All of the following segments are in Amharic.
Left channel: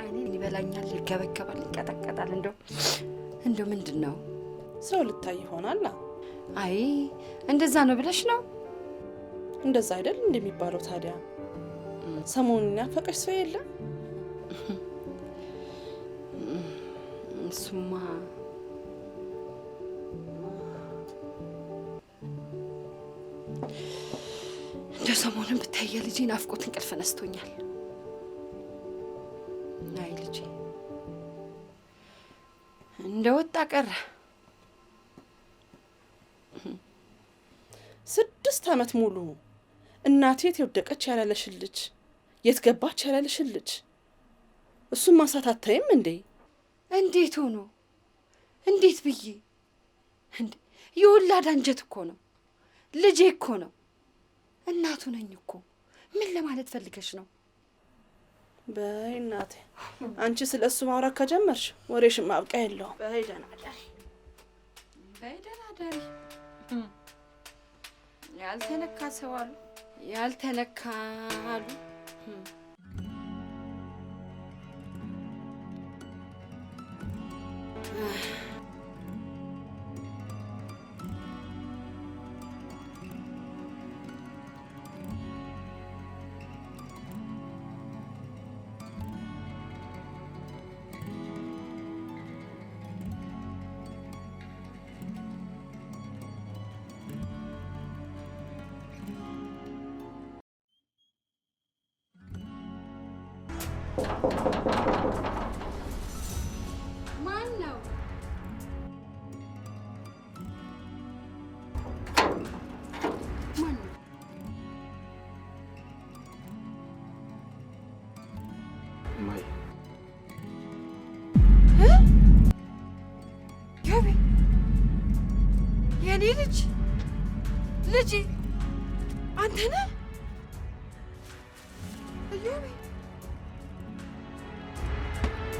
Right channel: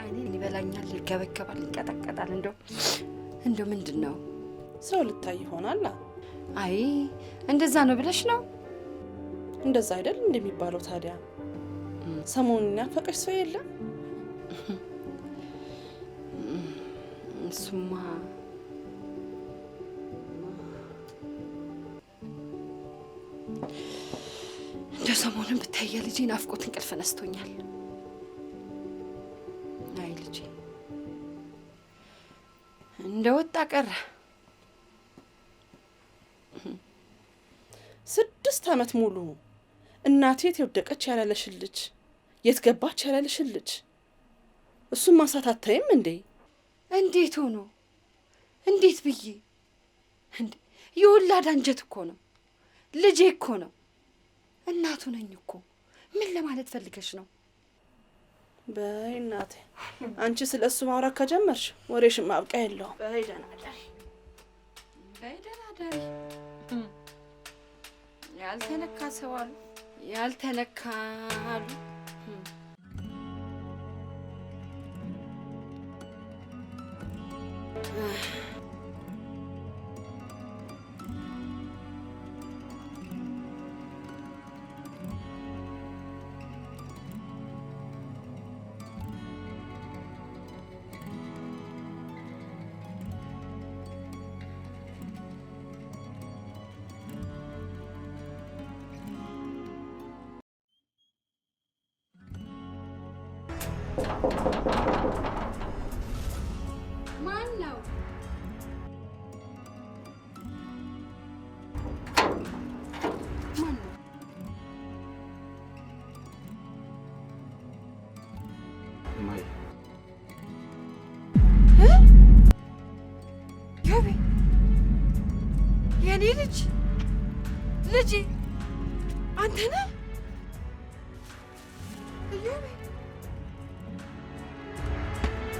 አይኔ ሊበላኛል፣ ሊገበገባል፣ ሊቀጠቀጣል። እንደው ምንድነው? ሰው ልታይ ይሆናል። አይ እንደዛ ነው ብለሽ ነው? እንደዛ አይደል እንደሚባለው። ታዲያ ሰሞኑን ያፈቀሽ ሰው የለም? እሱማ እንደው ሰሞኑን ብታይ ልጄ ናፍቆት እንቅልፍ ነስቶኛል። አይ ልጄ እንደወጣ ቀረ። 6 ዓመት ሙሉ እናቴ የት የወደቀች ያላለሽልጅ፣ የት ገባች ያላለሽልጅ፣ እሱን ማሳት አታይም እንዴ? እንዴት ሆኖ እንዴት ብዬ እንዴ? የወላድ አንጀት እኮ ነው፣ ልጄ እኮ ነው፣ እናቱ ነኝ እኮ። ምን ለማለት ፈልገሽ ነው? በይ እናቴ፣ አንቺ ስለ እሱ ማውራት ከጀመርሽ ወሬሽን ማብቂያ የለውም። በይ ደህና እደሪ፣ በይ ደህና እደሪ። ያልተነካ ሰው አሉ፣ ያልተነካ አሉ። ማን ነው? ማን ነው? ማይ ገቢ የኔ ልጄ አንተ ነህ? እዮቤ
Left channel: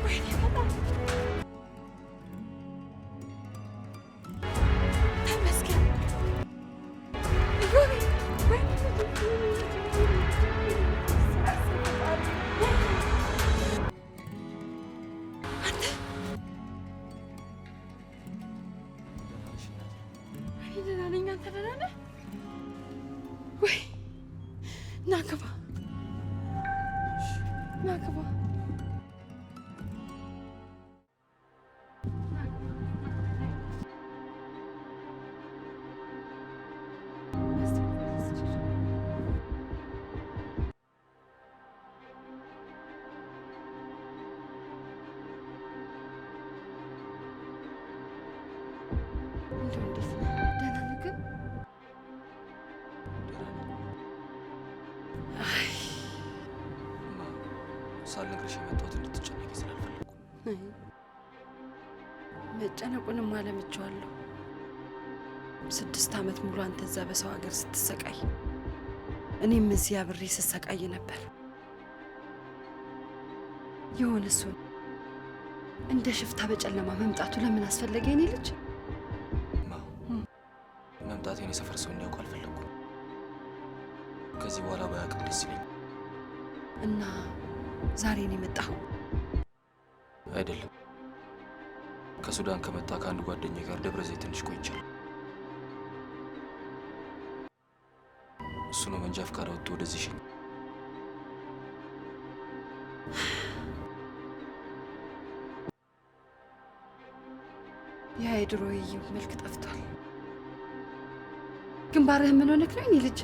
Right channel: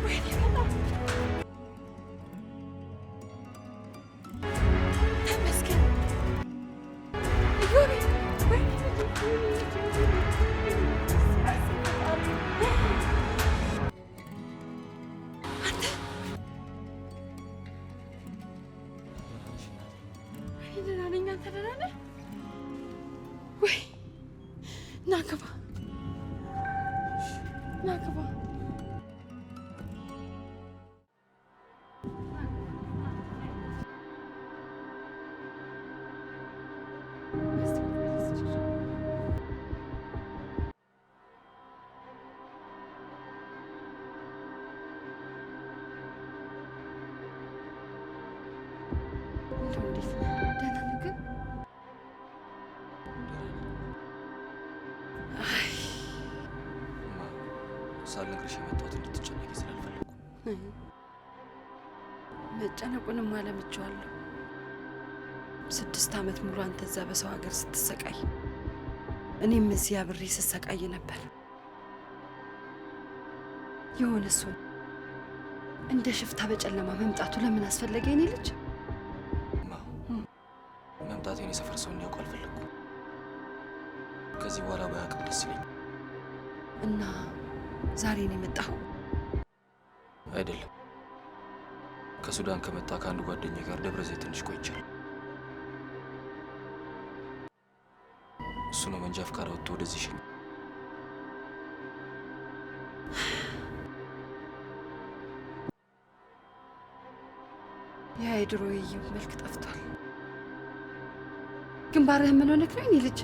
ወይኔ በጣም ተመስገን እዮቤ። ወይኔ አንተ ደህና ነኝ። አንተ ደህና ነህ ወይ? ና ግባ፣ ና ግባ። እንደው እንዴት ነህ? ደህና ነህ ግን? አይ ማ ሳልነግርሽ የመጣሁት እንድትጨነቂ ስላልፈለኩ። መጨነቁንም አለምቼዋለሁ። 6 ዓመት ሙሉ አንተ እዛ በሰው ሀገር ስትሰቃይ፣ እኔም እዚህ አብሬ ስሰቃይ ነበር። የሆነ እሱን እንደ ሽፍታ በጨለማ መምጣቱ ለምን አስፈለገ? የኔ ልጅ መምጣቴን የሰፈር ሰው እንዲያውቁ አልፈለኩም። ከዚህ በኋላ ባያውቅም ደስ ይለኛል። እና ዛሬ ነው የመጣኸው? አይደለም፣ ከሱዳን ከመጣ ከአንድ ጓደኛዬ ጋር ደብረ ዘይት ትንሽ ቆይቻለሁ። እሱ ነው መንጃ ፈቃድ አውጥቶ ወደዚህ ሸኝ። ያ የድሮ የኢዮብ መልክ ጠፍቷል። ግንባርህ ምን ሆነክ ነው የኔ ልጅ?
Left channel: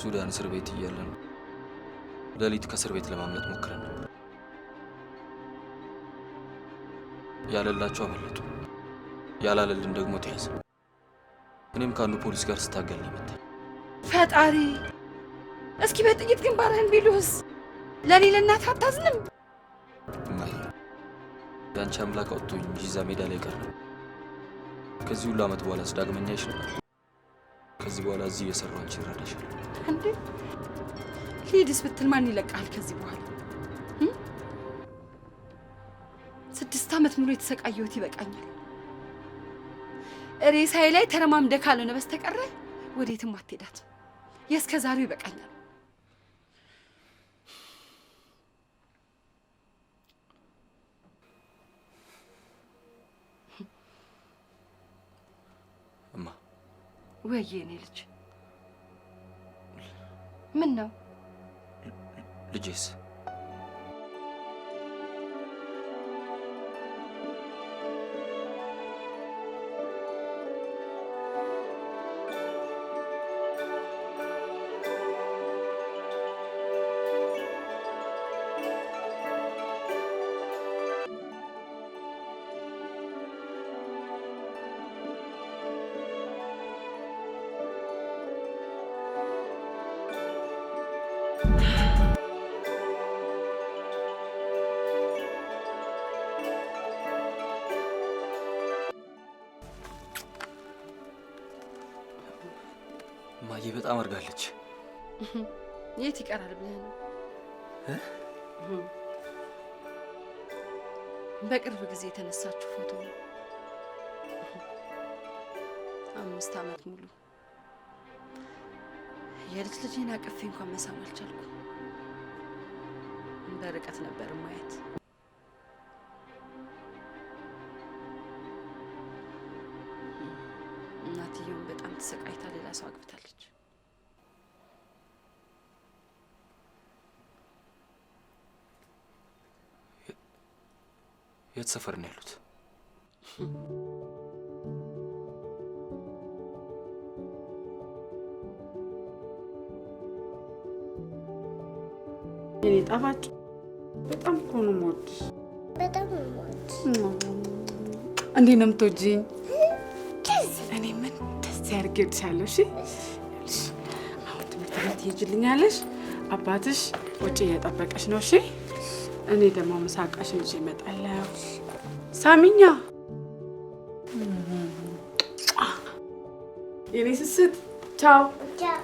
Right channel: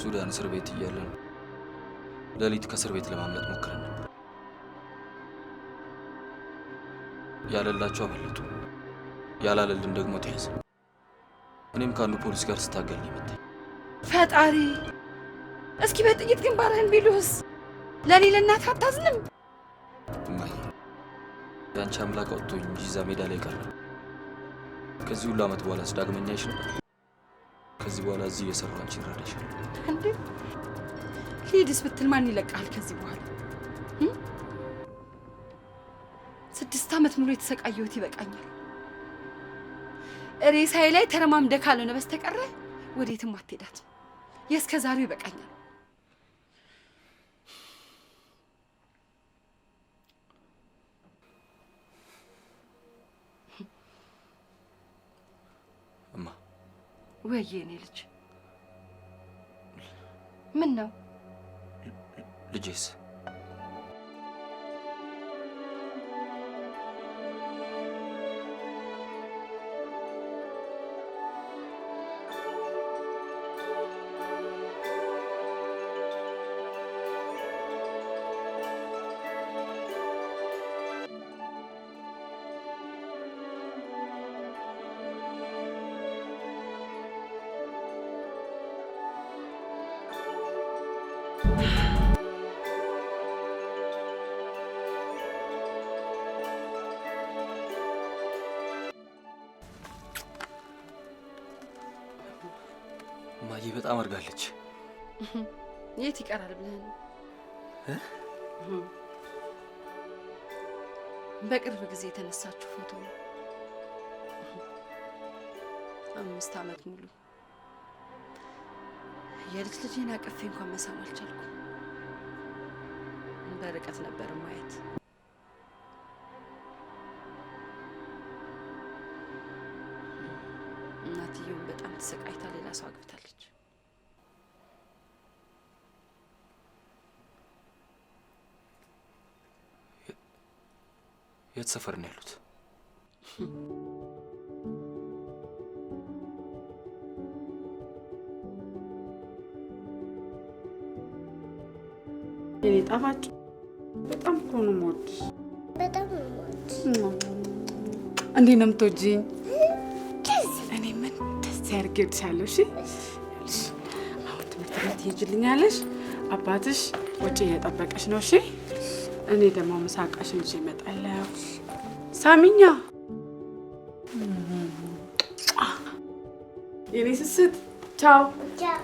ሱዳን እስር ቤት እያለን ሌሊት ከእስር ቤት ለማምለጥ ሞክረን ነበር። ያለላቸው አመለጡ፣ ያላለልን ደግሞ ተያዘ። እኔም ከአንዱ ፖሊስ ጋር ስታገል ነው የመታኝ። ፈጣሪ፣ እስኪ በጥይት ግንባርህን ቢሉህስ? ለእኔ ለእናትህ አታዝንም? እማዬ፣ የአንቺ አምላክ አውጥቶኝ እንጂ እዛ ሜዳ ላይ ቀር ነው። ከዚህ ሁሉ ዓመት በኋላ ዳግመኛ ይሽ ነበር። ከዚህ በኋላ እዚህ እየሰራሁ አንቺን እረዳሻለሁ። እንዴ ሂድስ ብትል ማን ይለቃል? ከዚህ በኋላ 6 ዓመት ሙሉ የተሰቃየሁት ይበቃኛል። ሬሳዬ ላይ ተረማምደህ ካልሆነ በስተቀረ ወዴትም አትሄዳት። የእስከዛሬው ይበቃኛል። እማ ወይዬ እኔ ልጅ ምን ነው? ልጄስ? እማዬ በጣም አርጋለች። የት ይቀራል ብለህ ነው? በቅርብ ጊዜ የተነሳችሁ ፎቶ ነው። 5 ዓመት ሙሉ የልጅ ልጄን አቅፌ እንኳን መሳም አልቻልኩም። በርቀት ነበር ማየት። እናትየውን በጣም ተሰቃይታ ሌላ ሰው አግብታለች። የት ሰፈር ነው ያሉት? የኔ ጣፋጭ በጣም እኮ ነው የምወድሽ። በጣም ነው የምወድሽ። እንዴት ነው የምትወጂኝ? እኔ ምን ደስ ያድርግልሻለሁ። እሺ ያልሽ አሁን ትምህርት ቤት ትሄጂልኛለሽ። አባትሽ ውጭ እየጠበቀሽ ነው። እሺ እኔ ደግሞ ምሳቃሽን ይዤ እመጣለሁ። ሳሚኛ የኔ ስስት ቻው። ቻው።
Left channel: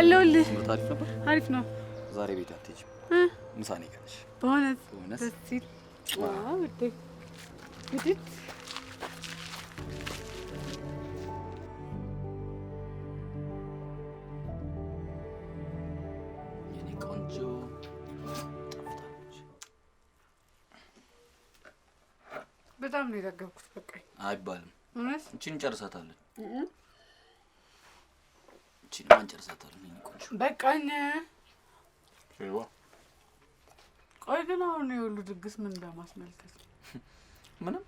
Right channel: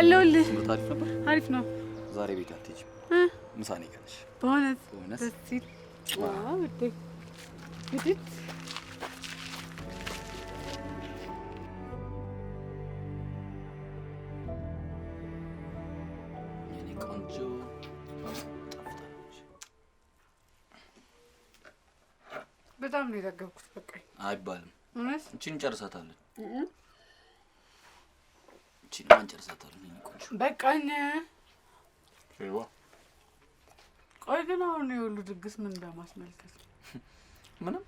አለሁልህ። ትምህርት አሪፍ ነበር? አሪፍ ነው። ዛሬ ቤት አትሄጂም? ምሳ ነው የቀረሽ። በእውነት በእውነት? ደስ ሲል። ዋው ውዴ እንግዲህ የኔ ቆንጆ ጠፍታለች። በጣም ነው የጠገብኩት። በቃኝ አይባልም። እውነት እቺን እንጨርሳታለን። እቺን ማን እንጨርሳታለን? ቆንጆ በቃኝ። ሸይዋ ቆይ ግን አሁን የሁሉ ድግስ ምን በማስመልከት? ምንም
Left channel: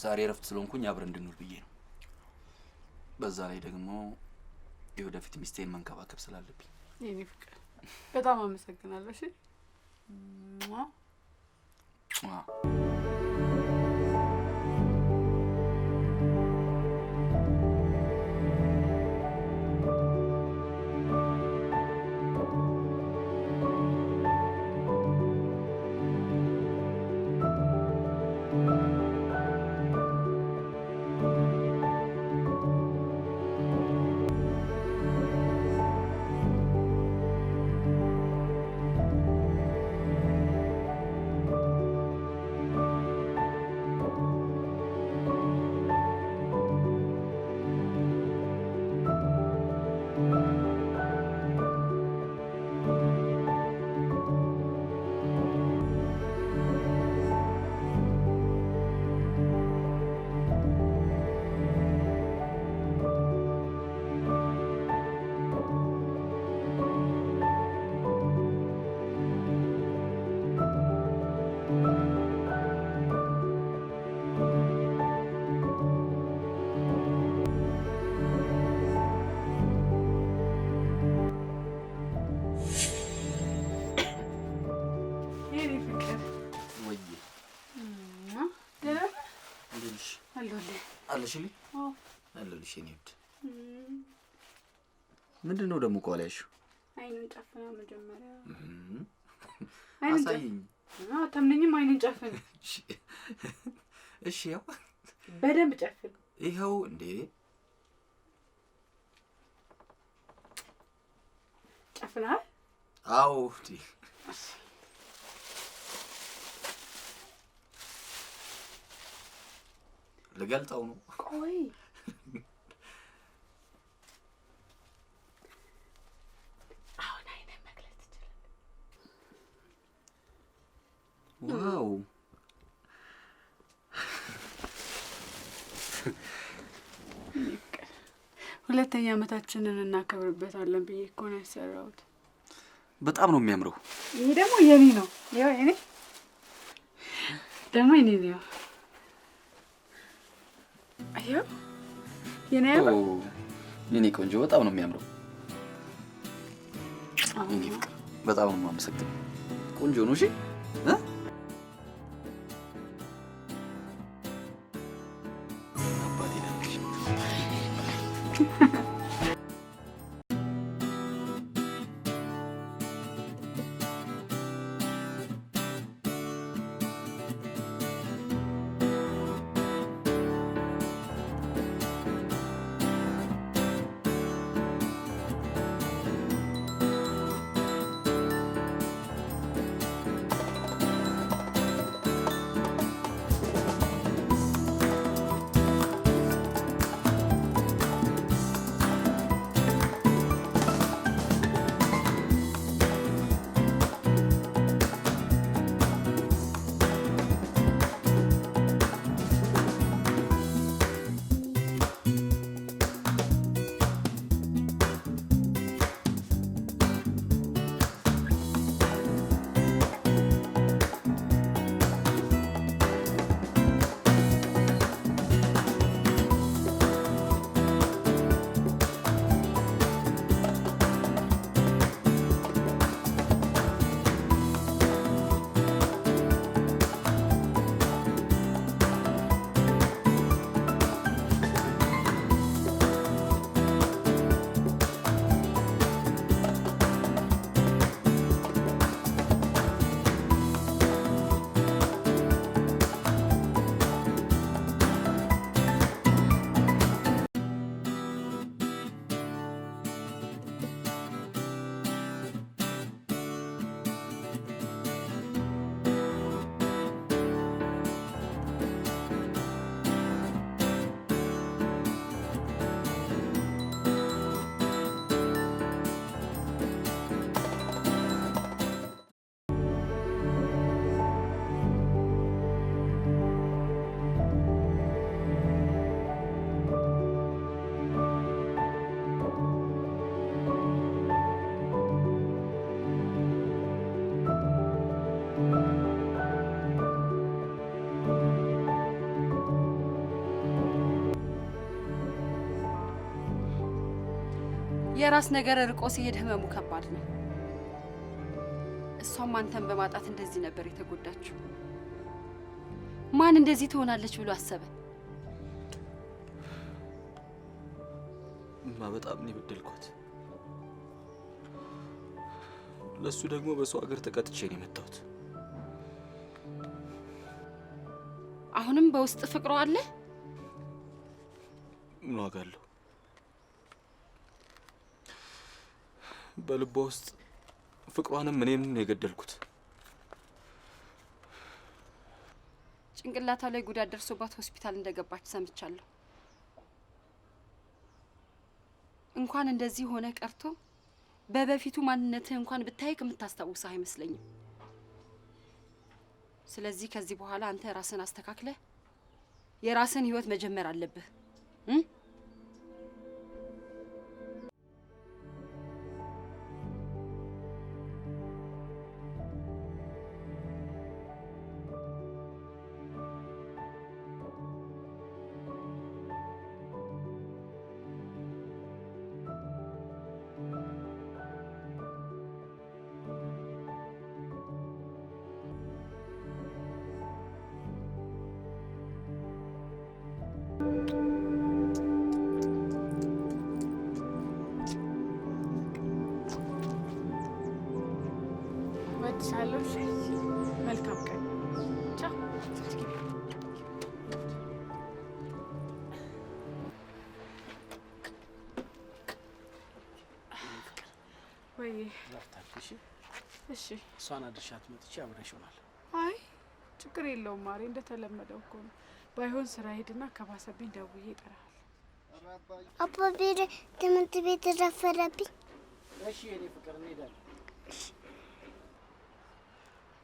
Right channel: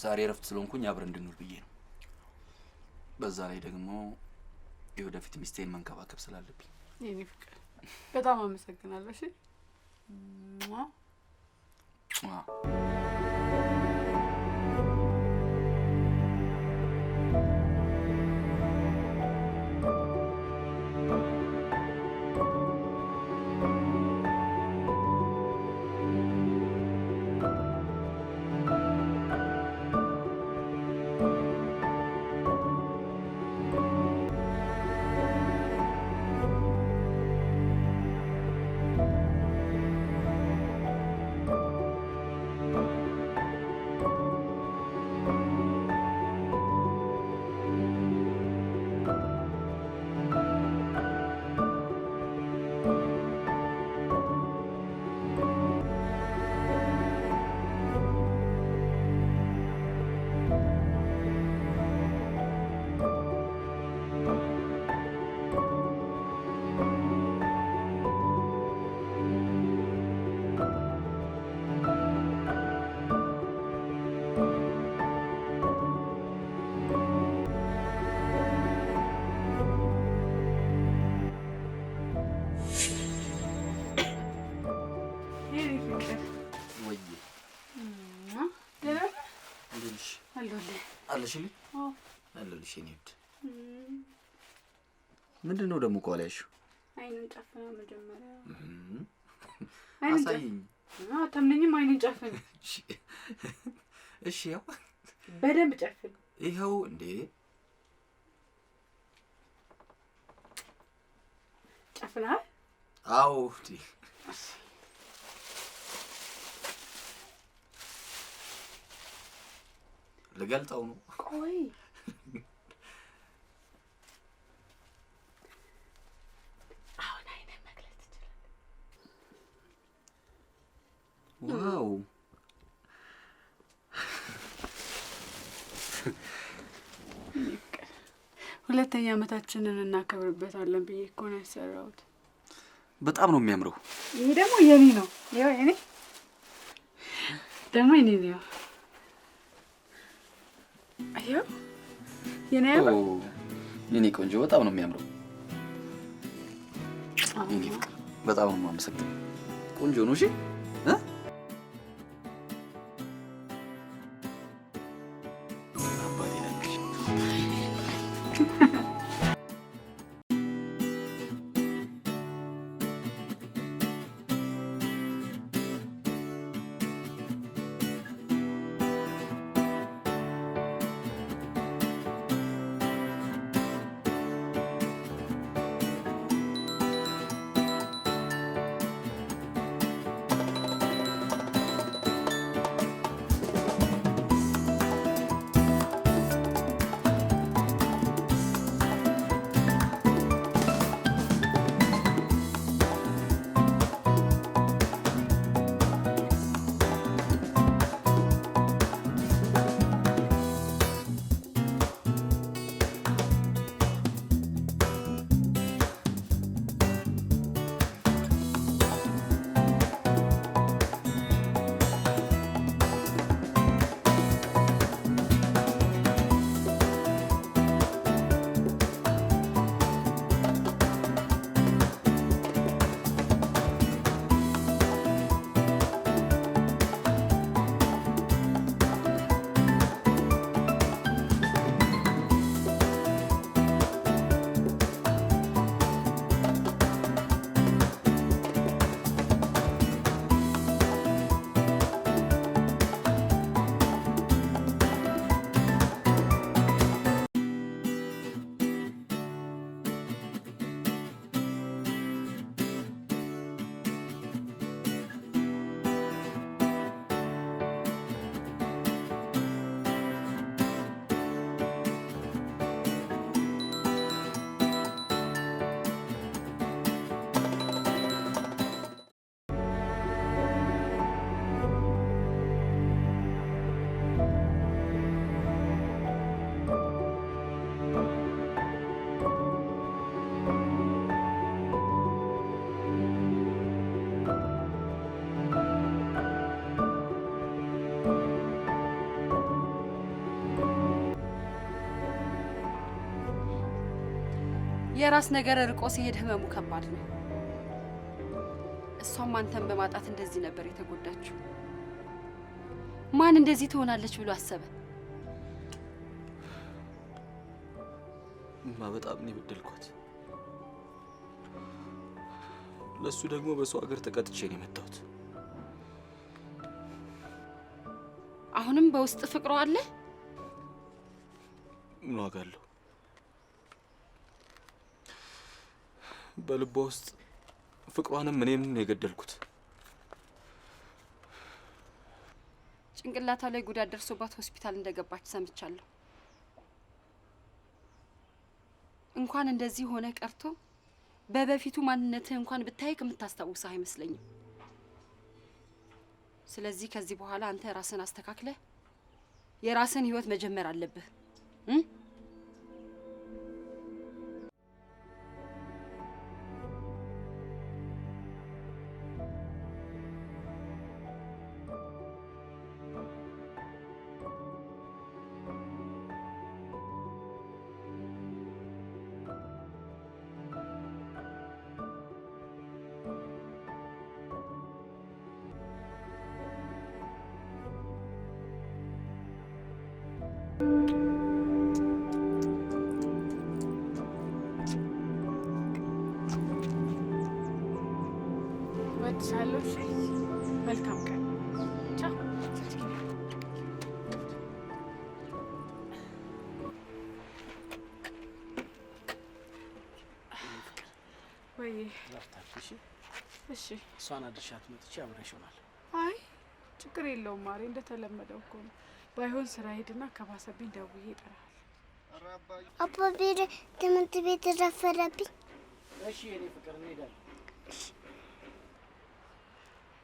ዛሬ እረፍት ስለሆንኩኝ አብረን እንድንውል ብዬ ነው። በዛ ላይ ደግሞ የወደፊት ሚስቴን መንከባከብ ስላለብኝ። የኔ ፍቅር በጣም አመሰግናለሁ። እሺ አለሽልኝ? አለልሽ የኔ ውድ። ምንድነው ደግሞ ከኋላ ያልሽው? አይኑን ጨፍና መጀመሪያ አሳይኝ። አታምነኝም? አይኑን ጨፍን። እሺ ያው በደንብ ጨፍን። ይኸው እንዴ ጨፍናል? አዎ እንዴ ልገልጠው ነው። ቆይ አሁን አይነ መግለጽ ትችላለህ? ዋው ሁለተኛ ዓመታችንን እናከብርበታለን ብዬ እኮ ነው ያሰራሁት። በጣም ነው የሚያምረው። ይሄ ደግሞ የኔ ነው። ያው የኔ ደግሞ የኔ ነው። አየው የኔ የኔ ቆንጆ በጣም ነው የሚያምረው። የኔ ፍቅር በጣም ነው የማመሰግነው። ቆንጆ ነው። እሺ አባቴ ነሽ። የራስ ነገር ርቆ ሲሄድ ህመሙ ከባድ ነው። እሷም አንተን በማጣት እንደዚህ ነበር የተጎዳችው። ማን እንደዚህ ትሆናለች ብሎ አሰበ? በጣም ነው የበደልኳት። ለሱ ደግሞ በሰው ሀገር ተቀጥቼ ነው የመጣሁት። አሁንም በውስጥ ፍቅሯ አለ? ምን ዋጋ አለው? በልቧ ውስጥ ፍቅሯንም እኔም ነው የገደልኩት። ጭንቅላቷ ላይ ጉዳት ደርሶባት ሆስፒታል እንደገባች ሰምቻለሁ። እንኳን እንደዚህ ሆነ ቀርቶ በበፊቱ ማንነትህ እንኳን ብታይቅ የምታስታውስህ አይመስለኝም። ስለዚህ ከዚህ በኋላ አንተ ራስን አስተካክለህ የራስን ህይወት መጀመር አለብህ። ወድሻለሁ። መልካም ቀን። ቻው። ወይ ላፍታሽ። እሺ፣ እሷን አድርሻት መጥቼ አብረሽ ይሆናል። አይ ችግር የለውም ማሬ፣ እንደተለመደው እኮ ነው። ባይሆን ስራ ሄድና ከባሰብኝ ደውዬ እጠራለሁ። አባቤ ትምህርት ቤት ረፈረብኝ። እሺ የኔ ፍቅር እንሄዳለን።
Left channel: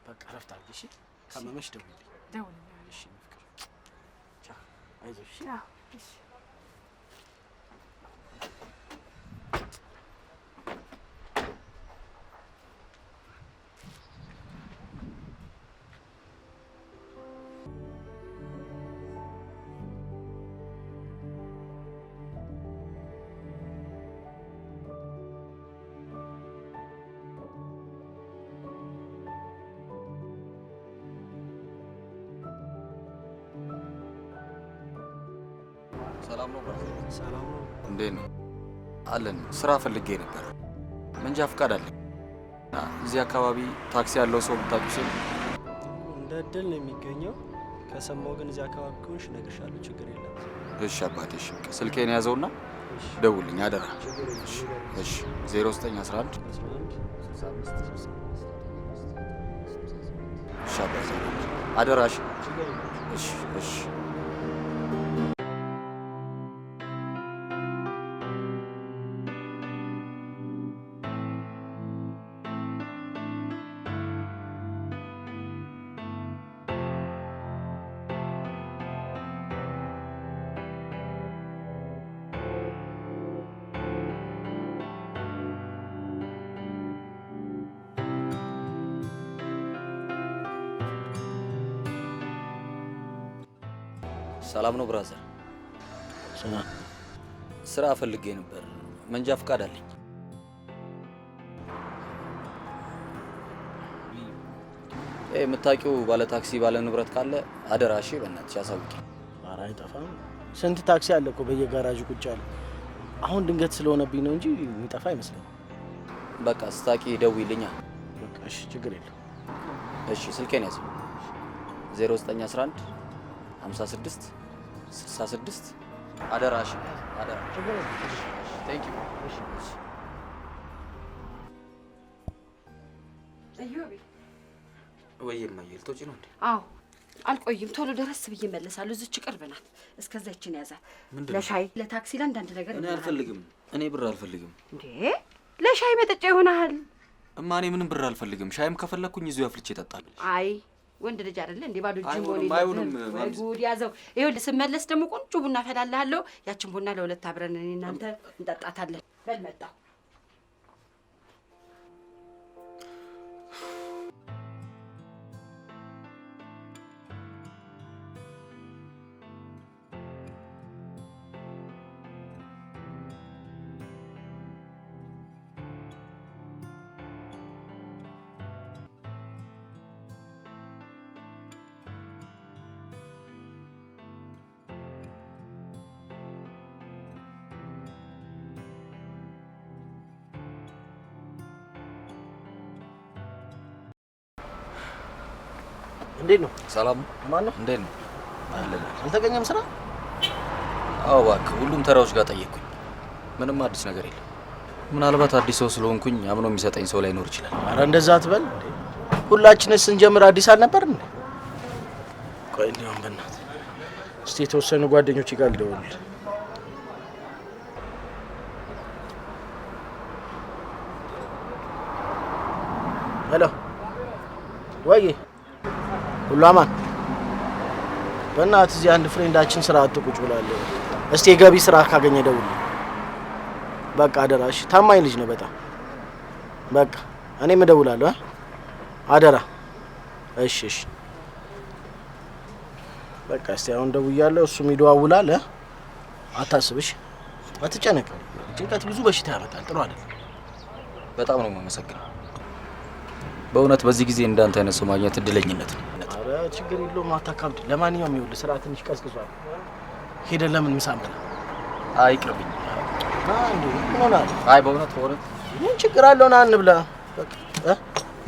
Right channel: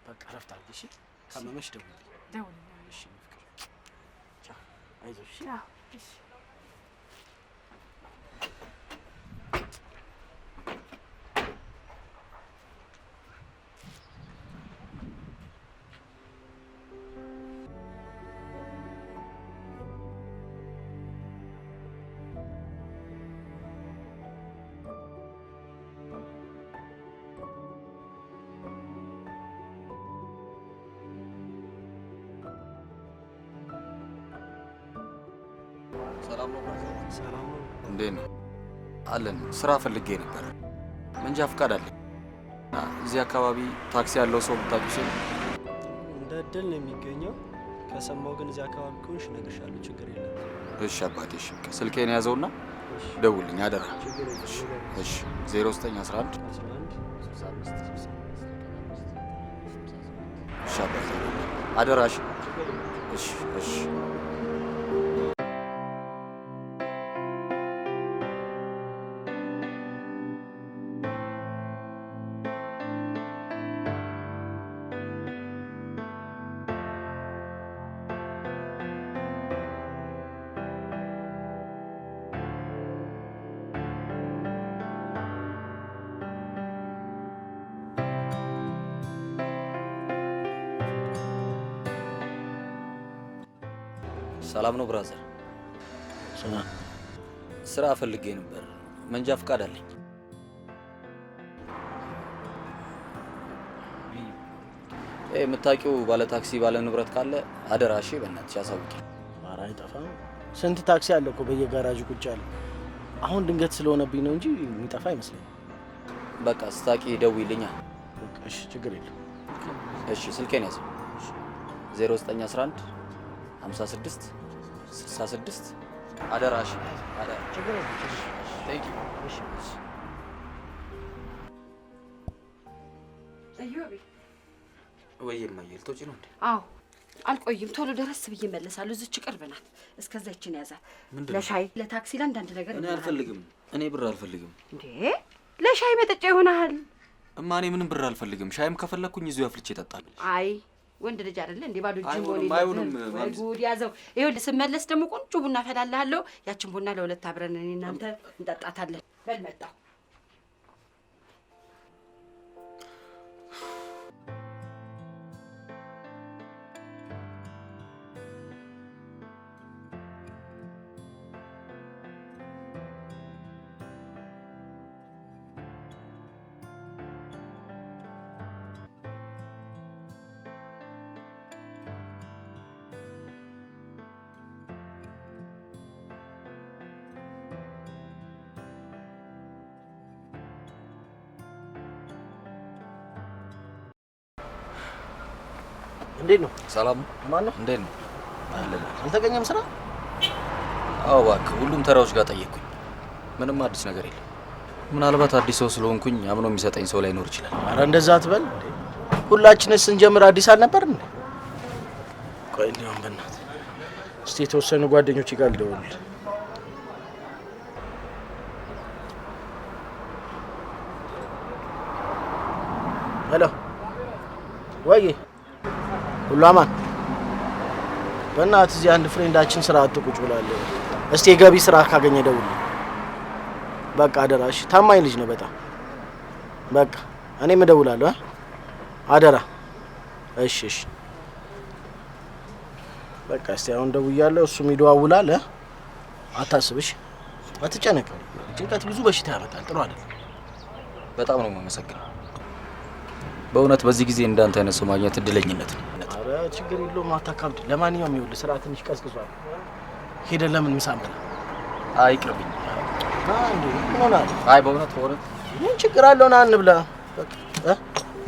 በቃ ረፍት አድርጊ። እሺ ካመመሽ ደውልልኝ። ደውልልኝ። እሺ ፍቅር ቻው። አይዞሽ። ቻው። እሺ ሰላም ነው ብራዘር? ሰላም ነው። እንዴት ነው? አለን። ስራ ፈልጌ ነበር። መንጃ ፈቃድ አለኝ። እዚህ አካባቢ ታክሲ ያለው ሰው ብታውቂው? እንደ እድል ነው የሚገኘው። ከሰማው ግን እዚህ አካባቢ ከሆንሽ እነግርሻለሁ። ችግር የለም። እሺ አባቴ። እሺ ስልኬን ያዘውና ደውልኝ አደራ። እሺ 0911 እሺ አባቴ አደራሽ። እሺ እሺ ሰላም ነው ብራዘር? ስራ ፈልጌ ነበር። መንጃ ፈቃድ አለኝ። የምታውቂው ባለ ታክሲ ባለ ንብረት ካለ አደራ እሺ፣ በእናትሽ አሳውቂ። ኧረ አይጠፋም። ስንት ታክሲ አለ እኮ በየጋራዡ ቁጭ ያለ። አሁን ድንገት ስለሆነብኝ ነው እንጂ የሚጠፋ አይመስለኝም። በቃ ስታቂ ደውይልኛ። በቃ እሺ፣ ችግር የለም። እሺ ስልኬን ያዘው። 0911 56 66 አደራ እሺ፣ አደራ። ቴንክ ዩ። እዮቤ ወይ የማየል ተውጪ ነው እንዴ? አዎ አልቆይም፣ ቶሎ ደረስ ብዬ እመለሳለሁ። እዚች ቅርብ ናት። እስከዛ ይችን ያዛ። ለሻይ ለታክሲ ለአንዳንድ ነገር እኔ አልፈልግም። እኔ ብር አልፈልግም። እንዴ ለሻይ መጠጫ ይሆናል። እማ እኔ ምንም ብር አልፈልግም። ሻይም ከፈለኩኝ እዚሁ አፍልቼ እጠጣለሁ። አይ ወንድ ልጅ አይደለ እንዴ? ባዶ እጅ ሆነ አይሆንም። ጉድ ያዘው። ይኸውልህ ስመለስ ደግሞ ቆንጆ ቡና ፈላልሃለሁ። ያችን ቡና ለሁለት አብረን እኔ እናንተ እንጠጣታለን። በል መጣሁ። እንዴት ነው? ሰላም ማን ነው? እንዴት ነው? አልተገኘም ስራ? አዎ እባክህ፣ ሁሉም ተራዎች ጋር ጠየቅኩኝ። ምንም አዲስ ነገር የለም። ምናልባት አዲስ ሰው ስለሆንኩኝ አምኖ የሚሰጠኝ ሰው ላይኖር ይችላል። ኧረ እንደዛ አትበል እንዴ! ሁላችንስ ስንጀምር አዲስ አልነበርን እንዴ? ቆይ ሊሆን በእናትህ እስቲ የተወሰኑ ጓደኞች ጋር ልደውል። ሄሎ ወይ ሁሉ አማን? በእናትህ እዚህ አንድ ፍሬንዳችን ስራ አጥ ቁጭ ብሏል። እስቲ የገቢ ስራ ካገኘ ደውል። በቃ አደራሽ፣ ታማኝ ልጅ ነው በጣም። በቃ እኔም እደውላለሁ። አደራ። እሺ እሺ። በቃ እስቲ አሁን ደውያለሁ፣ እሱም ይደዋውላል። አታስብሽ፣ አትጨነቅ። ጭንቀት ብዙ በሽታ ያመጣል፣ ጥሩ አይደለም። በጣም ነው የማመሰግነው። በእውነት በዚህ ጊዜ እንዳንተ አይነት ሰው ማግኘት እድለኝነት ነው። ኧረ ችግር የለውም፣ አታካብድ። ለማንኛውም ይኸውልህ ስራ ትንሽ ቀዝቅዟል። ሄደን ለምን ምሳ እንበላ? አይ ይቅርብኝ። እንዴ ምን ሆነሃል? አይ በእውነት ምን ችግር አለው? ና እንብላ። በቃ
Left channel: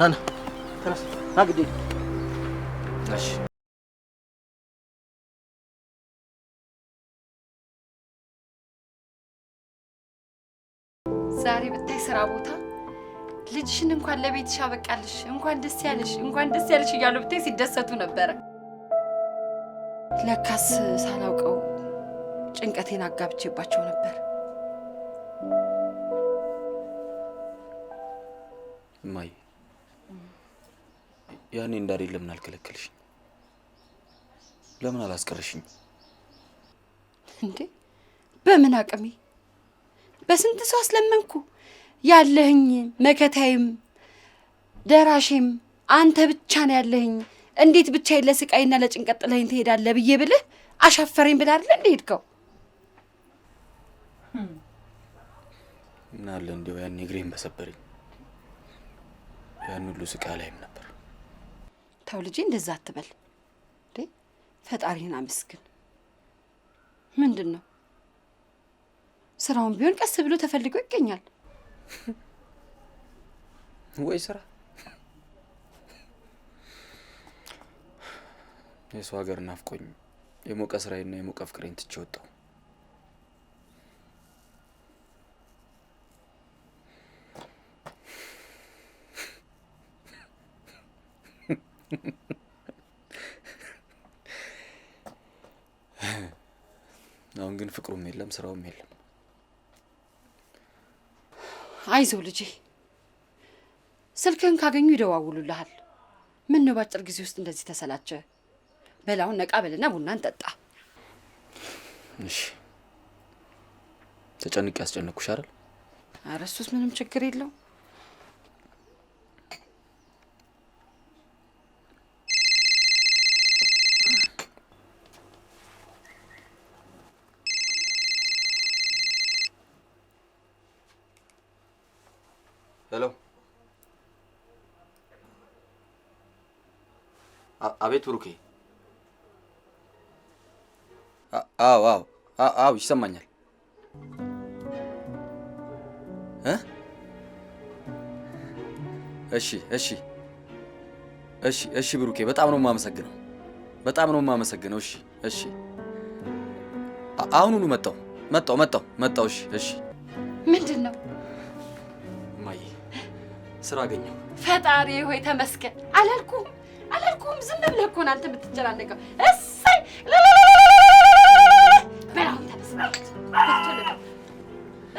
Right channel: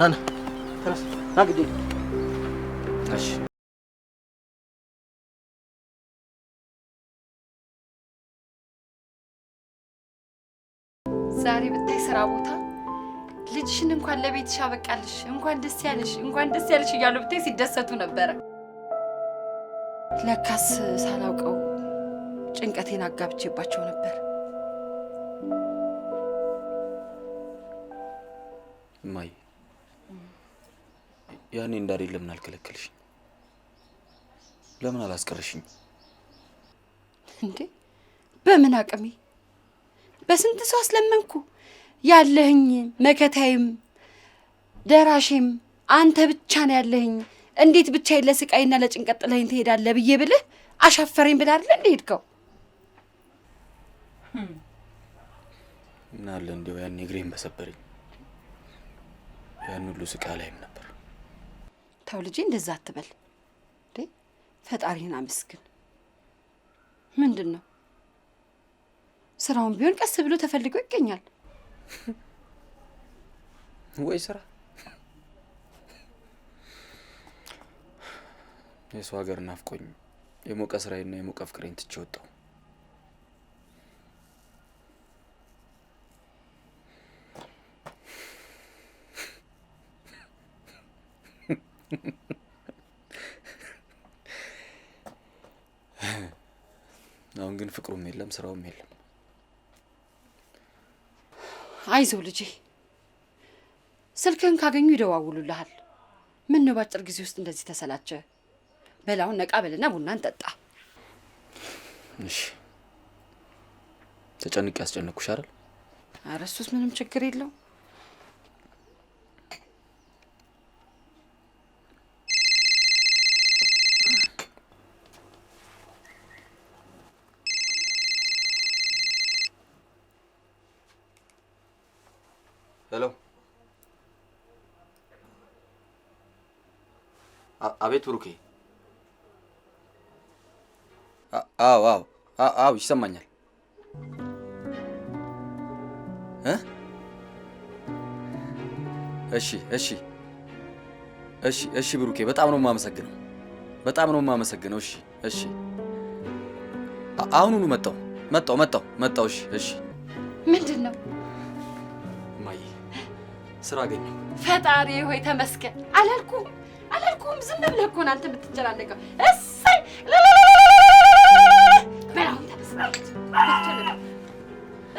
ና ተነስ፣ ና ግዴ። እሺ ዛሬ ብታይ ስራ ቦታ ልጅሽን እንኳን ለቤትሽ አበቃልሽ፣ እንኳን ደስ ያለሽ፣ እንኳን ደስ ያለሽ እያሉ ብታይ ሲደሰቱ ነበረ። ለካስ ሳላውቀው ጭንቀቴን አጋብቼባቸው ነበር። እማዬ ያኔ እንዳልሄድ ለምን አልከለከልሽኝ? ለምን አላስቀረሽኝ? እንዴ በምን አቅሜ? በስንት ሰው አስለመንኩ። ያለህኝ መከታይም ደራሼም አንተ ብቻ ነው ያለህኝ። እንዴት ብቻዬን ለስቃይና ለጭንቀት ጥለኸኝ ትሄዳለህ ብዬ ብልህ አሻፈረኝ ብለህ አይደል እንዴ ሄድከው? ምን አለ እንደው ያኔ እግሬን በሰበረኝ። ያን ሁሉ ስቃይ ላይም ነበር። ተው ልጄ እንደዛ አትበል እንዴ። ፈጣሪህን አመስግን። ምንድን ነው ስራውን ቢሆን ቀስ ብሎ ተፈልጎ ይገኛል። ወይ ስራ የሰው ሀገር ናፍቆኝ የሞቀ ስራዬና የሞቀ ፍቅሬን ትቼ ወጣሁ። አሁን ግን ፍቅሩም የለም ስራውም የለም። አይዞህ ልጄ፣ ስልክህን ካገኙ ይደዋውሉልሃል። ምን ነው ባጭር ጊዜ ውስጥ እንደዚህ ተሰላቸ? በላውን ነቃ በልና ቡና እንጠጣ። እሺ። ተጨንቄ ያስጨነቅኩሽ አይደል? ኧረ እሱስ ምንም ችግር የለው። ሄሎ። አቤት ብሩኬ። አዎ ይሰማኛል። እሺ ብሩኬ፣ በጣም ነው የማመሰግነው። እሺ አሁኑኑ መጣሁ። እሺ ምንድን ነው? እማዬ ስራ አገኘሁ። ፈጣሪ ሆይ ተመስገን። አላልኩም ዝም ብለህ እኮ ነው አንተ የምትጨናነቀው። እሰይ በላሁን ተመስገን።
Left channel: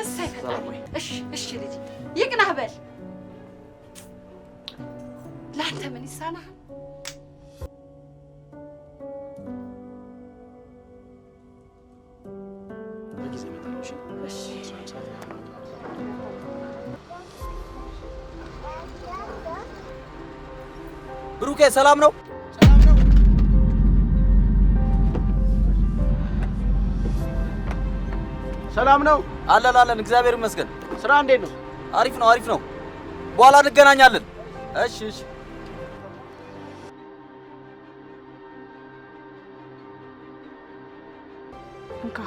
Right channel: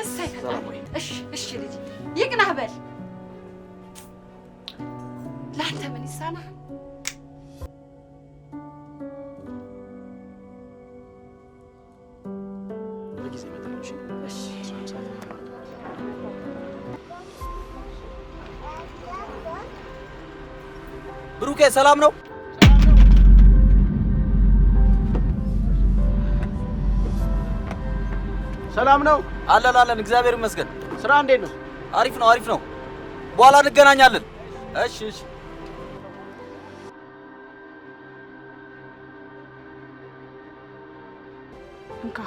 እሰይ ፈጣሪ። እሺ ልጅ ይቅናህ በል። ለአንተ ምን ይሳናሃል? በጊዜ እመጣለሁ። እሺ ብሩኬ ሰላም ነው? ሰላም ነው? አለን እግዚአብሔር ይመስገን። ስራ እንዴት ነው? አሪፍ ነው። በኋላ እንገናኛለን። እሺ እንካ።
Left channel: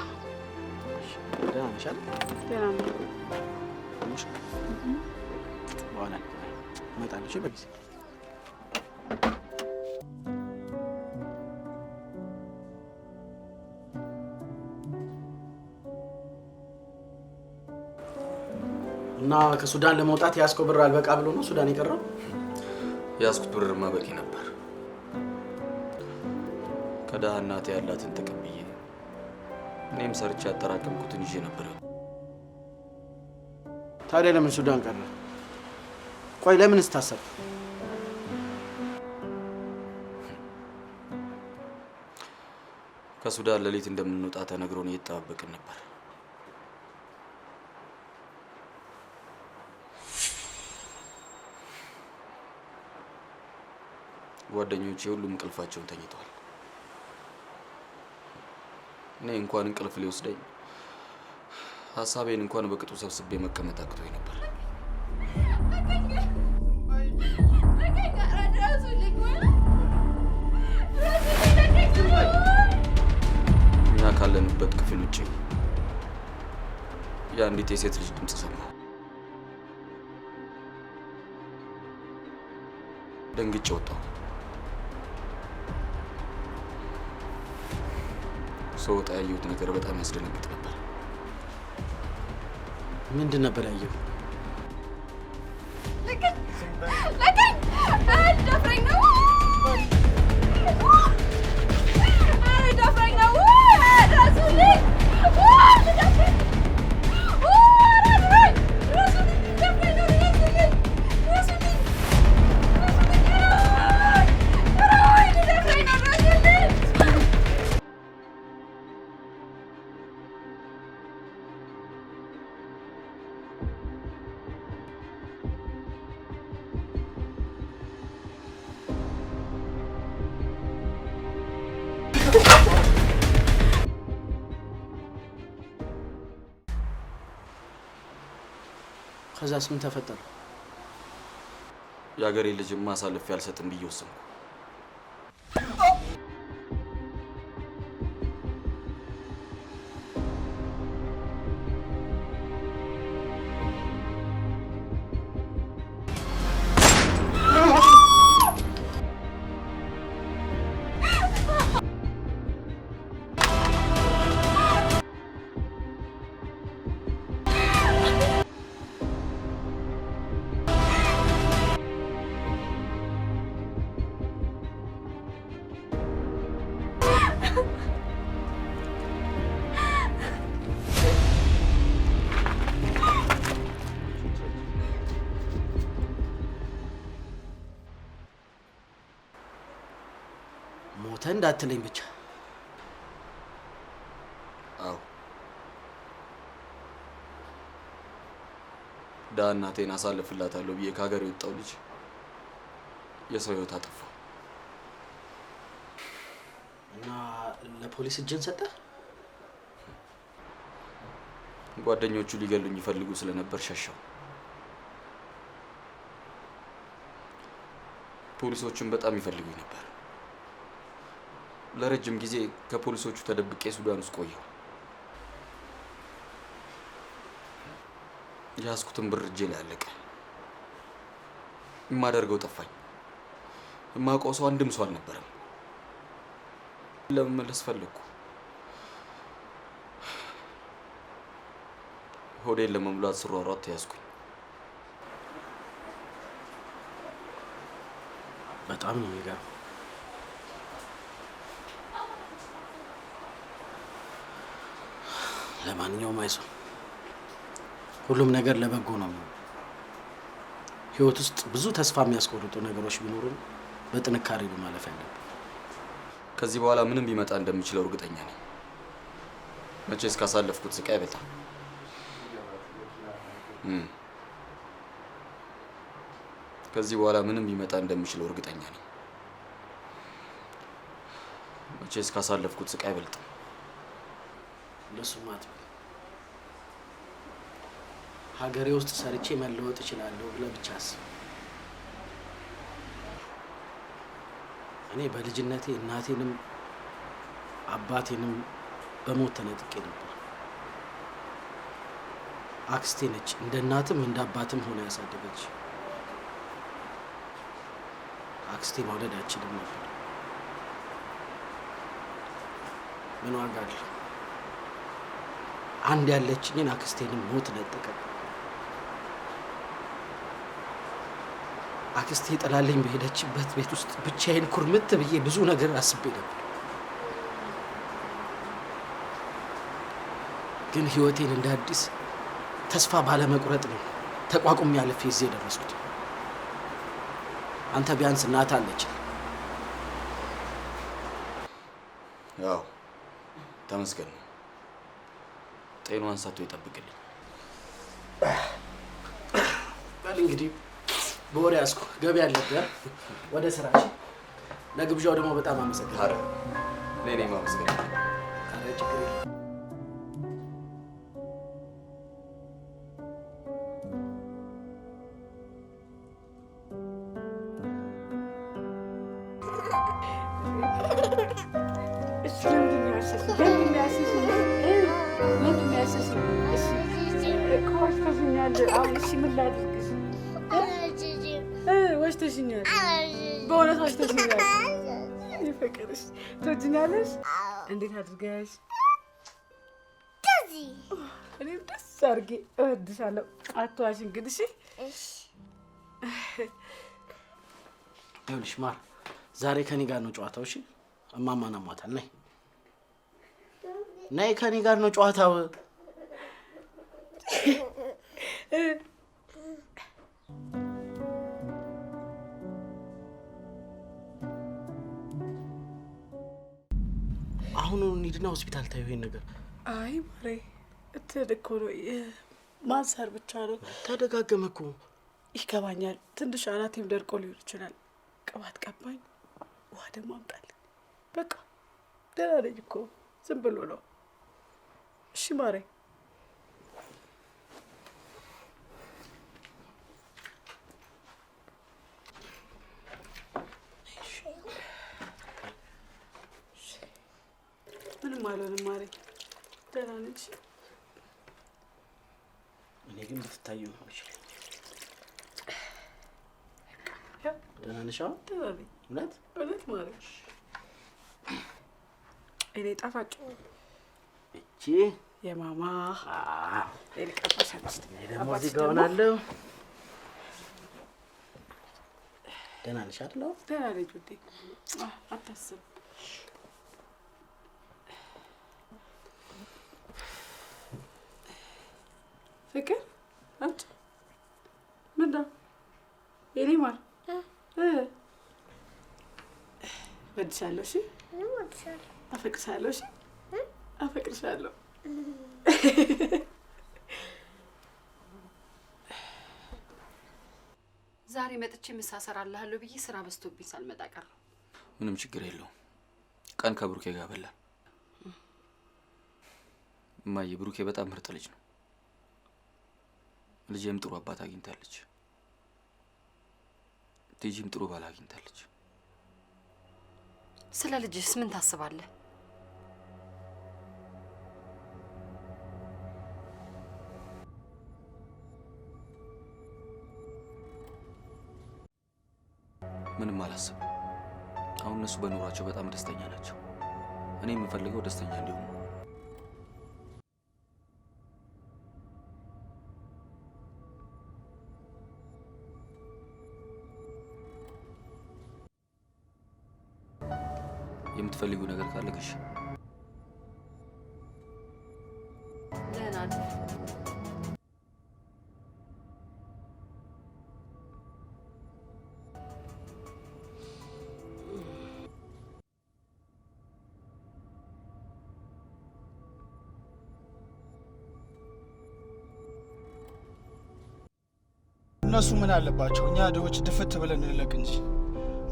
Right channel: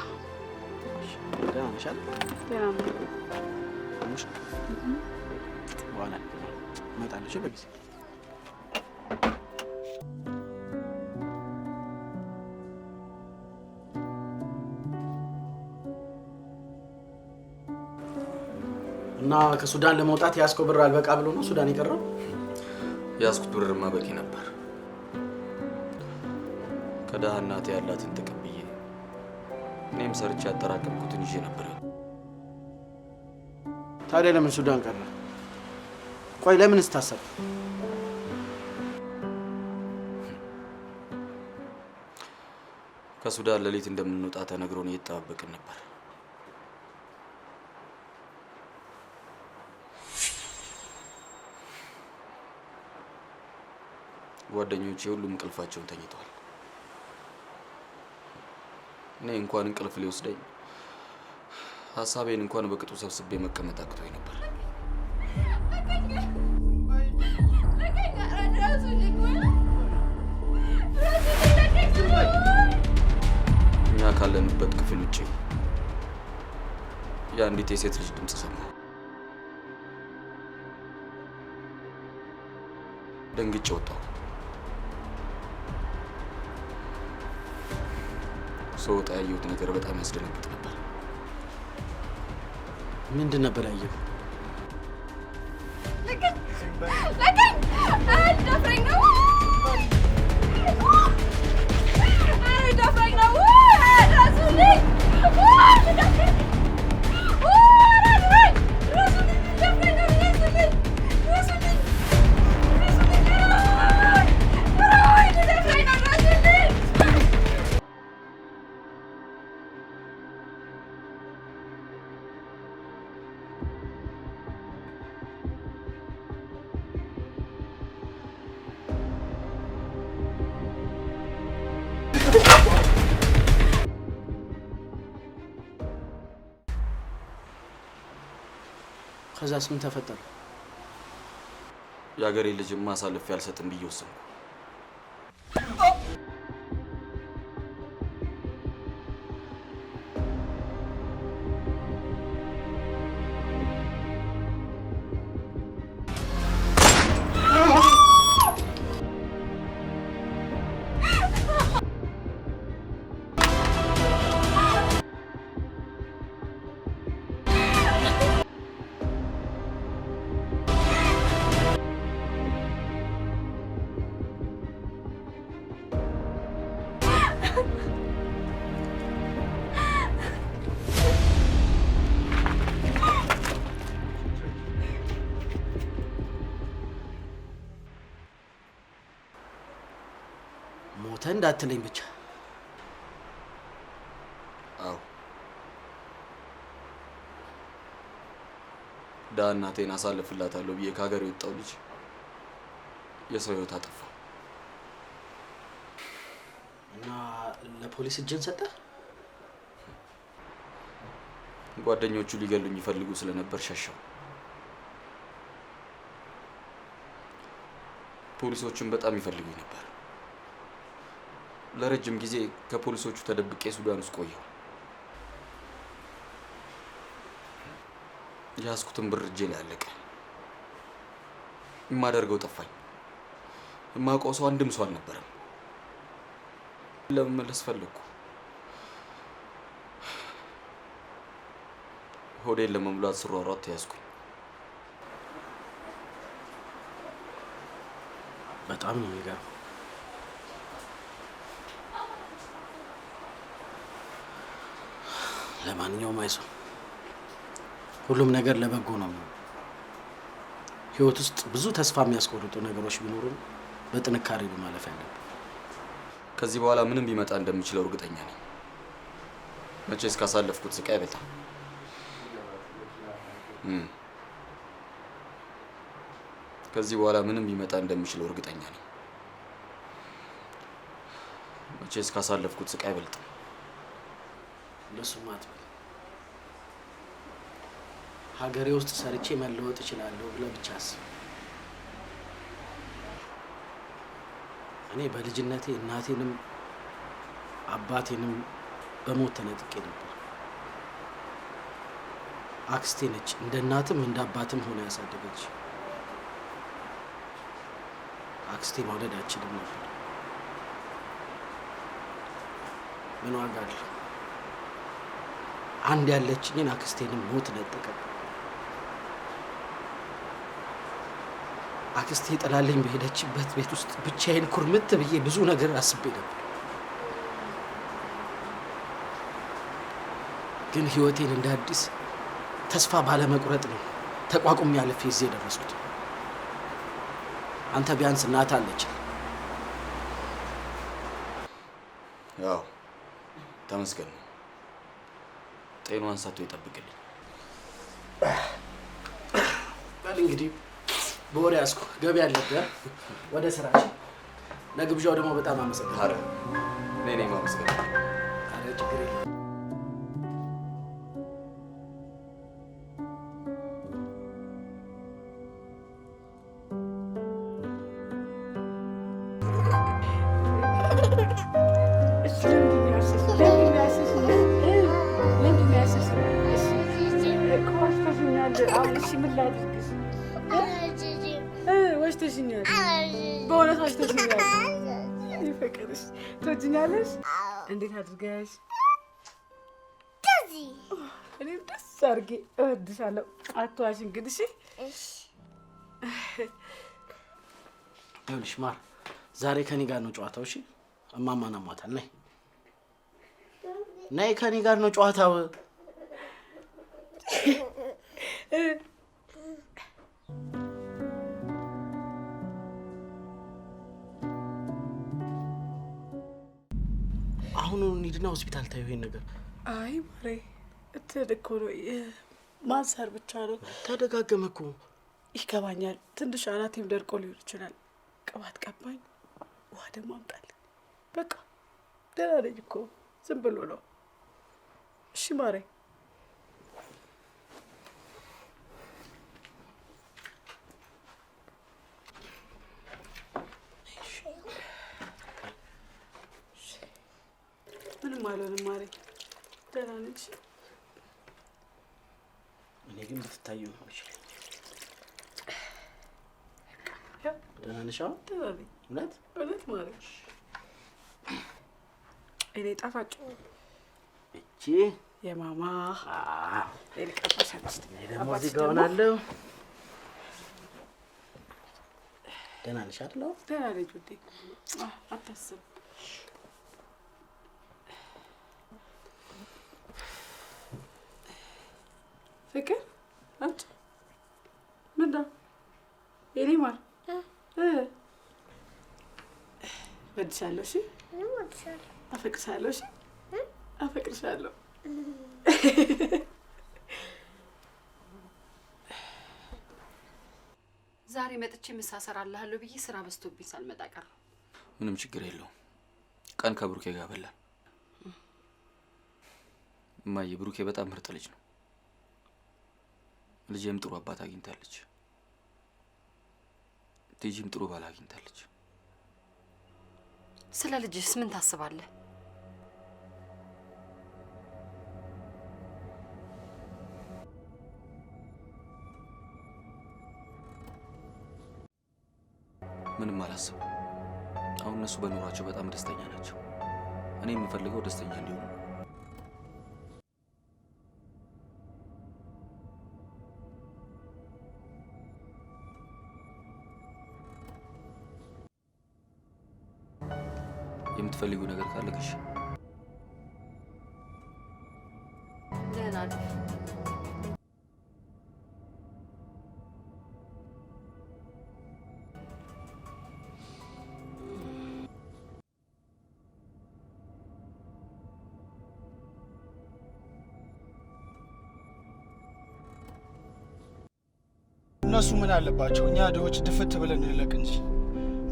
ደህና ነሽ አይደል? ደህና ነኝ። በኋላ እመጣለሁ በጊዜ እና ከሱዳን ለመውጣት ያስከው ብር አልበቃ ብሎ ነው ሱዳን የቀረው? ያስኩት ብርማ በቂ ነበር። ከደሃ እናቴ ያላትን ተቀብዬ እኔም ሰርቼ ያጠራቀምኩትን ይዤ ነበር። ታዲያ ለምን ሱዳን ቀረ? ቆይ ለምን ስታሰብ? ከሱዳን ሌሊት እንደምንወጣ ተነግሮን እየተጠባበቅን ነበር። ጓደኞቼ ሁሉም እንቅልፋቸውን ተኝተዋል። እኔ እንኳን እንቅልፍ ሊወስደኝ ሀሳቤን እንኳን በቅጡ ሰብስቤ መቀመጥ አቅቶኝ ነበር። እኛ ካለንበት ክፍል ውጭ የአንዲት የሴት ልጅ ድምፅ ሰማሁ። ደንግጬ ወጣሁ። ስወጣ ያየሁት ነገር በጣም ያስደነግጥ ነበር። ምንድን ነበር ያየው? ከዛስ ምን ተፈጠረ? የአገሬ ልጅማ አሳልፌ አልሰጥም ብዬ ወሰንኩ። ሞተ እንዳትለኝ ብቻ። አዎ ደሃ እናቴን አሳልፍላታለሁ ብዬ ከሀገር የወጣው ልጅ የሰው ህይወት አጠፋ። እና ለፖሊስ እጅን ሰጠ? ጓደኞቹ ሊገሉኝ ይፈልጉ ስለነበር ሸሸው። ፖሊሶቹም በጣም ይፈልጉኝ ነበር። ለረጅም ጊዜ ከፖሊሶቹ ተደብቄ ሱዳን ውስጥ ቆየሁ። ያስኩትን ብር እጄ ላይ አለቀ። የማደርገው ጠፋኝ። የማውቀው ሰው አንድም ሰው አልነበረም። ለመመለስ ፈለግኩ። ሆዴን ለመሙላት ስሯሯጥ ተያዝኩኝ። በጣም ነው የሚገርመው። ለማንኛውም አይዞህ፣ ሁሉም ነገር ለበጎ ነው የሚሆነው። ህይወት ውስጥ ብዙ ተስፋ የሚያስቆርጡ ነገሮች ቢኖሩም በጥንካሬ ነው ማለፍ ያለብን። ከዚህ በኋላ ምንም ቢመጣ እንደሚችለው እርግጠኛ ነኝ። መቼስ ካሳለፍኩት ስቃይ አይበልጥም። ከዚህ በኋላ ምንም ቢመጣ እንደሚችለው እርግጠኛ ነኝ። መቼስ ካሳለፍኩት ስቃይ አይበልጥም። ለሱም አትበል። ሀገሬ ውስጥ ሰርቼ መለወጥ እችላለሁ ብለህ ብቻ አስብ። እኔ በልጅነቴ እናቴንም አባቴንም በሞት ተነጥቄ ነበር። አክስቴ ነች እንደ እናትም እንደ አባትም ሆነ ያሳደገች። አክስቴ መውለድ አልችልም ነበር። ምን ዋጋ አለው? አንድ ያለችኝን አክስቴንም ሞት ነጠቀ። አክስቴ ጥላልኝ በሄደችበት ቤት ውስጥ ብቻዬን ኩርምት ብዬ ብዙ ነገር አስቤ ነበር። ግን ህይወቴን እንደ አዲስ ተስፋ ባለመቁረጥ ነው ተቋቁሜ ያለፈ እዚህ የደረስኩት። አንተ ቢያንስ እናት አለች። ያው ተመስገን። ጤናዋን ሰጥቶ ይጠብቅልኝ። በል እንግዲህ በወሬ ያዝኩ። ገቢ አለብህ ወደ ስራችን። ለግብዣው ደግሞ በጣም አመሰግናለሁ። ኧረ እኔ ማመስገን። ኧረ ችግር የለም። ወሽተሽኛል። በእውነት ወሽተሽኛል። ይፈቀድሽ ትወጂኛለሽ? እንዴት አድርገሽ? እኔም ደስ አድርጌ እወድሻለሁ። አትዋሽ እንግዲህ። እሺ ይኸውልሽ ማር፣ ዛሬ ከኔ ጋር ነው ጨዋታው። እሺ እማማን አሟታል። ነይ ነይ፣ ከኔ ጋር ነው ጨዋታው። አሁን እንሂድና ሆስፒታል ታዩ ይሄን ነገር። አይ ማሬ እኮ ነው ማንሳር ብቻ ነው። ተደጋገመ እኮ። ይገባኛል። ትንሽ አናቴም ደርቆ ሊሆን ይችላል። ቅባት ቀባኝ፣ ውሃ ደግሞ አምጣልኝ። በቃ ደህና ነኝ እኮ፣ ዝም ብሎ ነው። እሺ ማሬ። ምንም አልሆንም ማሬ፣ ደህና ነኝ። እኔ ግን ብትታዩ ነው ይችላል። ደህና ነሽ? አሁን ደህና ነኝ። እውነት ማሬ። እኔ ጣፋጭ እቺ የማማ ኤልቀባሻለች። ደግሞ እዚህ ጋር ሆናለሁ። ደህና ነሽ አይደል? ደህና ነኝ ውዴ፣ አታስብ። ፍቅር አንቺ ምንድነው? የኔ ማር እወድሻለሁ። እሺ አፈቅርሻለሁ። እሺ አፈቅርሻለሁ። ዛሬ መጥቼ ምሳ እሰራልሃለሁ ብዬ ስራ በዝቶብኝ ሳልመጣ ቀረሁ። ምንም ችግር የለውም። ቀን ከብሩኬ ጋር በላን። እማዬ ብሩኬ በጣም ምርጥ ልጅ ነው። ልጄም ጥሩ አባት አግኝታለች። ቲጂም ጥሩ ባል አግኝታለች። ስለ ልጅስ ምን ታስባለህ? ምንም አላስብም። አሁን እነሱ በኑሯቸው በጣም ደስተኛ ናቸው። እኔ የምፈልገው ደስተኛ እንዲሆኑ። የምትፈልጊው ነገር ካለ ግሽ። ደህና ነኝ። እነሱ ምን አለባቸው? እኛ ድሆች ድፍት ብለን እንለቅ እንጂ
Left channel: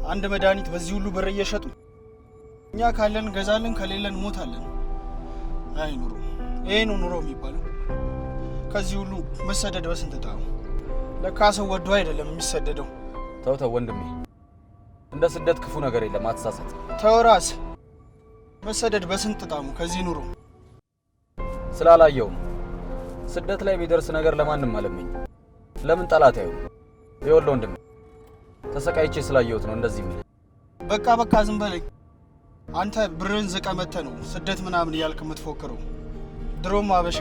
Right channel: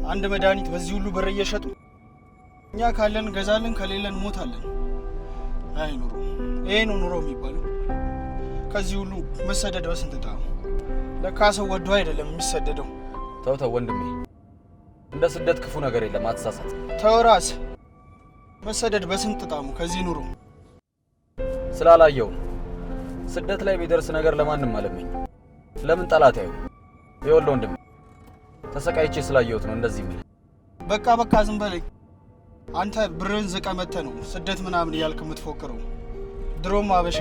አንድ መድኃኒት በዚህ ሁሉ ብር እየሸጡ እኛ ካለን ገዛለን፣ ከሌለን ሞታለን። አይ ኑሮ፣ ይሄ ነው ኑሮ የሚባለው። ከዚህ ሁሉ መሰደድ በስንት ጣሙ። ለካ ሰው ወዶ አይደለም የሚሰደደው። ተው ወንድሜ፣ እንደ ስደት ክፉ ነገር የለም፣ አትሳሳት። ተው ራስ፣ መሰደድ በስንት ጣሙ ከዚህ ኑሮ። ስላላየው ነው። ስደት ላይ ቢደርስ ነገር ለማንም አለመኝ። ለምን ጠላት ያዩ? ይኸውልህ ወንድሜ፣ ተሰቃይቼ ስላየሁት ነው እንደዚህ የሚል። በቃ ዝም በለኝ። አንተ ብርን ዝቀ መተህ ነው ስደት ምናምን እያልክ የምትፎክረው። ድሮም አበሻ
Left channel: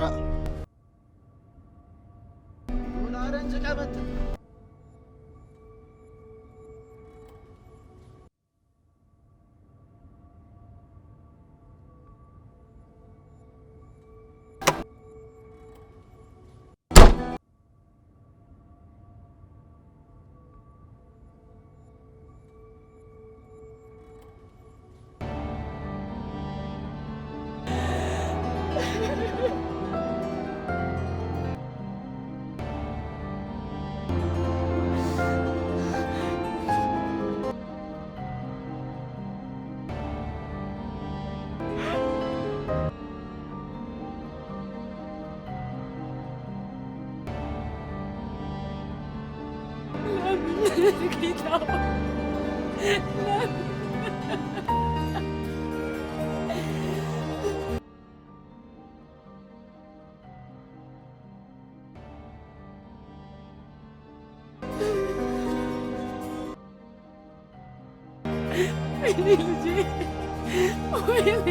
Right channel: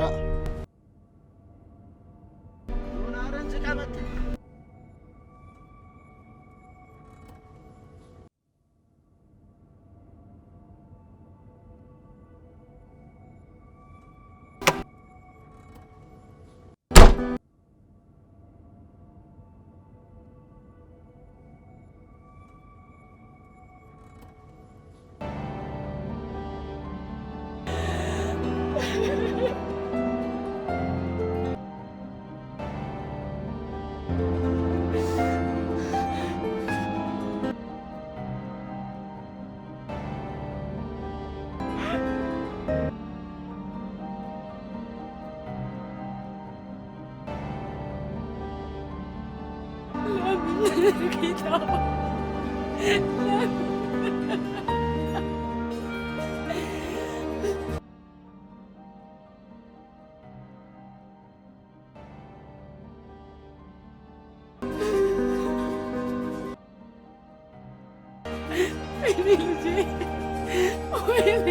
ለምን ጌታ ለምን ልጄ ወይኔ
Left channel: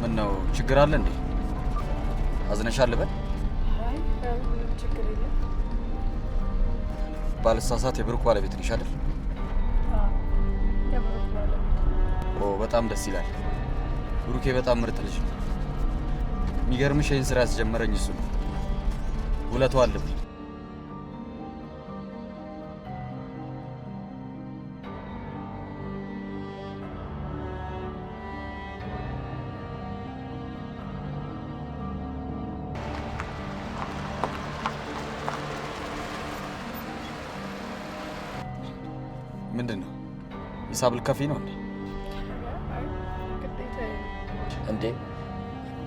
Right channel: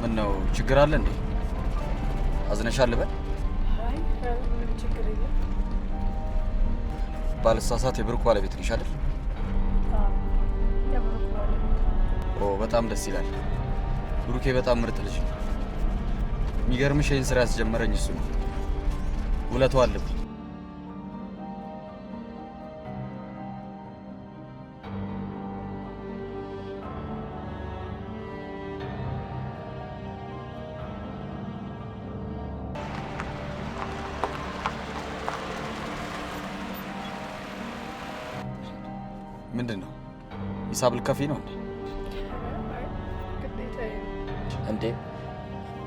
ምን ነው ችግር አለ እንዴ? አዝነሻል በል? አይ ምንም ችግር የለም። ባልሳሳት የብሩክ ባለቤት ነሽ አይደል? የብሩክ ባለቤት። ኦ በጣም ደስ ይላል። ብሩኬ በጣም ምርጥ ልጅ ነው። የሚገርምሽ ይህን ስራ ያስጀመረኝ እሱ ነው። ውለታው አለብኝ። ምንድን ነው ሂሳብ ልከፊ ነው እንዴ? እንዴ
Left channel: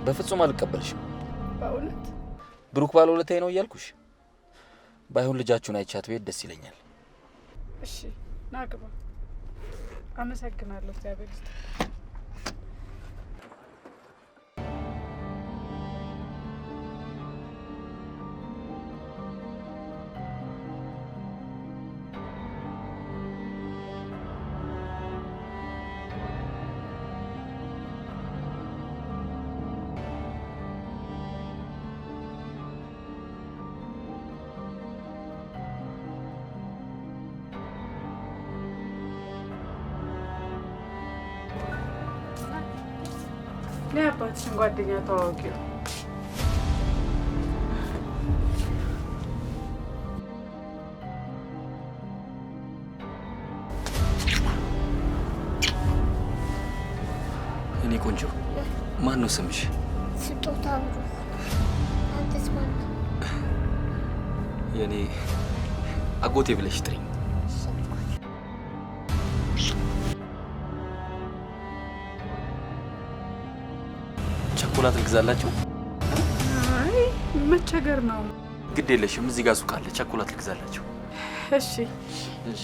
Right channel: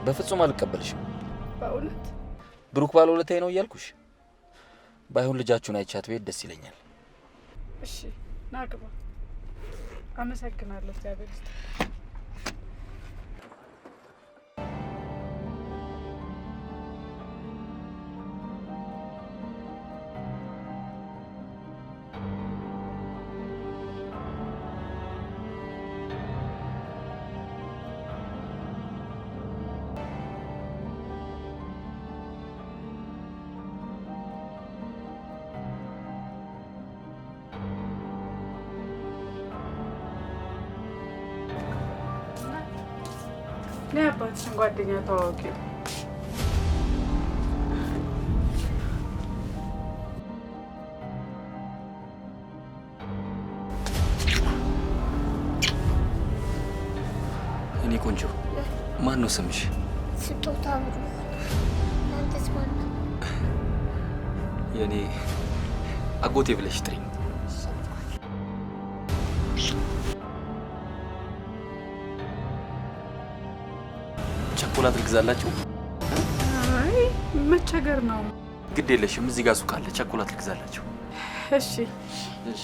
በፍጹም አልቀበልሽም። በእውነት ብሩክ ባለውለታዬ ነው እያልኩሽ። ባይሆን ልጃችሁን አይቻት ቤት ደስ ይለኛል። እሺ ና ግባ። አመሰግናለሁ። እግዚአብሔር ይስጥልኝ። የአባትሽን ጓደኛ ተዋወቂው። እኔ ቆንጆ ማን ነው ስምሽ? ስጦታ ብሩክ። አንተስ ማን ነው? የኔ አጎቴ ብለሽ ጥሪኝ። ቸኮላት ልግዛላችሁ? አይ መቸገር ነው። ግድ የለሽም፣ እዚህ ጋር ሱቅ አለ። ቸኮላት ልግዛላችሁ። እሺ እሺ።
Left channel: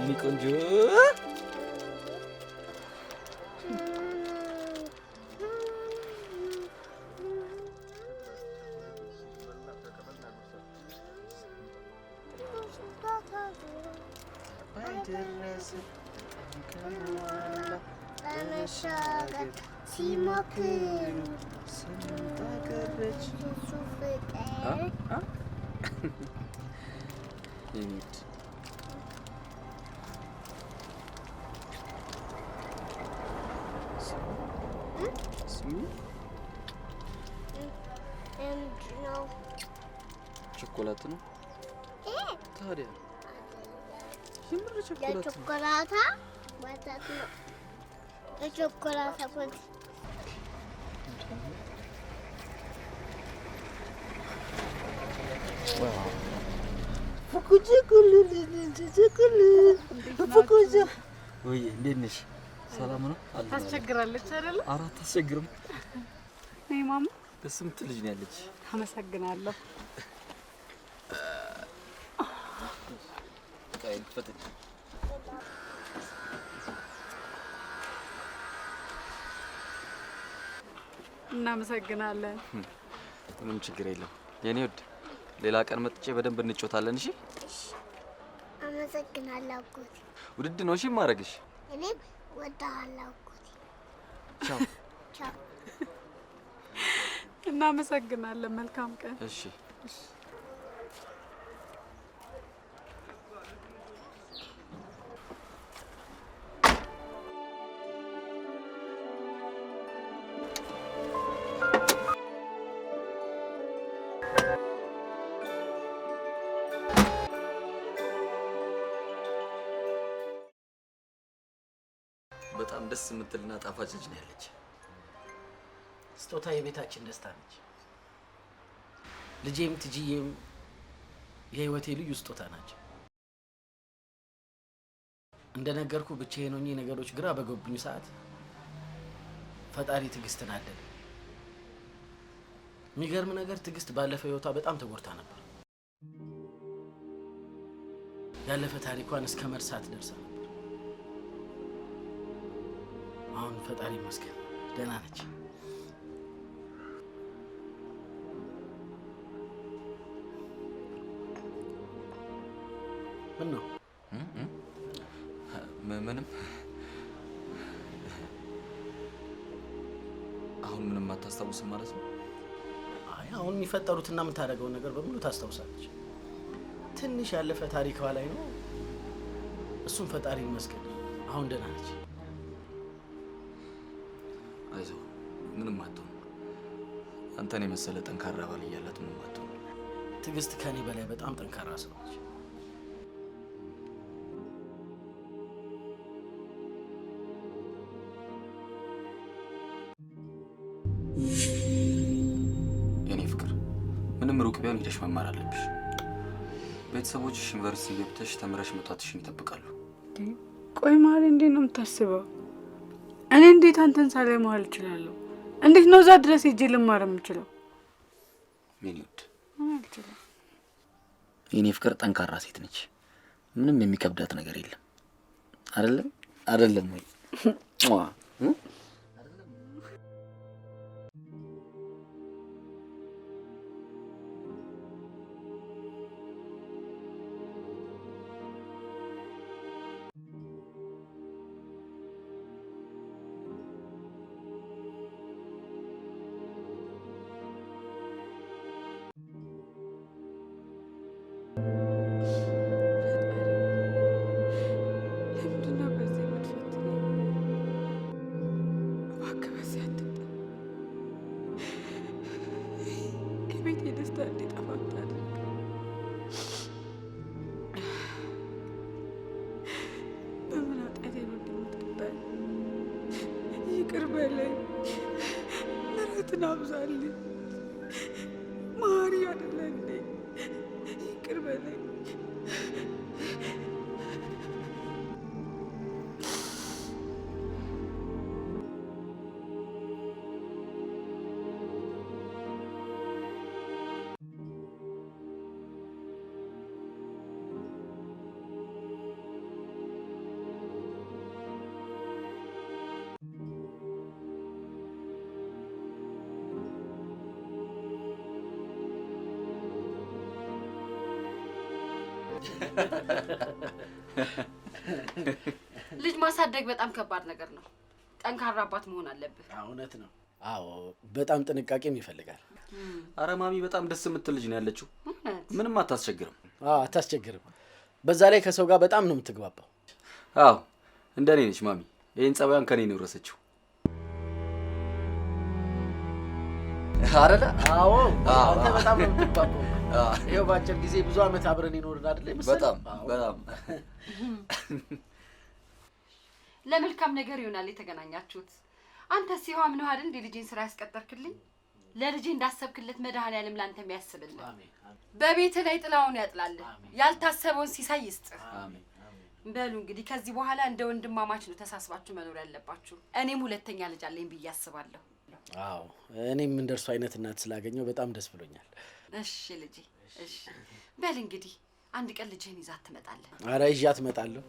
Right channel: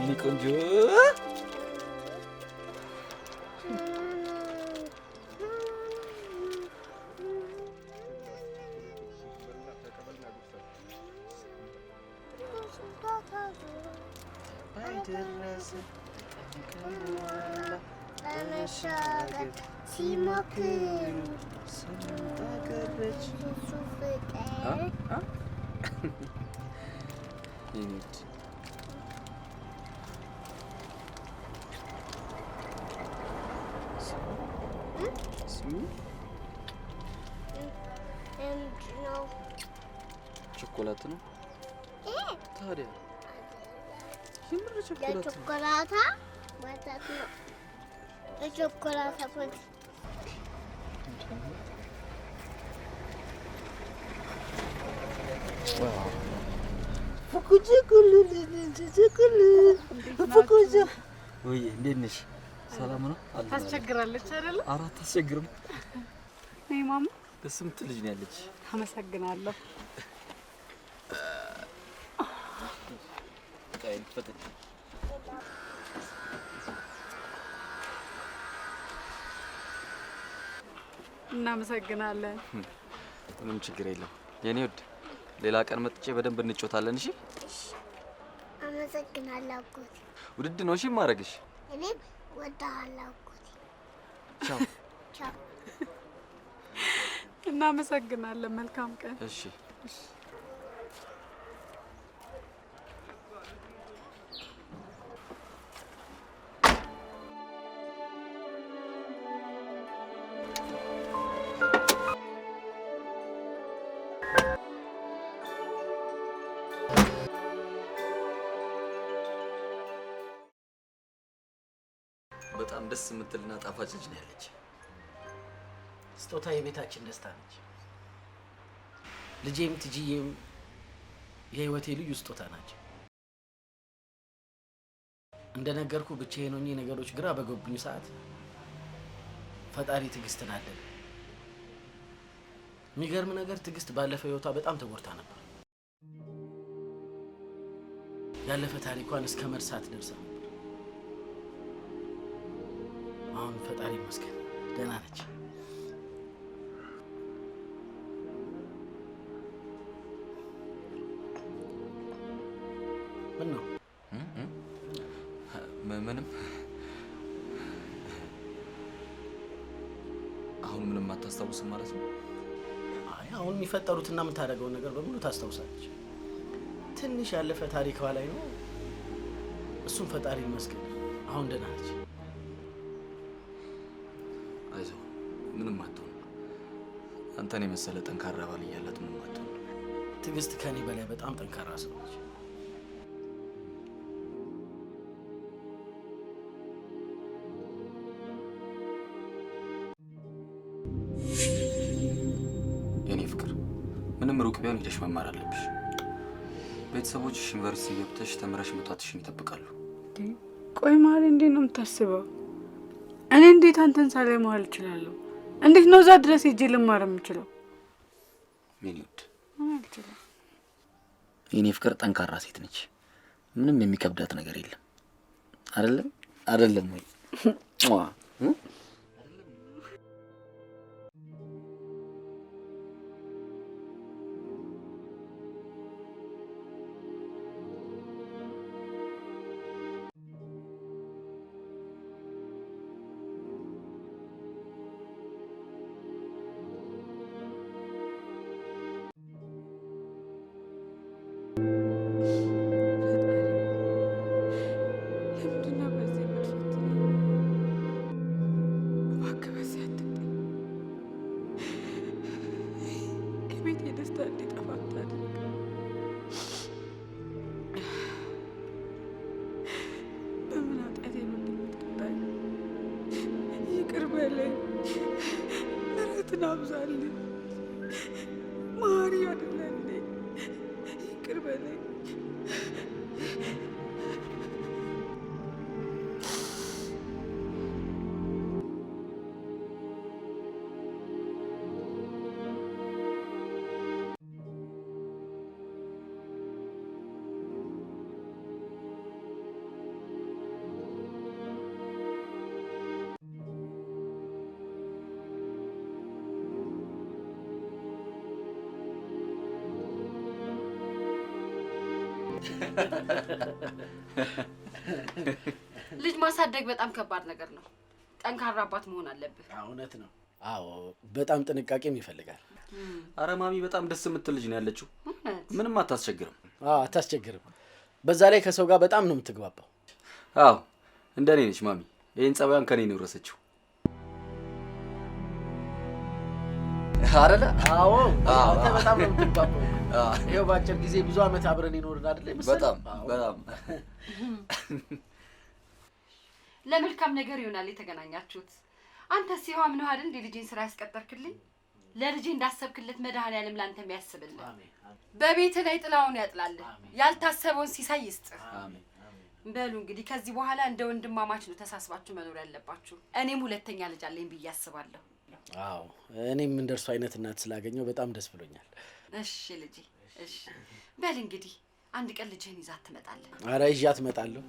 የኔ ቆንጆ ለመሻገር ሲሞክሩ ስንታገረች እሱ ፍቅር የኔት ምንድን ነው? ቾኮላት ነው ታዲያ የምር ቾኮላት ነው የቾኮላታ ወተት ነው። የቾኮላታ ወተት ወይ እንዴት ነሽ? ሰላም ነው? ታስቸግራለች አይደል? ኧረ አታስቸግርም። ነይ ማማ። ደስ የምትል ልጅ ነው ያለች። አመሰግናለሁ። ቃይን ፈተሽ እናመሰግናለን። ምንም ችግር የለም የኔ ውድ። ሌላ ቀን መጥቼ በደንብ እንጫወታለን። እሺ? አመሰግናለሁ አጎቴ። ውድድ ነው እሺ ማረግሽ። እኔም እወድሃለሁ አጎቴ። ቻው ቻው። እናመሰግናለን። መልካም ቀን። እሺ። በጣም ደስ የምትልና ጣፋጭ ልጅ ነው ያለች። ስጦታ የቤታችን ደስታ ነች። ልጄም ትጂዬም የህይወቴ ልዩ ስጦታ ናቸው። እንደነገርኩ ብቻዬን ሆኜ ነገሮች ግራ በገቡኝ ሰዓት ፈጣሪ ትዕግስትን አደለ። የሚገርም ነገር ትዕግስት ባለፈ ህይወቷ በጣም ተጎድታ ነበር። ያለፈ ታሪኳን እስከ መርሳት ደርሳ ነበር። አሁን ፈጣሪ ይመስገን ደህና ነች። ምን ነው? ምንም። አሁን ምንም አታስታውስም ማለት ነው? አይ አሁን የሚፈጠሩትና የምታደርገውን ነገር በሙሉ ታስታውሳለች። ትንሽ ያለፈ ታሪኳ ላይ ነው። እሱም ፈጣሪ ይመስገን አሁን ደህና ነች። አይዞህ ምንም አትሆን። አንተን የመሰለ ጠንካራ ባል እያላት ምንም አትሆን። ትዕግስት ከኔ በላይ በጣም ጠንካራ ሰው ነች። የኔ ፍቅር ምንም ሩቅ ቢሆን ሄደሽ መማር አለብሽ። ቤተሰቦችሽ ዩኒቨርሲቲ ገብተሽ ተምረሽ መጣትሽን ይጠብቃሉ። ቆይ ማሪ እንዴት ነው የምታስበው? እኔ እንዴት አንተን ሳላይ መዋል እችላለሁ? እንዴት ነው እዛ ድረስ ሄጄ ልማር የምችለው? የኔ ውድ አልችልም። የኔ ፍቅር ጠንካራ ሴት ነች። ምንም የሚከብዳት ነገር የለም። አይደለም ወይ? ቤት የደስታ እንዲጠፋ አታድርግ። በምን ኃጢአቴ ነው እንደምትቀጣኝ? ይቅር በለኝ፣ ምሕረትን አብዛልኝ። መሀሪ አይደለ እንዴ? ይቅር በለኝ። ልጅ ማሳደግ በጣም ከባድ ነገር ነው። ጠንካራ አባት መሆን አለብህ። እውነት ነው። አዎ በጣም ጥንቃቄም ይፈልጋል። አረ ማሚ በጣም ደስ የምትል ልጅ ነው ያለችው። ምንም አታስቸግርም። አታስቸግርም። በዛ ላይ ከሰው ጋር በጣም ነው የምትግባባው። አዎ እንደኔ ነች ማሚ። ይሄን ጸባያን ከኔ ነው የወረሰችው። አረለ? አዎ አንተ በጣም ነው የምትግባባው። ይሄው ባጭር ጊዜ ብዙ አመት አብረን ይኖርን አይደል መሰለኝ። በጣም ለመልካም ነገር ይሆናል የተገናኛችሁት። አንተ ሲሆን ምን አይደል እንደ ልጅን ስራ ያስቀጠርክልኝ? ለልጅ እንዳሰብክለት መድኃኒዓለም ላንተም ያስብልህ። በቤት ላይ ጥላውን ያጥላልህ። ያልታሰበውን ሲሳይ ይስጥ። አሜን። በሉ እንግዲህ ከዚህ በኋላ እንደ ወንድማማች ነው ተሳስባችሁ መኖር ያለባችሁ። እኔም ሁለተኛ ልጅ አለኝ ብዬ አስባለሁ። አዎ እኔም እንደርሱ አይነት እናት ስላገኘው በጣም ደስ ብሎኛል። እሺ ልጄ፣ እሺ በል እንግዲህ አንድ ቀን ልጅህን ይዛት ትመጣለህ። ኧረ ይዣት እመጣለሁ።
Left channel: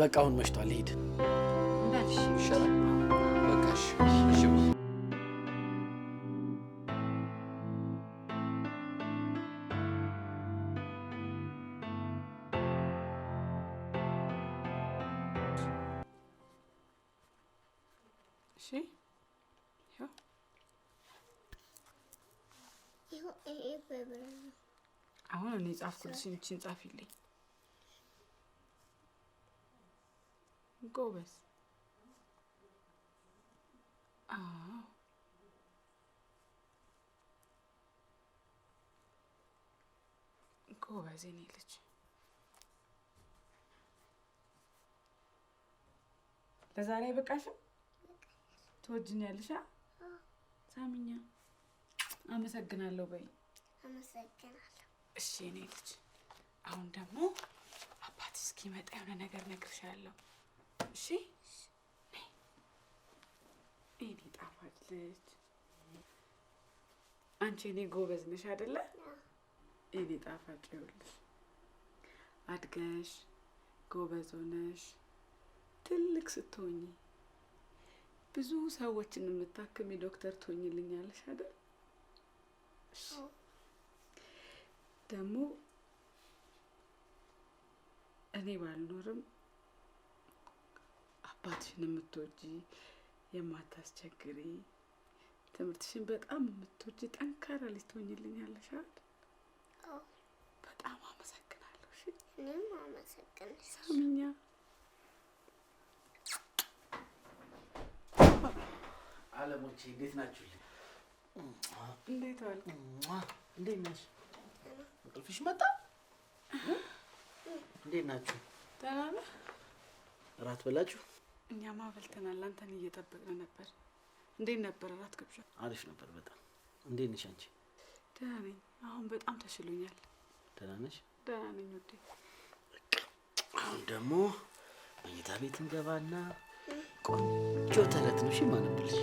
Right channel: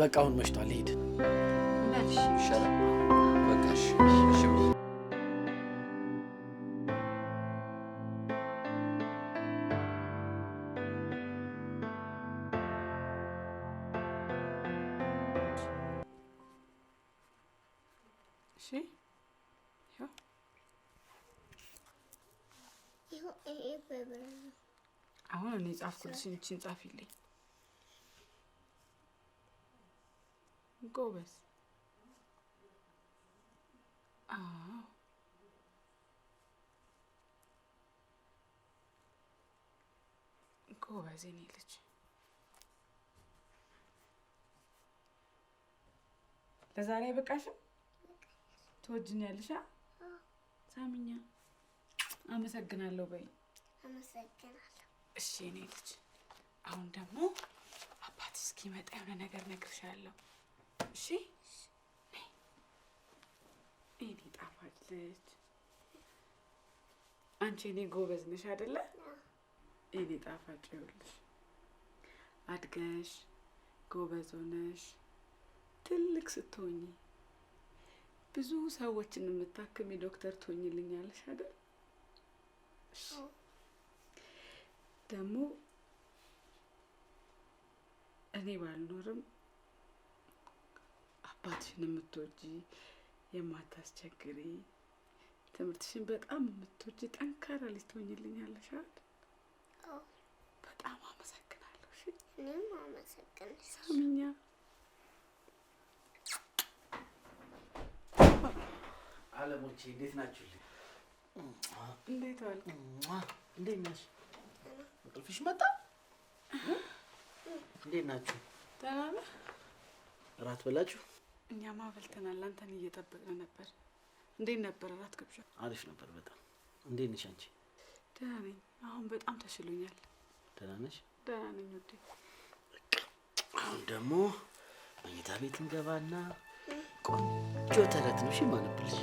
በቃ አሁን መሽቷል፣ ልሂድ። በል እሺ ይሻላል። በቃ እሺ። አሁን እኔ ጻፍኩልሽን እቺን ጻፊልኝ። ጎበዝ። ጎበዝ የኔ ልጅ። ለዛሬ አይበቃሽም? ትወጂኛለሽ? ሳሚኛ አመሰግናለሁ በይ። አመሰግናለሁ። እሺ የኔ ልጅ። አሁን ደግሞ አባት እስኪመጣ የሆነ ነገር እነግርሻለሁ። እሺ እኔ ጣፋጭ ልጅ፣ አንቺ እኔ ጎበዝ ነሽ አይደለ? እኔ ጣፋጭ ይኸውልሽ፣ አድገሽ ጎበዝ ሆነሽ ትልቅ ስትሆኚ ብዙ ሰዎችን የምታክሚ ዶክተር ትሆኚልኛለሽ አይደል? እሺ ደግሞ እኔ ባልኖርም አባትሽን የምትወጂ የማታስቸግሪ ትምህርትሽን በጣም የምትወጂ ጠንካራ ልጅ ትሆኚልኛለሽ አይደል? በጣም አመሰግናለሁ። እሺ እኔም አመሰግናለሁ ሳሚኛ። አለሞቼ እንዴት ናችሁ? እንዴት ዋልክ? እንዴት ነሽ? እንቅልፍሽ መጣ? እንዴት ናችሁ? ደህና ነህ? እራት በላችሁ? እኛማ በልተናል። አንተን እየጠበቅን ነበር። እንዴት ነበር እራት ግብዣ? አሪፍ ነበር በጣም። እንዴት ነሽ አንቺ? ደህና ነኝ። አሁን በጣም ተሽሎኛል። ደህና ነሽ? ደህና ነኝ ውዴ። አሁን ደግሞ መኝታ ቤት እንገባና ቆንጆ ተረት ነው እሺ የማነብልሽ።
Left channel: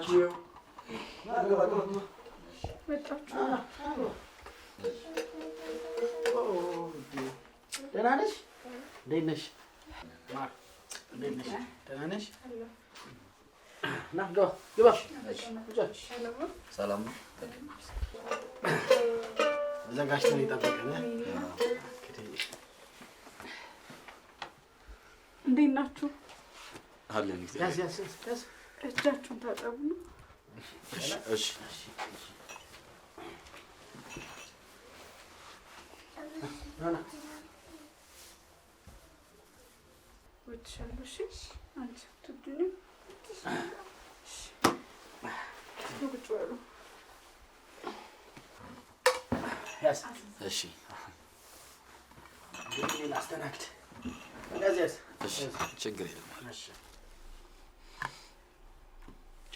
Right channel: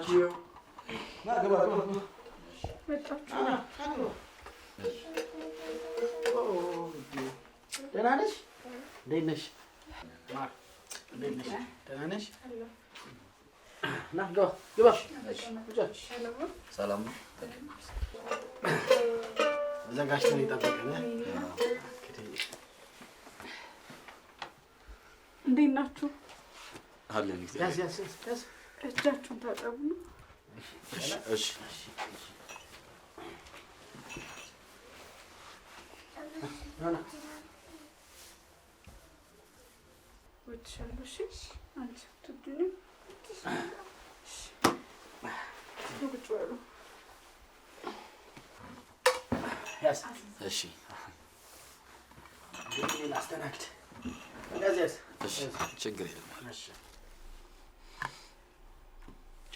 ናችሁ? ደህና ነሽ? እንዴት ነሽ? እንዴት ነሽ? ደህና ነሽ? ና ግባ። ሰላም ነው። ዘጋጅተን የጠበቀን። እንዴት ናችሁ? አለን። ያዝ ያዝ ያዝ። እጃችሁን ታጠቡ ነው። እሺ ወጥሻለሁ። እሺ አንቺ ትዱኝ። ቁጭ በሉ። ያዝ። እሺ ግን አስተናግድ። ያዝ ያዝ። እሺ ችግር የለም። እሺ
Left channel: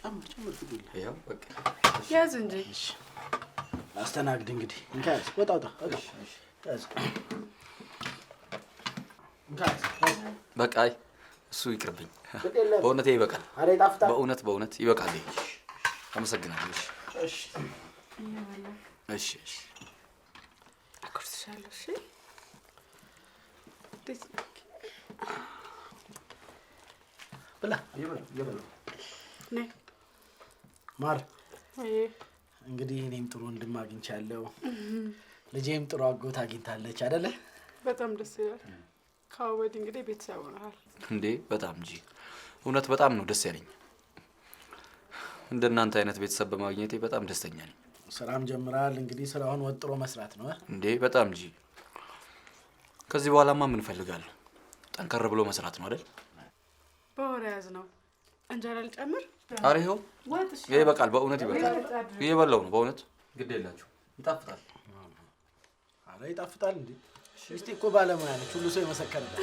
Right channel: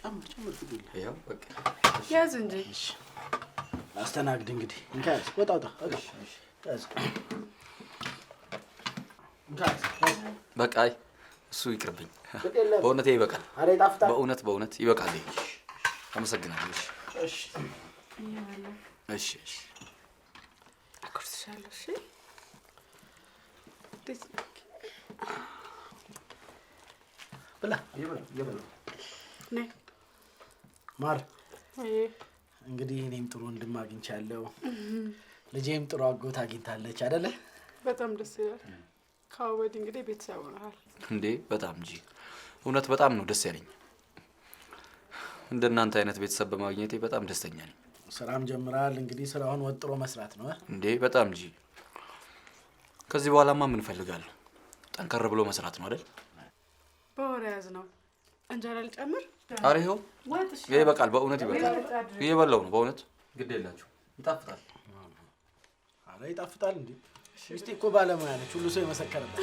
ጨምር ፍዱል። ያው በቃ ያዝ እንጂ። እሺ አስተናግድ እንግዲህ። እንካ ያዝ። ወጣ ያዝ። በቃ እሱ ይቅርብኝ። በእውነት ይበቃል። አረ ይጣፍጣል። በእውነት ይበቃል። አመሰግናለሁ። እሺ እሺ እሺ። አኩርትሻለሁ። እሺ ብላ ይበሉ። ነይ ማር። ወይ እንግዲህ እኔም ጥሩ ወንድም አግኝቻለሁ። ልጄም ጥሩ አጎት አግኝታለች አይደለ? በጣም ደስ ይላል። ከወዲህ እንግዲህ ቤተሰብ ሆነሃል እንዴ? በጣም እንጂ እውነት በጣም ነው ደስ ያለኝ። እንደናንተ አይነት ቤተሰብ በማግኘቴ በጣም ደስተኛ ነኝ። ስራም ጀምራል። እንግዲህ ስራውን ወጥሮ መስራት ነው እንዴ? በጣም እንጂ። ከዚህ በኋላማ ምን ፈልጋለሁ? ጠንከር ብሎ መስራት ነው አይደል? በወሬ ያዝ ነው። እንጀራ ልጨምር? ኧረ ይኸው ይበቃል። በእውነት ይበቃል። እየበላው ነው በእውነት። ግድ የላችሁ ይጣፍጣል። አረ ይጣፍጣል እንዴ? ሚስቴ እኮ ባለሙያ ነች። ሁሉ ሰው የመሰከረላት።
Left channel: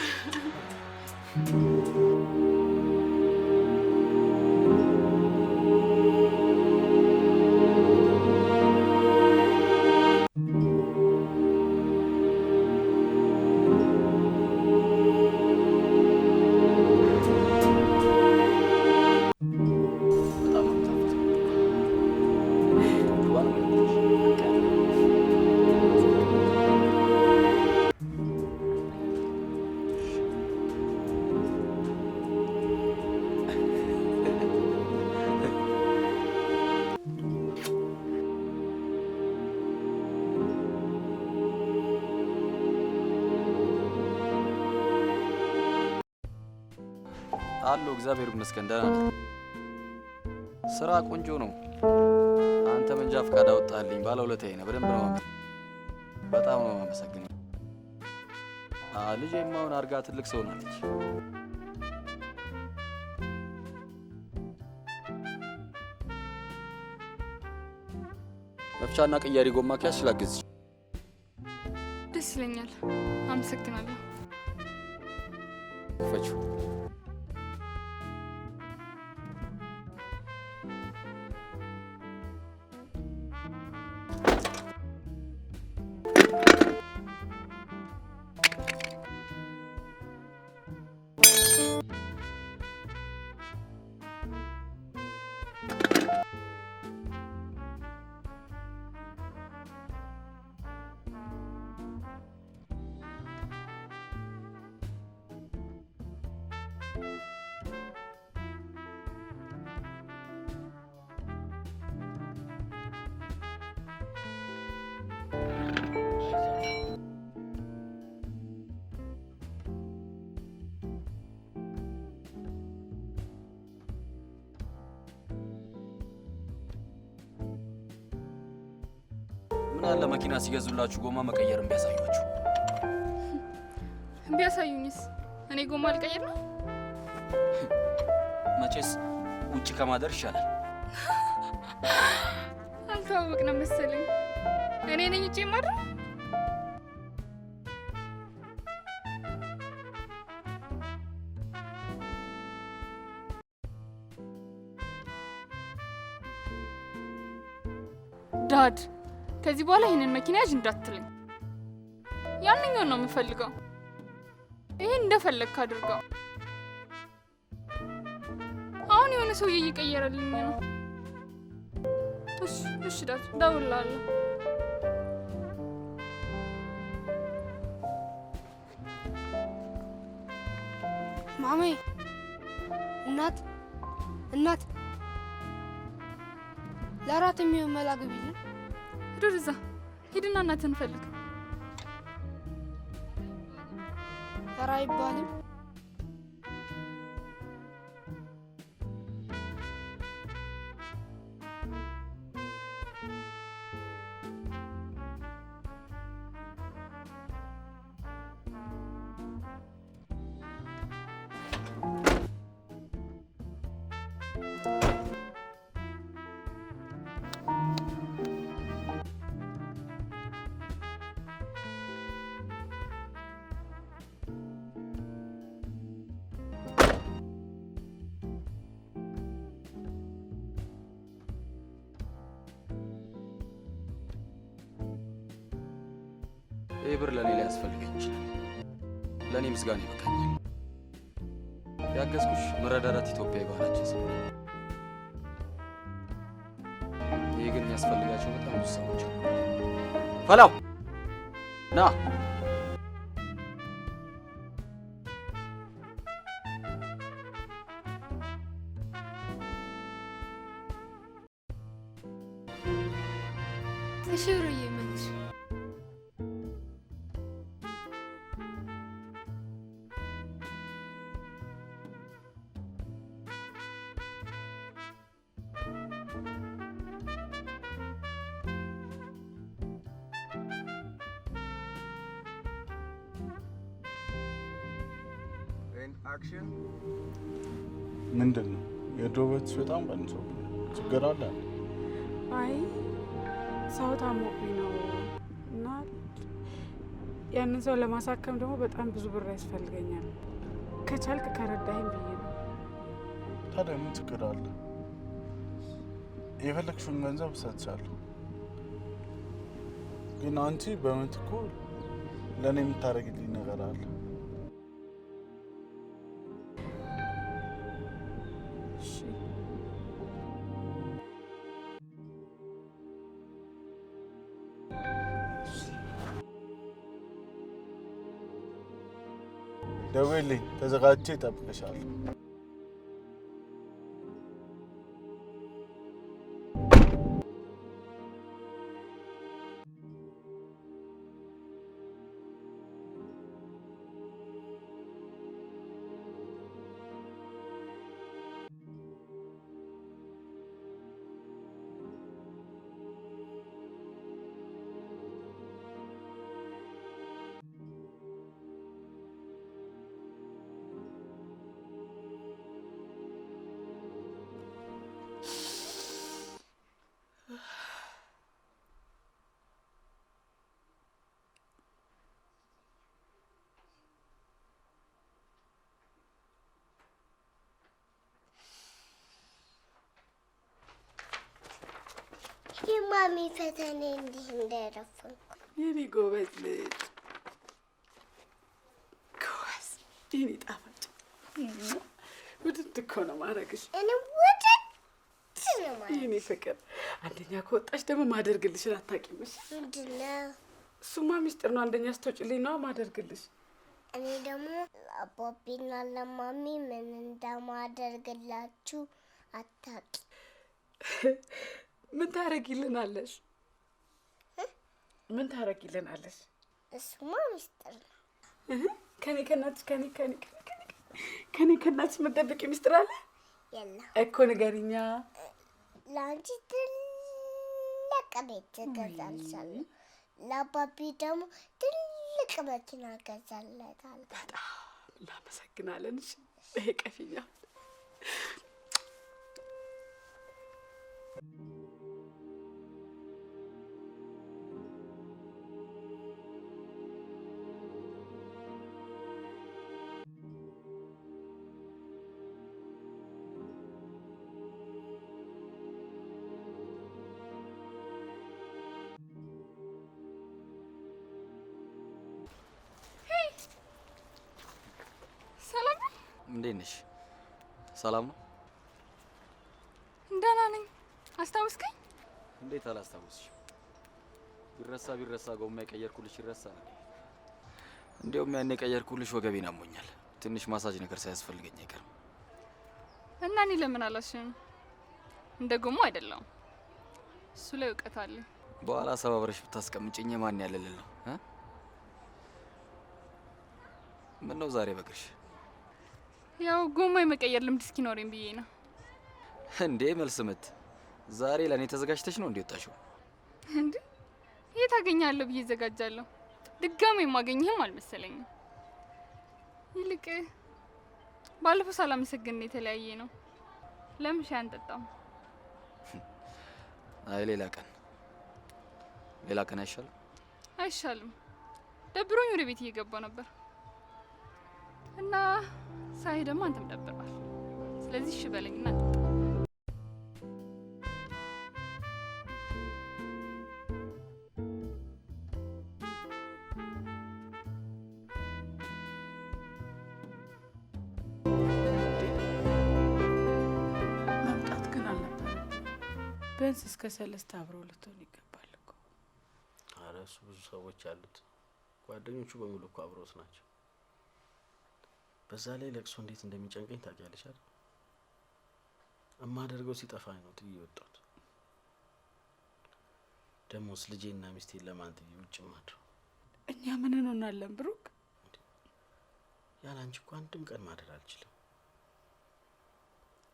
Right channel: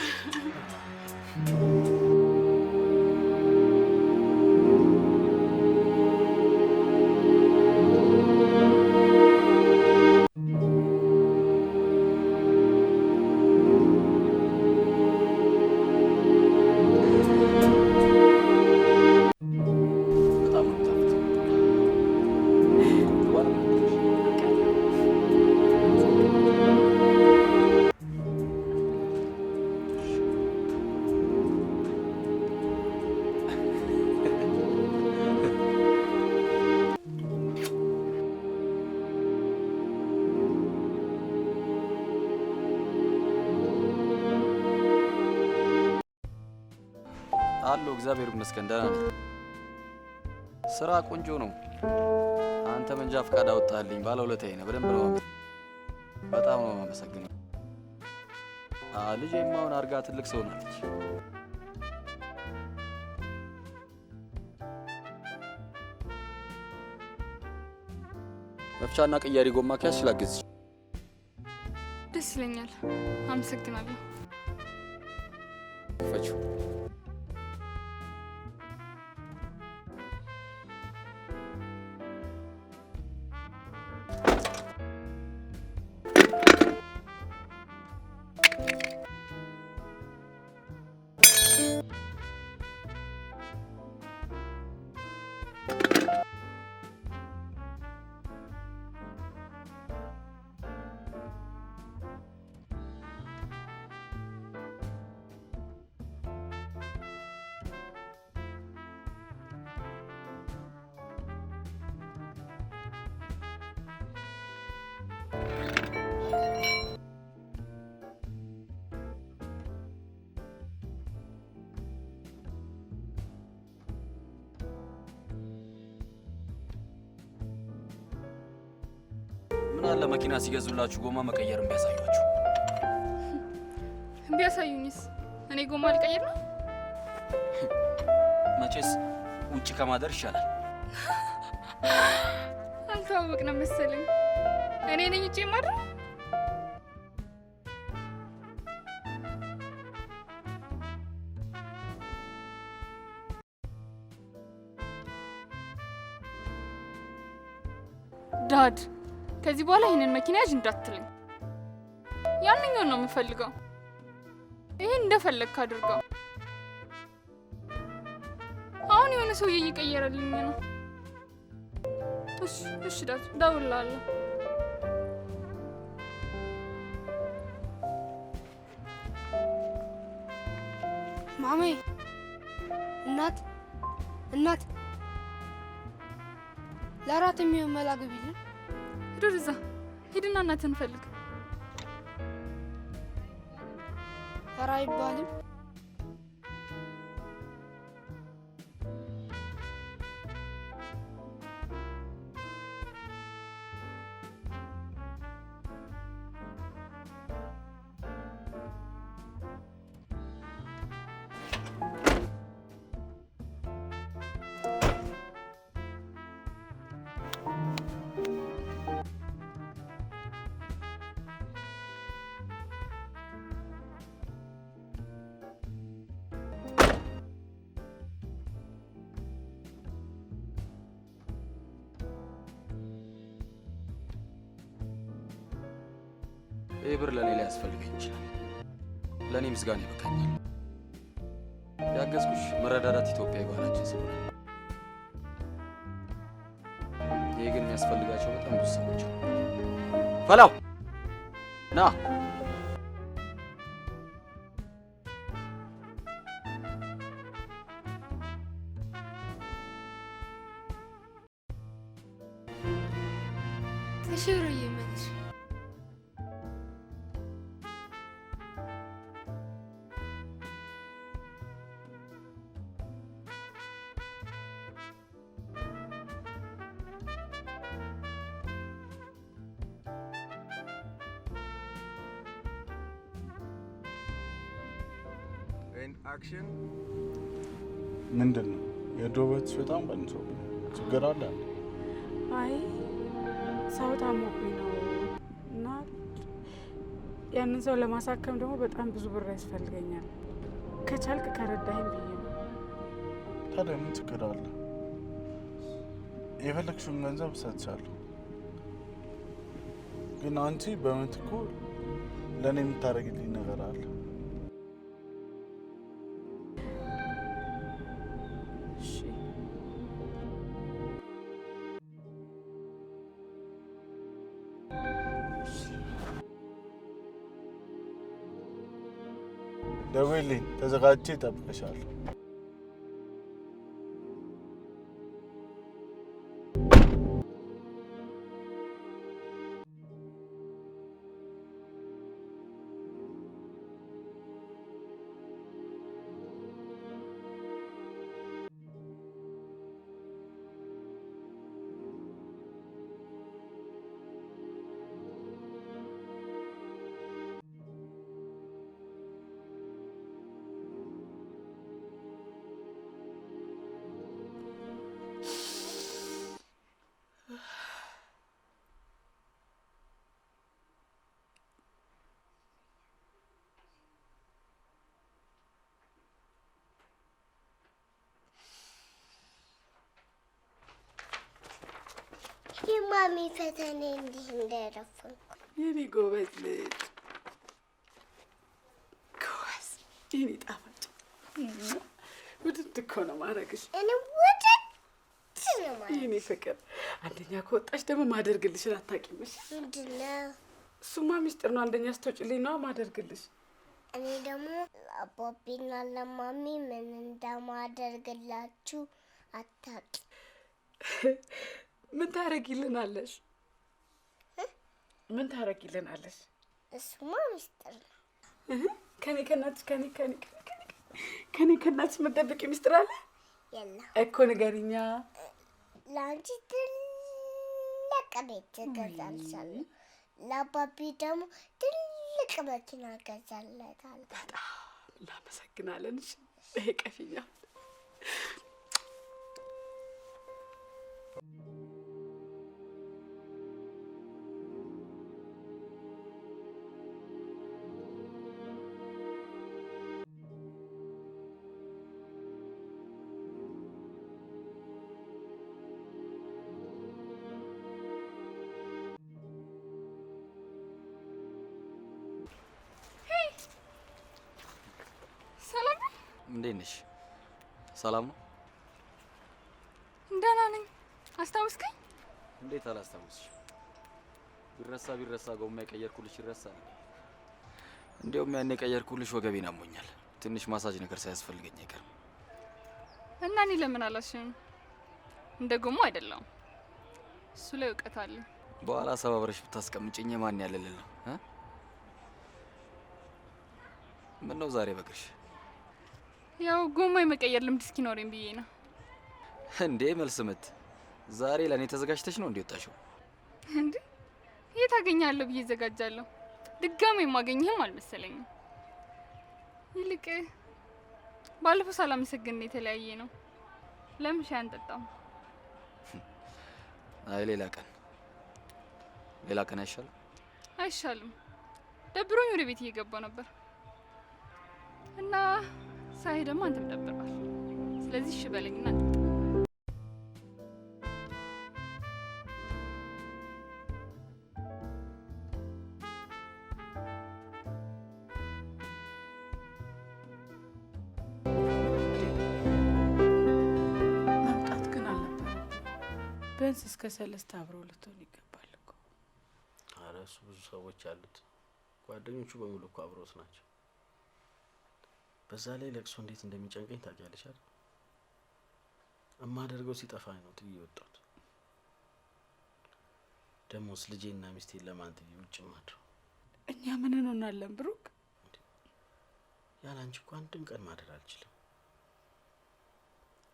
በጣም ነው የሚጣፍጠው። ቆንጆ ባለሙያ ነች። አለሁ እግዚአብሔር ይመስገን ደህና ነኝ። ስራ ቆንጆ ነው። አንተ መንጃ ፈቃድ አወጣልኝ፣ ባለውለታዬ ነህ። በደንብ ነው በጣም ነው የማመሰግነው። ልጄም አሁን አድጋ ትልቅ ሰው ናለች። መፍቻና ቅያሪ ጎማ ከያዝሽ ላግዝሽ። ደስ ይለኛል። አመሰግናለሁ። ክፈችው። ምን አለ መኪና ሲገዙላችሁ ጎማ መቀየርን ቢያሳዩአችሁ። ቢያሳዩኝስ? እኔ ጎማ ልቀይር ነው? መቼስ ውጭ ከማደር ይሻላል። አልተዋወቅንም መሰለኝ። እኔ ነኝ ውጭ የማድረው? ዳድ ከዚህ በኋላ ይህንን መኪና ያዥ እንዳትለኝ። ያንኛውን ነው የምፈልገው። ይሄን እንደፈለግክ አድርገው። አሁን የሆነ ሰውዬ እየቀየረልኝ ነው። እሺ ዳድ እደውልልሃለሁ። ማሜ እናት ለራት የሚሆን መላ ግቢልን። ሂድ ወደዛ ሂድና እናትህን ፈልግ። ኧረ አይባልም። ይህ ብር ለእኔ ላይ ያስፈልገኝ ይችላል። ለእኔ ምስጋና ይበቃኛል። ያገዝኩሽ መረዳዳት ኢትዮጵያዊ ባህላችን ስለሆነ። ይህ ግን የሚያስፈልጋቸው በጣም ብዙ ሰዎች አሉ። ፈላው ና እሺ ብሩዬ መልሽ። ምንድን ነው የድሮ ቤትሽ በጣም ቀንሶብኛል። ችግር አለ? አይ ሰው ታሞብኝ ነው እና ያንን ሰው ለማሳከም ደግሞ በጣም ብዙ ብር ያስፈልገኛል። ከቻልክ ከረዳኸኝ ብዬ ነው። ታዲያ ምን ችግር አለ? የፈለግሽውን ገንዘብ እሰጥሻለሁ። ግን አንቺ በምትኩ ለእኔ የምታደርግልኝ ነገር አለ። ደውልልኝ፣ ተዘጋጅቼ እጠብቅሻለሁ። የማሚ ፈተና እንዲህ እንዳይረፍንኩ። የኔ ጎበዝ ልጅ ጎበዝ፣ የኔ ጣፋጭ ውድድ እኮ ነው ማድረግሽ። እኔ ውድድ ነው ማለት የኔ ፍቅር። አንደኛ ከወጣሽ ደግሞ ማደርግልሽን አታውቂምሽ። ምንድን ነው? እሱማ ሚስጥር ነው። አንደኛ ስትወጪልኝ ነው ማደርግልሽ። እኔ ደግሞ ለአባቢና ለማሚ ምን እንደማደርግላችሁ አታውቂ። ምን ታረጊልናለሽ? ምን ታረጊልናለሽ? እሱማ ሚስጥር ነው። ከኔ ከእናትሽ ከኔ ከእናትሽ የምትደብቂ ሚስጥር አለ? የለም እኮ ንገሪኛ። ለአንቺ ትልቅ ቤት እገዛልሻለሁ፣ ለአባቢ ደግሞ ትልቅ መኪና እገዛለታለሁ። በጣም እናመሰግናለን። ይሄ ቀፊኛ እንዴት ነሽ? ሰላም ነው? ደህና ነኝ። አስታውስከኝ? እንዴት አላስታውስሽ? ቢረሳ ጎማ የቀየርኩልሽ ይረሳል። እንዲያውም ያኔ የቀየርኩልሽ ወገቤን አሞኛል። ትንሽ ማሳጅ ነገር ሳያስፈልገኝ አይቀርም። እና እኔ ለምን አላሽም? እንደ ጎማ አይደለም። እሱ ላይ እውቀት አለ። በኋላ ሰባብረሽ ብታስቀምጪኝ ማን ያለልል ነው? ምን ነው ዛሬ በግርሽ? ያው ጎማ የመቀየር ልምድ እስኪኖረኝ ብዬ ነው። እንዴ መልስ ምት ዛሬ ለኔ ተዘጋጅተሽ ነው እንዴወጣሽው? እንዴ የት አገኛለሁ ብዬ ዘጋጃለሁ። ድጋሜ የማገኘህም አልመሰለኝም። ይልቅ ባለፈው ሳላመሰግን የተለያየ ነው። ለምን ሻይ አንጠጣም? አይ ሌላ ቀን አይሻልም? አይሻልም። ደብሮኝ ወደ ቤት እየገባው ነበር እና ሳይ ደግሞ አንተም ደብሯል። ስለዚህ እሺ በለኝና እንጠጣ። መምጣት ግን አልነበረም። ቢያንስ እስከ 3 አብረው ልትሆን ይገባል እኮ። ኧረ እሱ ብዙ ሰዎች አሉት። ጓደኞቹ በሙሉ እኮ አብሮት ናቸው። በዛ ላይ ለቅሶ እንዴት እንደሚጨንቀኝ ታውቂያለሽ አይደል? እማደርገው ሲጠፋኝ ነው ጥዬ ወጣሁት። ደሞስ ልጄና ሚስቴን ለማን ጥዬ ውጭ ማድረው? እኛ ምን እንሆናለን ብሩክ? ያለ አንቺ እኮ አንድም ቀን ማደር አልችልም።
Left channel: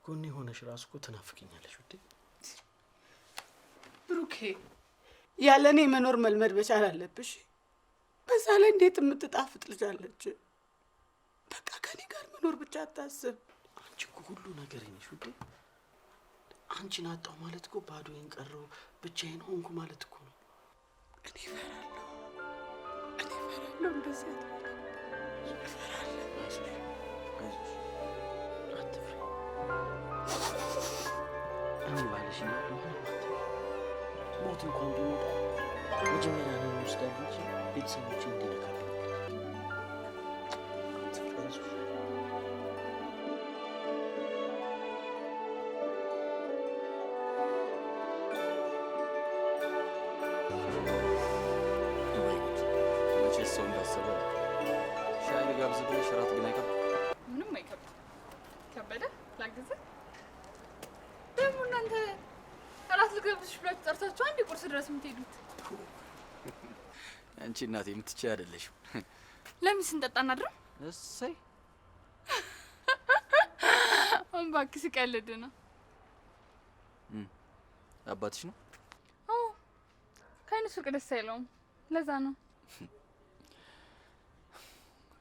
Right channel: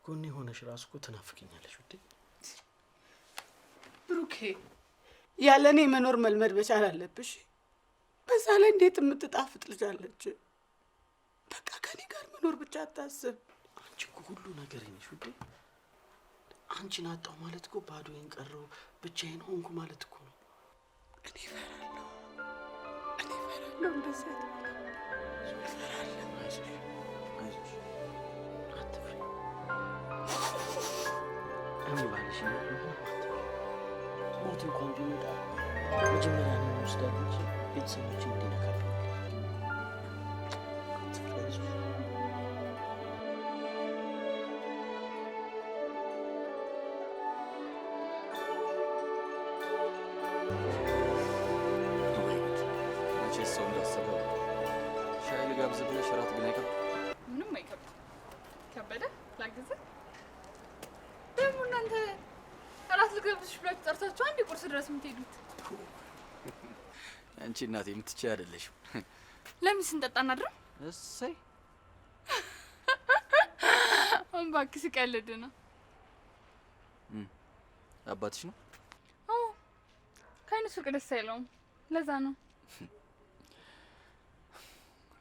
ጎኔ ሆነሽ ራሱ እኮ ትናፍቅኛለሽ ውዴ። ብሩኬ ያለ እኔ መኖር መልመድ መቻል አለብሽ። በዛ ላይ እንዴት የምትጣፍጥ ልጅ አለች። በቃ ከኔ ጋር መኖር ብቻ አታስብ። አንቺ እኮ ሁሉ ነገር ነሽ ውዴ። አንቺን አጣሁ ማለት እኮ ባዶዬን ቀረሁ ብቻዬን ሆንኩ ማለት እኮ ነው። እኔ እፈራለሁ እንደዚህ እፈራለሁ። አይዞሽ አትፍሪ። እኔ ባልሽ እያለሁ ምንም አትፍሪ። ሞት እንኳን ቢመጣ መጀመሪያ ነው ወስዳለሁ እንጂ ቤተሰቦችን እንዲነካብኝ አትፍሪ። አይዞሽ ሰው እንዳሰበ ሻይ ልጋብዝ ብለሽ እራት ግን አይከብድ? ምንም አይከብድ። ከበደ ላግዝህ? ደግሞ እናንተ እራት ልጋብዝሽ ብላችሁ ጠርታችሁ አንድ ቁርስ ድረስ የምትሄዱት አንቺ እናቴ የምትችይ አይደለሽም። ለምን ስንጠጣ እናድርም? እሰይ እባክህ ስቀልድ ነው። አባትሽ ነው? አዎ ከአይነ ሱቅ ደስ አይለውም። ለዛ ነው።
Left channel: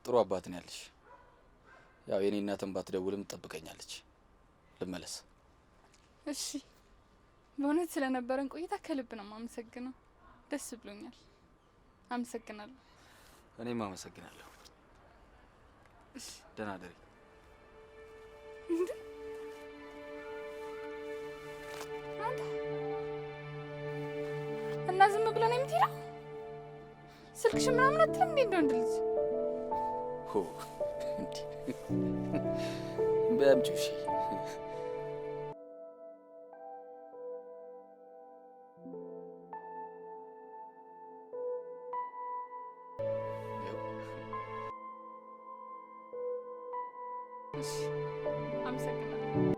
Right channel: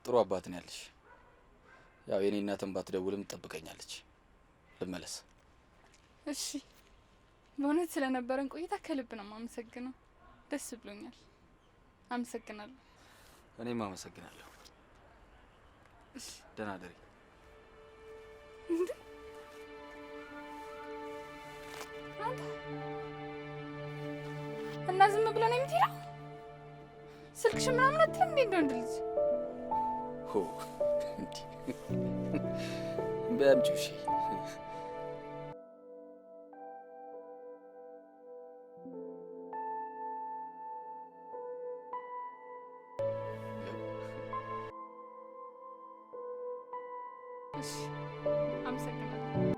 ጥሩ አባት ነው ያለሽ። ያው የኔ እናትን ባትደውልም ትጠብቀኛለች። ልመለስ። እሺ። በእውነት ስለነበረን ቆይታ ከልብ ነው የማመሰግነው። ደስ ብሎኛል። አመሰግናለሁ። እኔም አመሰግናለሁ። እሺ። ደህና ደሪ። እንዴ አንተ እና ዝም ብለን ነው የምትሄደው? ስልክሽ ምናምን አትልም እንዴ? እንደው ልጅ ሆ እንዴ በአምጪው እሺ። እሺ አመሰግናለሁ።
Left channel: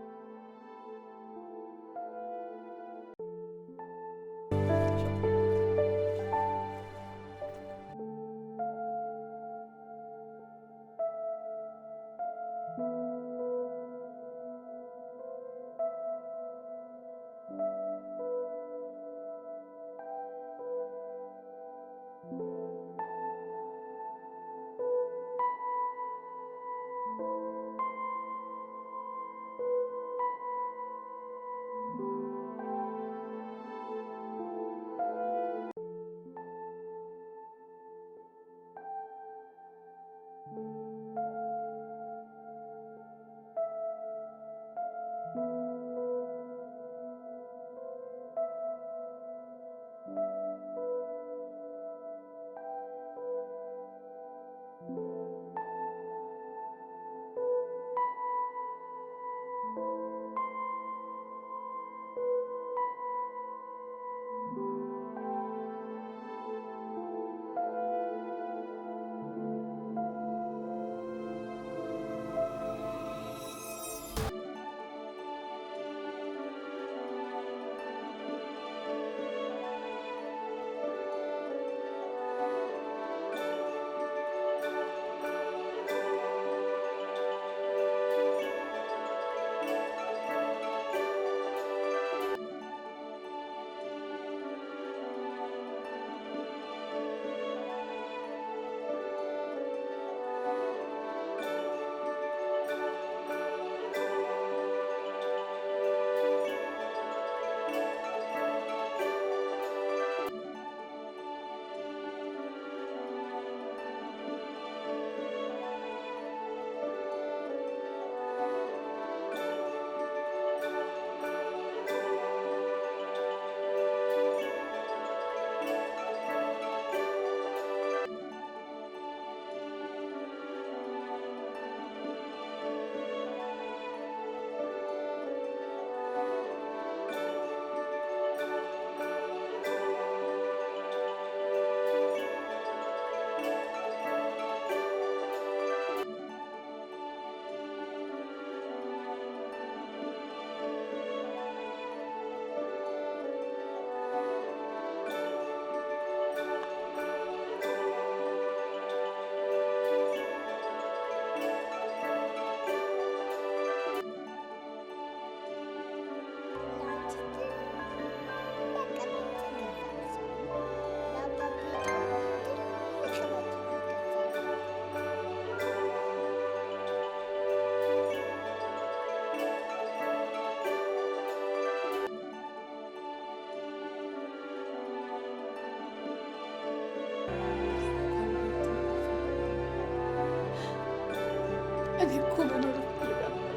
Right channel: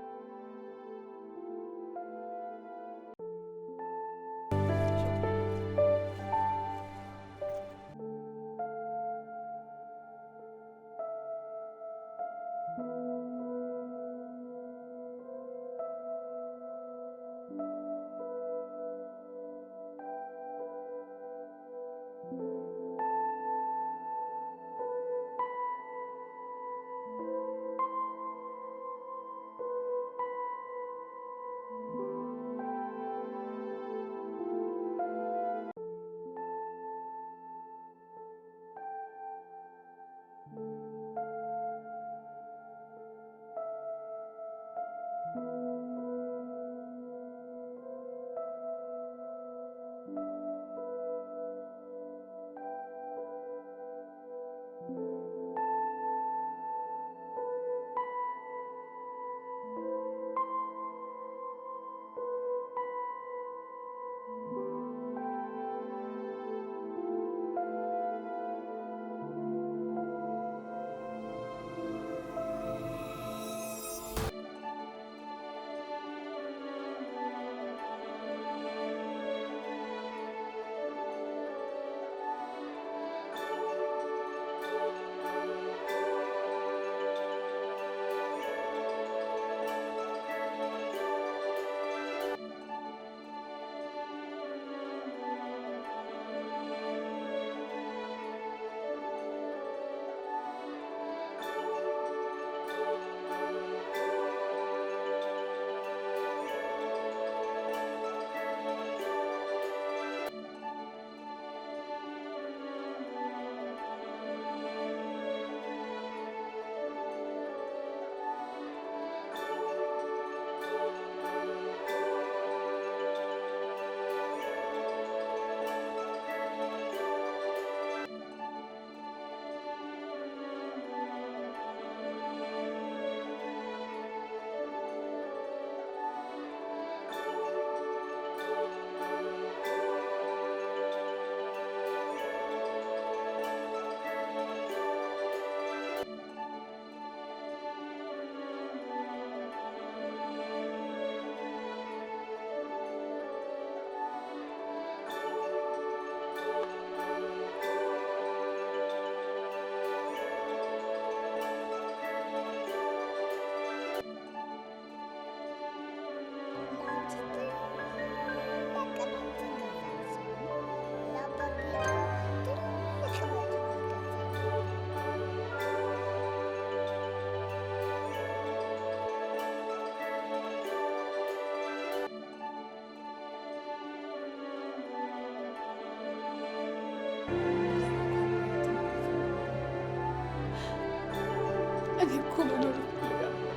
እኔ እኮ መኖር እፈልጋለሁ።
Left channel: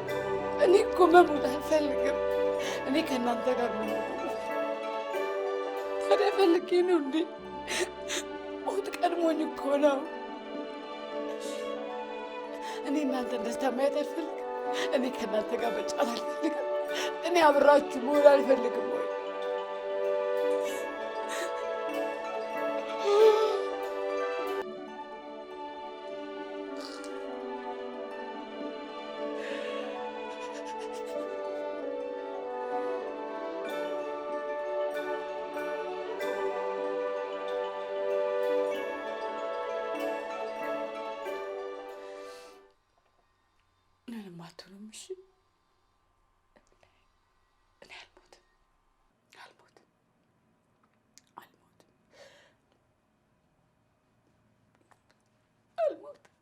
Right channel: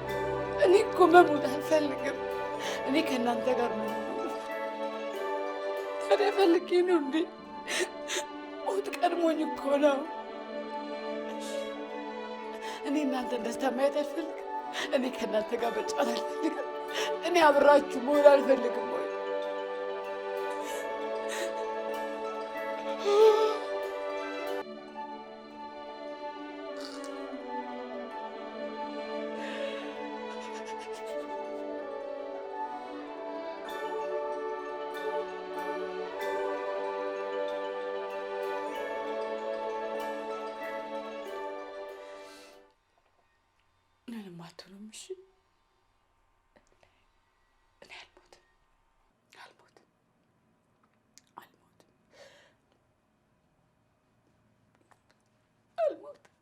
እኔ እኮ መሞት አልፈልግም። እኔ ከእናንተ ጋር መኖር ታዲያ ፈልጌ ነው እንዴ? ሞት ቀድሞኝ እኮ ነው። እኔ እናንተን ደስታ ማየት አልፈልግም። እኔ ከእናንተ ጋር መጫወት አልፈልግም። እኔ አብራችሁ መሆን አልፈልግም ወይ? ምንም አትሆንም። እሺ እኔ አልሞትም አልሞትም አልሞትም አልሞትም።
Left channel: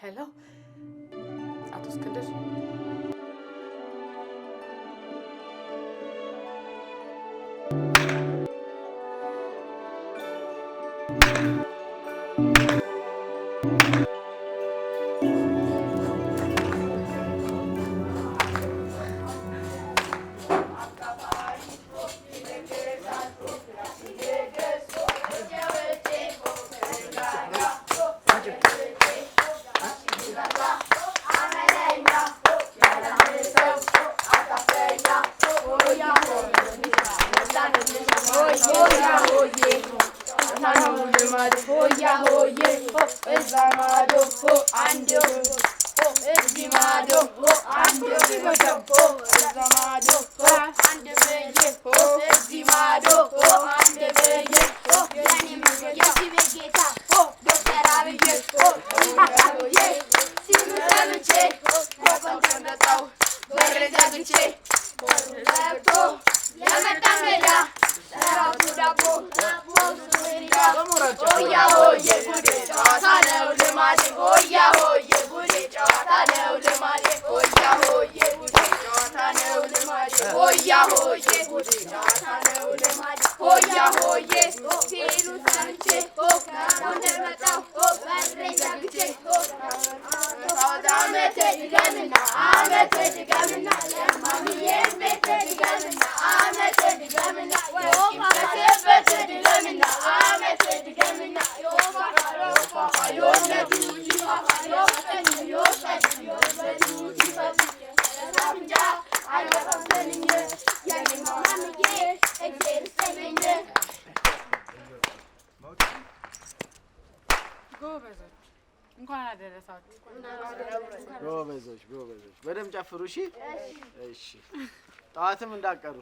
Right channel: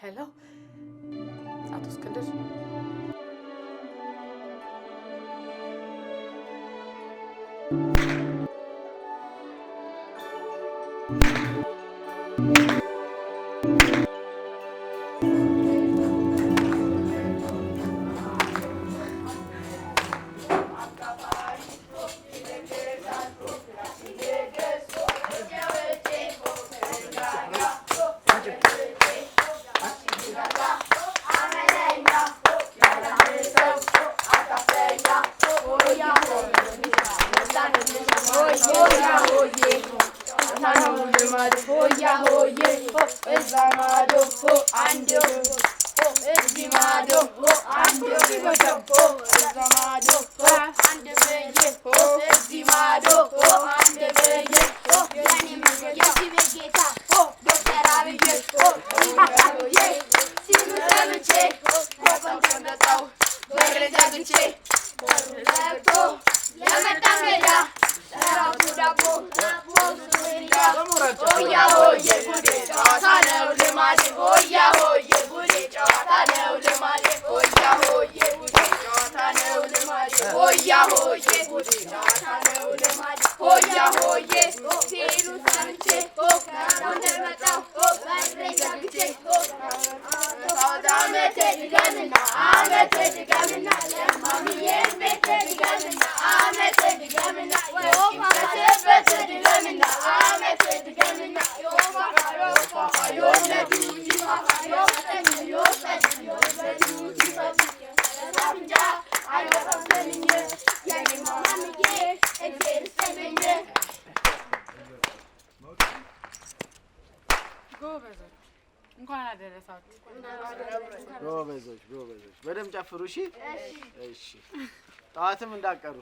ሄሎ አቶ እስክንድር፣ እንኳን አደረሳችሁ። ጎበዞች ጎበዞች፣ በደምብ ጨፍሩ። እሺ እሺ፣ ጠዋትም እንዳቀሩ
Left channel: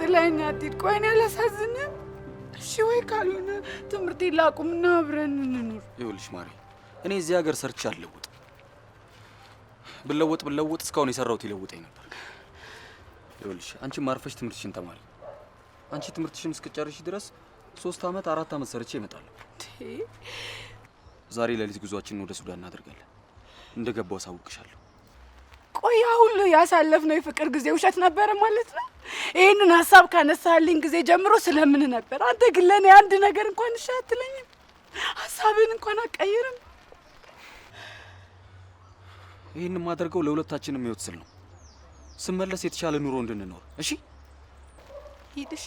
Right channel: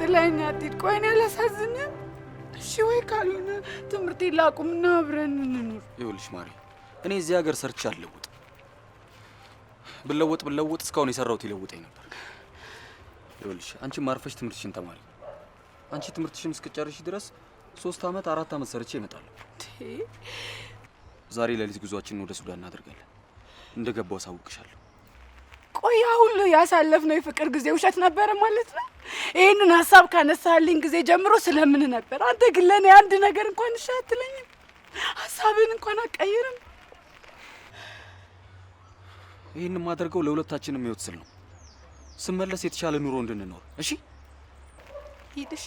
ጥላኝ አትሂድ። ቆይ እኔ አላሳዝንም? እሺ ወይ ካልሆነ ትምህርቴን ላቁምና አብረን እንኑር። ይኸውልሽ ማሪ፣ እኔ እዚህ ሀገር ሰርቼ አልለውጥም። ብለወጥ እስካሁን የሰራሁት ይለውጠኝ ነበር። ይኸውልሽ አንቺ ማርፈሽ ትምህርትሽን ተማሪ። አንቺ ትምህርትሽን እስክጨርሽ ድረስ 3 ዓመት 4 ዓመት ሰርቼ እመጣለሁ። ዛሬ ሌሊት ጉዟችንን ወደ ሱዳን እናደርጋለን። እንደገባው አሳውቅሻለሁ። ቆይ ሁሉ ያሳለፍነው የፍቅር ጊዜ ውሸት ነበረ ማለት ነው? ይሄንን ሀሳብ ካነሳልኝ ጊዜ ጀምሮ ስለምን ነበር? አንተ ግን ለኔ አንድ ነገር እንኳን እሺ አትለኝም? ሀሳብን እንኳን አትቀይርም? ይህን የማደርገው ለሁለታችንም ህይወት ስል ነው። ስመለስ የተሻለ ኑሮ እንድንኖር። እሺ ሂድ። እሺ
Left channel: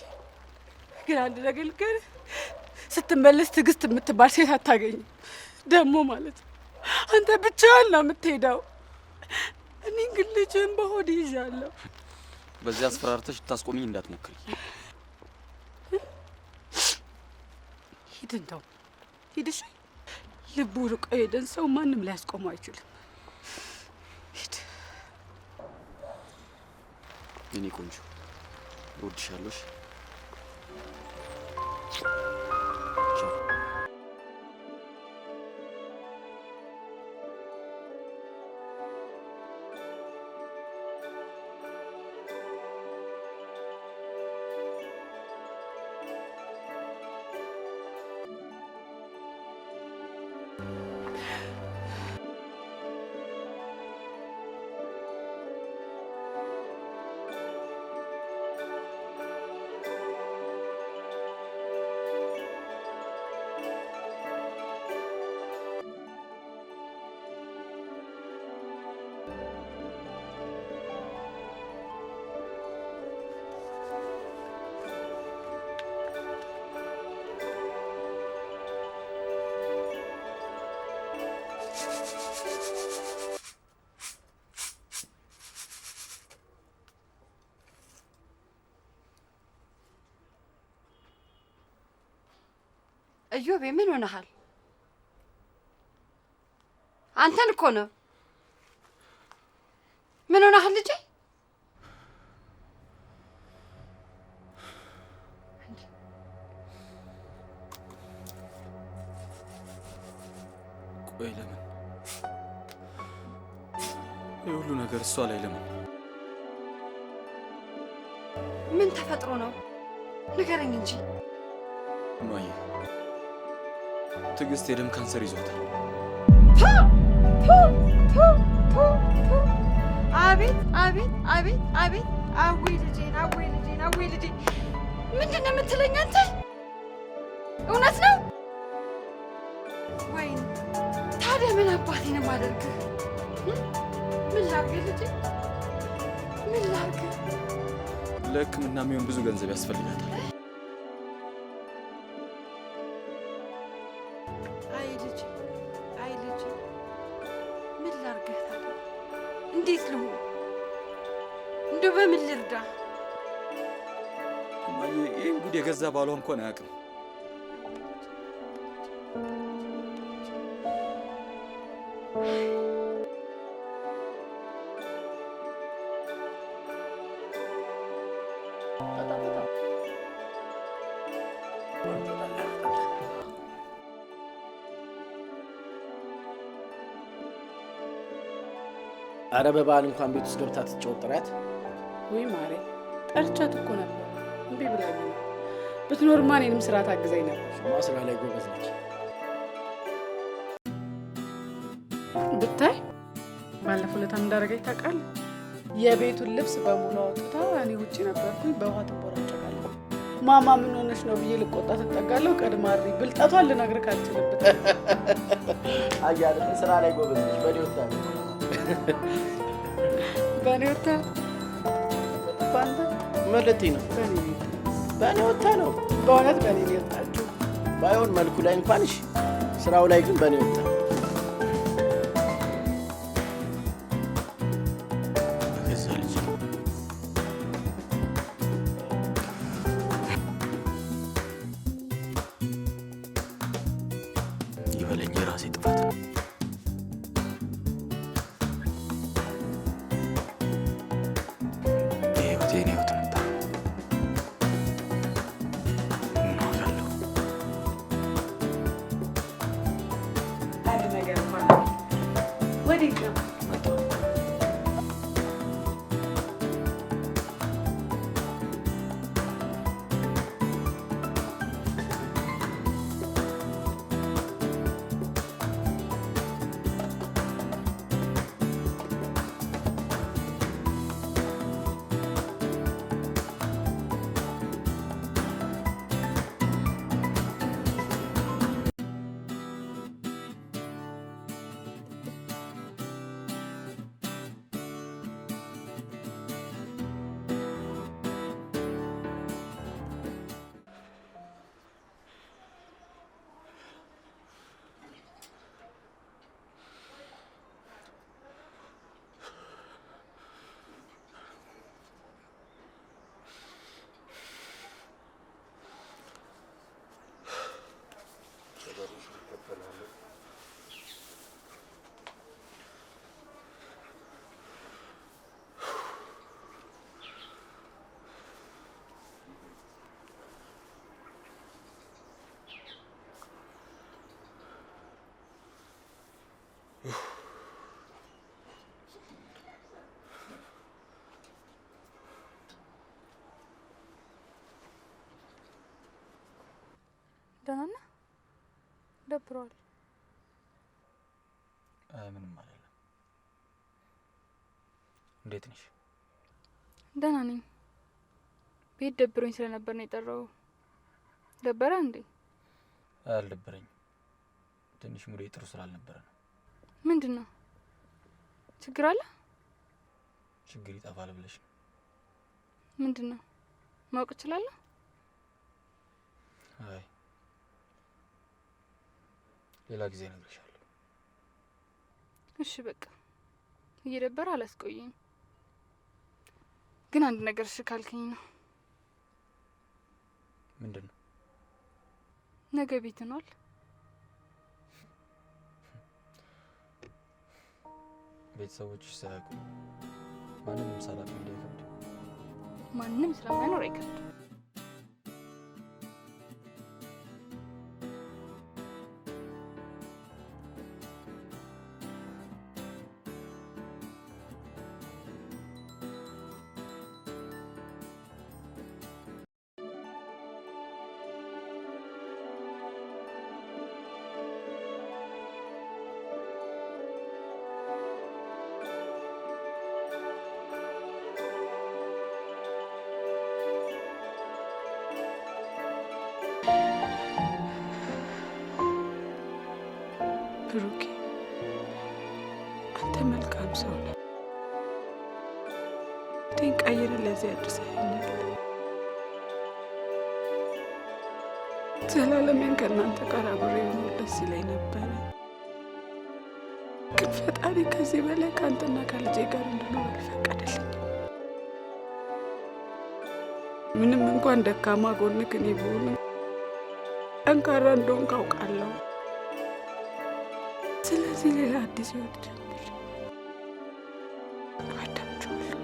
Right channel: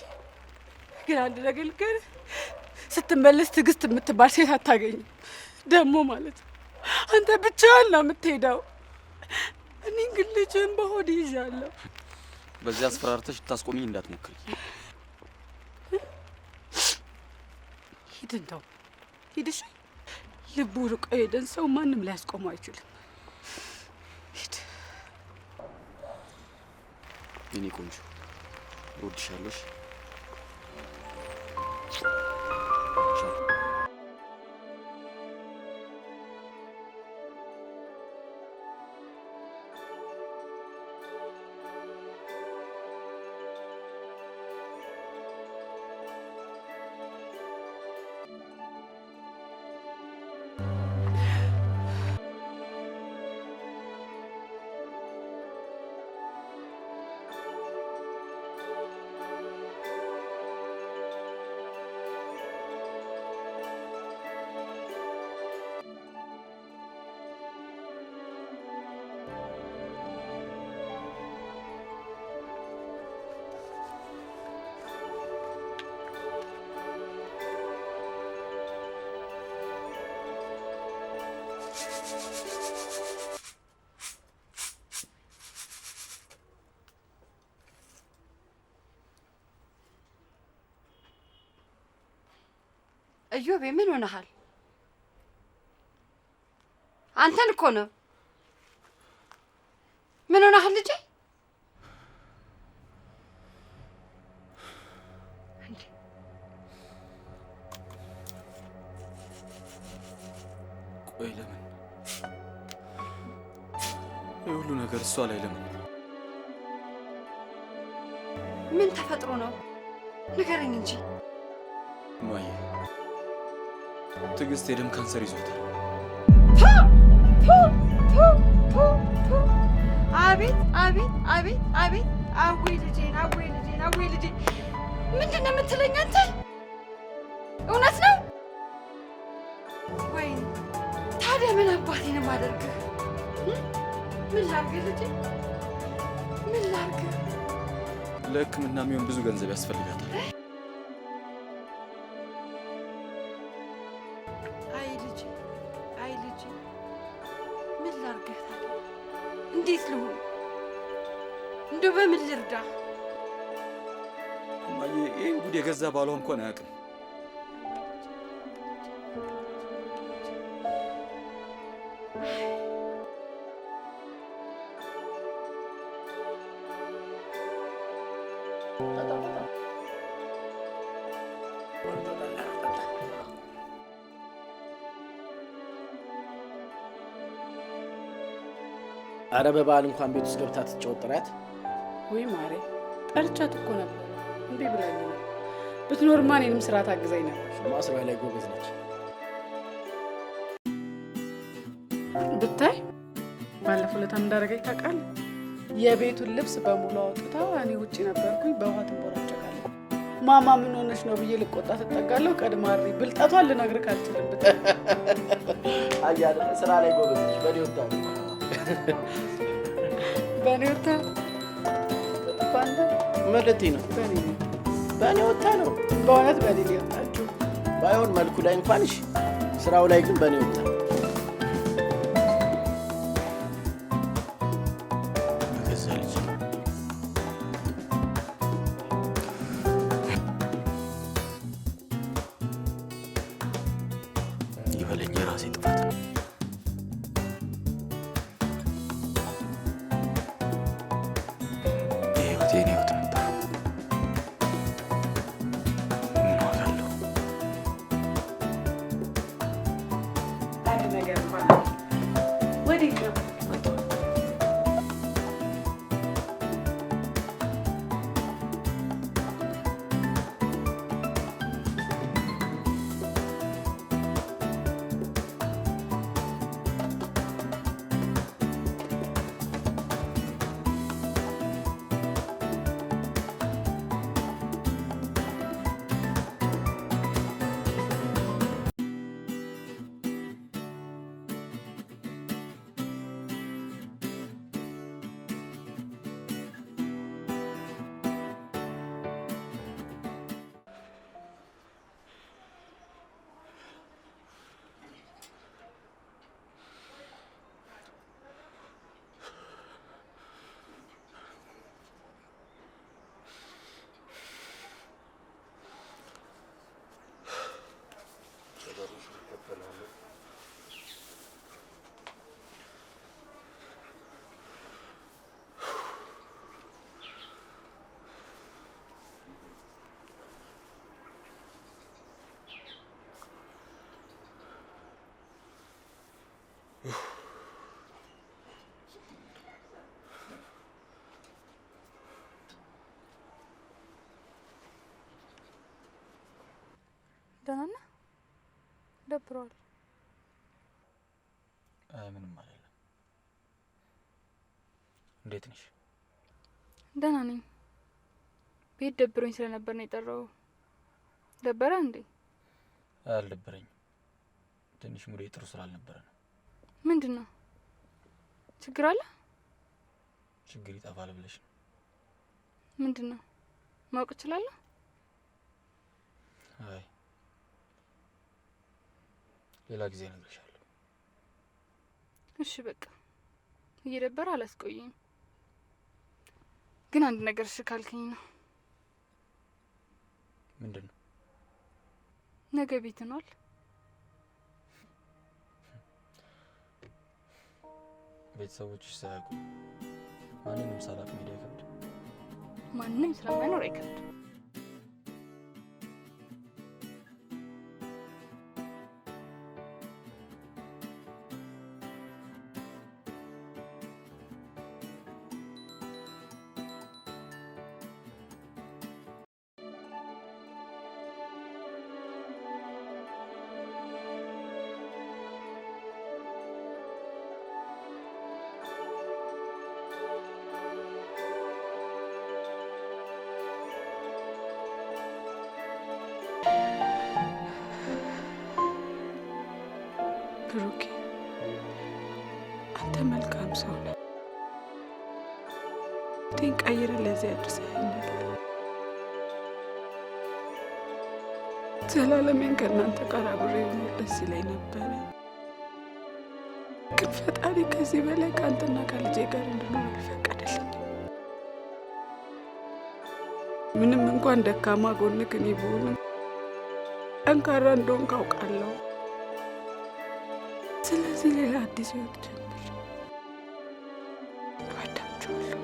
ግን አንድ ነገር ልንገርህ፣ ስትመለስ ትዕግስት የምትባል ሴት አታገኝም። ደግሞ ማለት አንተ ብቻህን ነው የምትሄደው። እኔ ግን ልጅህን በሆድ ይዣለሁ። በዚህ አስፈራርተሽ ልታስቆሚኝ እንዳትሞክሪ። ሂድ፣ እንደው ሂድ። እሺ ልቡ ርቆ ሄደን ሰው ማንም ሊያስቆመው አይችልም። ሂድ የኔ ቆንጆ፣ እወድሻለሁ። ቻው። እዮቤ ምን ሆነሃል? አንተን እኮ ነው። ምን ሆነሃል ልጄ? ቆይ ለምን የሁሉ ነገር እሷ ላይ ለምን? ምን ተፈጥሮ ነው? ንገረኝ እንጂ እማዬ፣ ትዕግስት የደም ካንሰር ይዟታል። አቤት አቤት አቤት አቤት! አዌ ልጄን፣ አዌ ልጄን፣ አዌ ልጄን! ምንድን ነው የምትለኝ አንተ? እውነት ነው? ወይኔ ታዲያ ምን አባቴ ነው የማደርግህ? ምን ላድርግህ ልጄ? ምን ላድርግህ? ለሕክምና የሚሆን ብዙ ገንዘብ ያስፈልጋታል። አይ ልጄ፣ አይ ልጄ፣ ምን ላድርግህ ታዲያ? እንዴት ልሁን? እንደው በምን ልርዳ? እማዬ፣ ይህን ጉድ የገዛ ባሏ እንኳን አያውቅም። አረ በበዓል እንኳን ቤት ውስጥ ገብታ ትጫወት ጥራት። ወይ ማሬ፣ ጠርቻት እኮ ነበር፣ እምቢ ብላኝ ነው። ብትኖርማ እኔንም ስራ ታግዛኝ ነበር። እሱማ ስራ ላይ ጎበዝ ነች። ብታይ ባለፈው ዕለታም እንዳደረገች ታውቃለህ? የቤቱን ልብስ በሙሉ አውጥታ እኔ ውጭ ነበርኩኝ፣ በውሃ ትንቦራጨቃለች። ማማ ምን ሆነች ነው ብዬ ልቆጣ ትጠጋለሁ። ቀድማሪ ብልጠቷን ልነግርህ አልችልም። ብታይ አያለ ስራ ላይ ጎበዝ ነች። በኔ ወጣ በኔ ወጣ ባንተ ማለት ነው። በኔ ወጣ ነው። በእውነት በኔ ነው የወጣችው። ባይሆን መልኩ ላይ እንኳን እሺ፣ ስራው ላይ ግን በኔ ወጣ። በገዛ ልጅ ይበለኝ፣ የራሴ ጥፋት ነው። የህይወት የኔ ህይወት ነበር። ምን ዋጋለሁ? አንድ ነገር እንኳን ወዴት ነው? መጣሁ። ደህና ነህ? ደብሯል? ምንም አይደለም። እንዴት ነሽ? ደህና ነኝ። ቤት ደብሮኝ ስለነበር ነው የጠራው። ደበረ እንዴ? አልደበረኝም። ትንሽ ሙዴ ጥሩ ስላልነበረ ነው። ምንድነው? ችግር አለ? ችግር ይጠፋል ብለሽ ነው? ምንድነው? ማወቅ እችላለሁ? አይ ሌላ ጊዜ እነግርሻለሁ። እሺ በቃ እየደበረ አላስቆየኝ። ግን አንድ ነገር እሺ ካልከኝ ነው። ምንድነው? ነገ ቤት ነዋል? ቤተሰቦችሽ ሳያውቁ ማንንም ሳላቅ መሄድ አይከብድም? ማንም ስለማይኖር አይከብድም። ብሩኬ አንተ መልካም ሰው ነህ። ቴን ቀይር ለዚህ አድርሰኸኛል። ዘላለሜን ከእናንተ ጋር አብሬ ብኖር ደስ ይለኝ ነበረ። ግን ፈጣሪ ከዚህ በላይ ከአንተና ከልጄ ጋር እንድኖር አልፈቀደልኝም። ምንም እንኳን ደካማ ጎንክ እኔ ብሆንም ጠንካራ እንደሆንክ አውቃለሁ። ስለዚህ ሌላ አዲስ ህይወት ጀምር። እወዳችኋለሁ።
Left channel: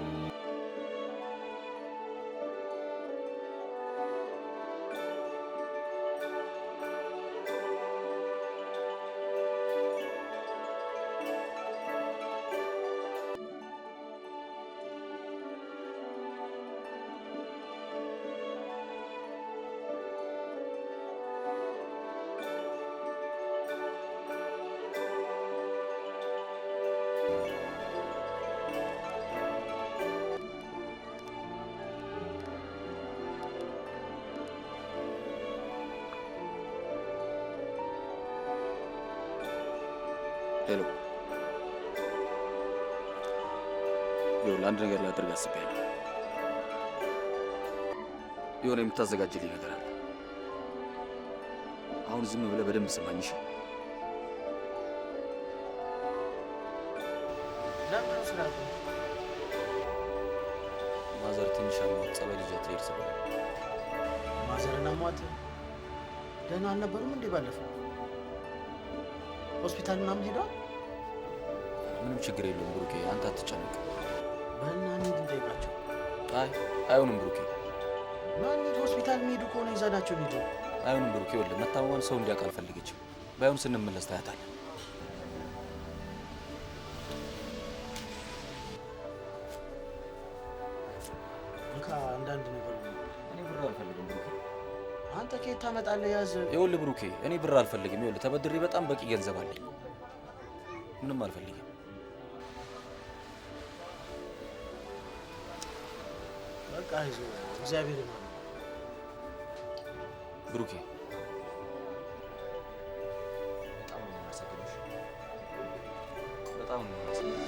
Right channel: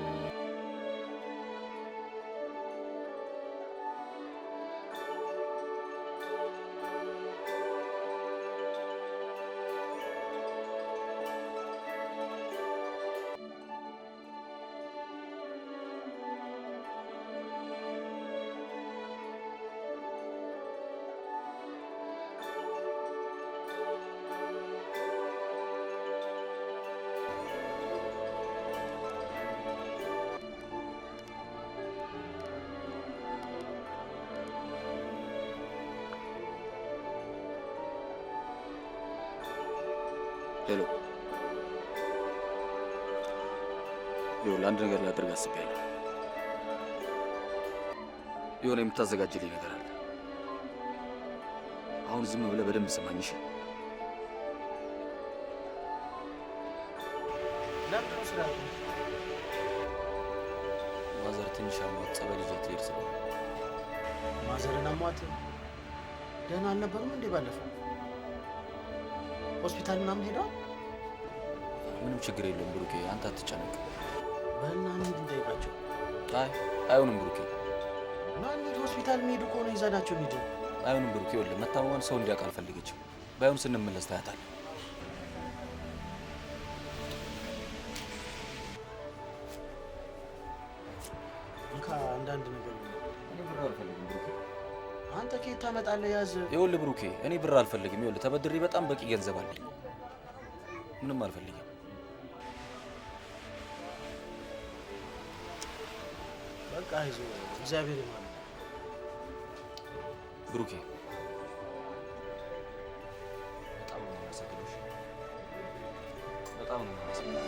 ሄሎ፣ ይኸውልህ አንድ ነገር ላደርግ አስቤያለሁ። የሆነ የምታዘጋጅልኝ ነገር አለ። አሁን ዝም ብለህ በደንብ ስማኝ እሺ? ለምንድን ነው ስራ ያቆምኩት? ማዘር ትንሽ አሟት ጸበል ይዣት ልሄድ ስለሆነ። ማዘርን አሟት? ደህና አልነበሩም እንዴ ባለፈው? ሆስፒታል ምናምን ሄደዋል? ምንም ችግር የለውም ብሩኬ፣ አንተ አትጨነቅ። በልና እንሂድ እንጠይቃቸው። አይ አይሆንም ብሩኬ። ና እንሂድ፣ ሆስፒታል የሚሄዱ ከሆነ ይዘናቸው እንሂድ። አይሆንም ብሩኬ፣ ይኸውልህ መታመሟን ሰው እንዲያውቅ አልፈልገችም። ባይሆን ስንመለስ ታያታለህ። እንካ አንዳንድ ነገር ነው። እኔ ብር አልፈልግም ብሩኬ። አንተ ከየት ታመጣለህ? ያዝ። ይኸውልህ ብሩኬ፣ እኔ ብር አልፈልግም። ይኸውልህ ተበድሬ በጣም በቂ ገንዘብ አለኝ። ምንም አልፈልግም። በቃ አይዞህ፣ እግዚአብሔር ይማረው ብሩኬ። በጣም ነው የማመሰግነው። በጣም ነው የማመሰግነው።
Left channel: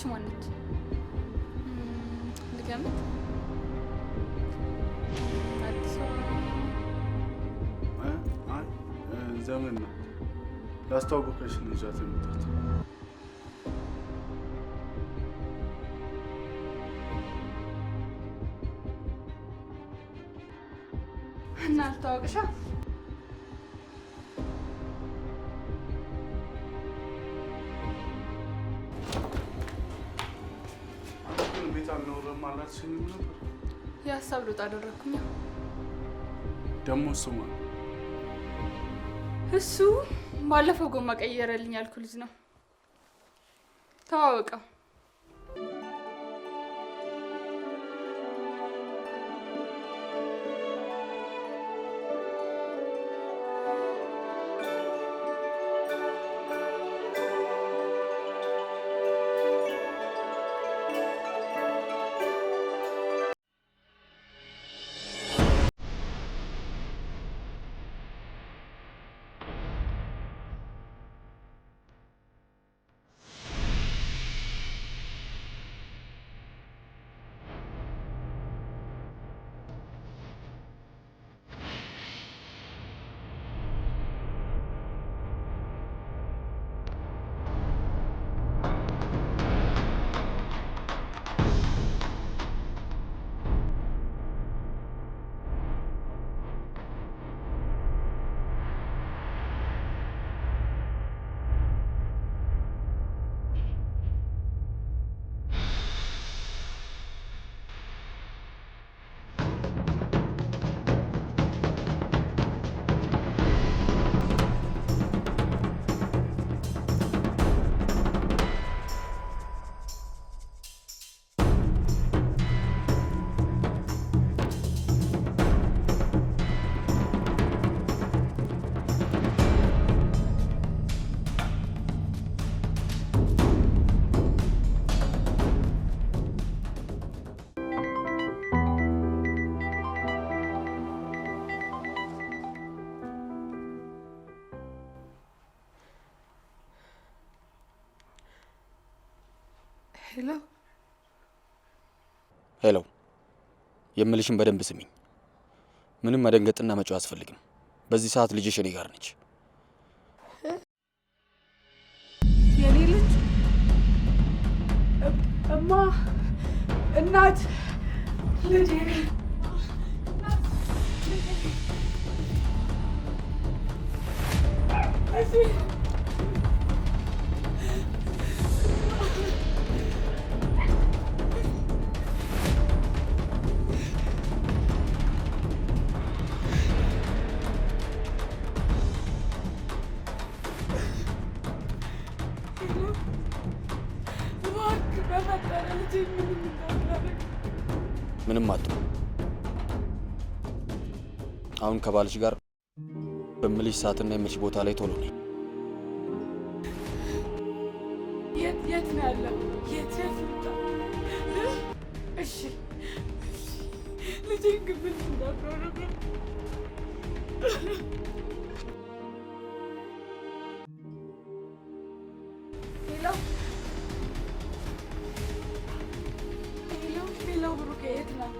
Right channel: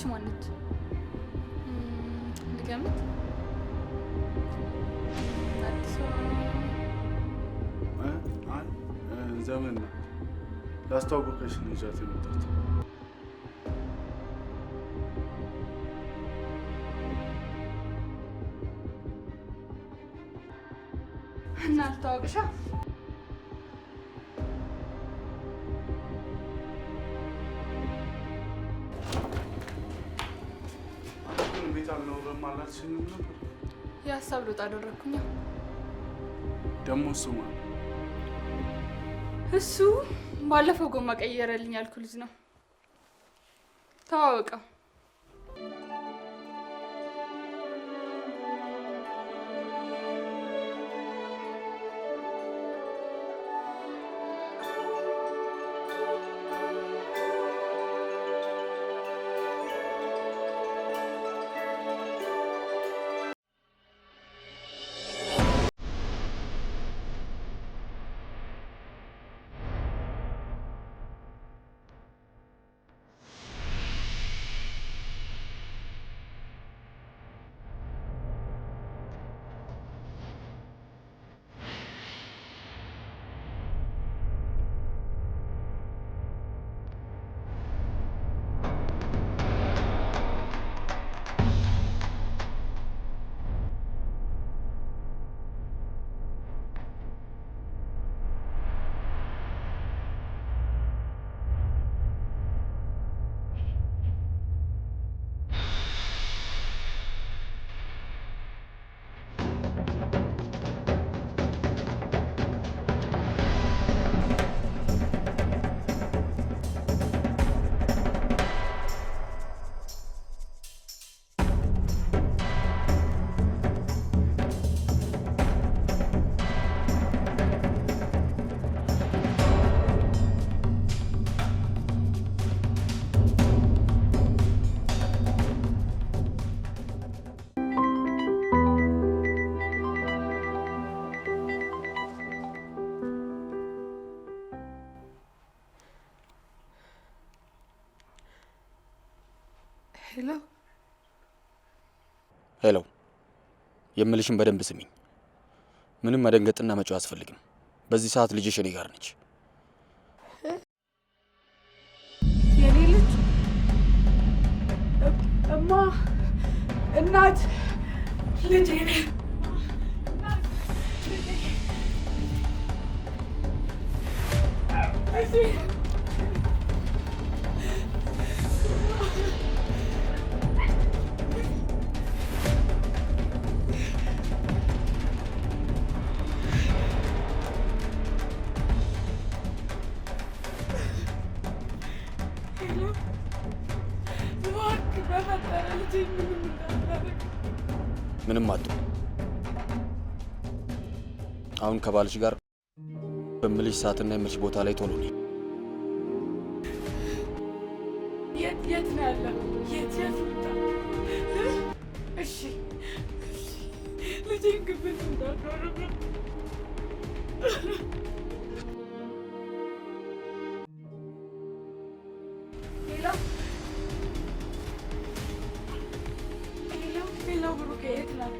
ይቺ ማነች? ልገምት። አዲሷ አይ ዘመን ናት። ላስተዋወቀሽ ነው ይዣት የመጣሁት። እና አልታወቅሻ? ቤት አልኖርም አላልሽኝም ነበር? የሀሳብ ለውጥ አደረግኩኛ። ደግሞ እሱ ማለት እሱ ባለፈው ጎማ ቀየረልኝ ያልኩ ልጅ ነው። ተዋወቀው። ሄሎ ሄሎ፣ የምልሽን በደንብ ስሚኝ። ምንም መደንገጥና መጮህ አያስፈልግም። በዚህ ሰዓት ልጅሽ እኔ ጋር ነች። የኔ ልጅ እማ፣ እናት፣ ልጄ በፈጠረ ልጄ ምንም እንዳላደርግ ምንም አትሁ። አሁን ከባልሽ ጋር በምልሽ ሰዓትና የምልሽ ቦታ ላይ ቶሎ ነኝ። የት ነው ያለው? የት ልምጣ? እሺ ልጄን ግብል እንዳትሆንብ። ሄሎ ብሩኬ፣ የት ነው?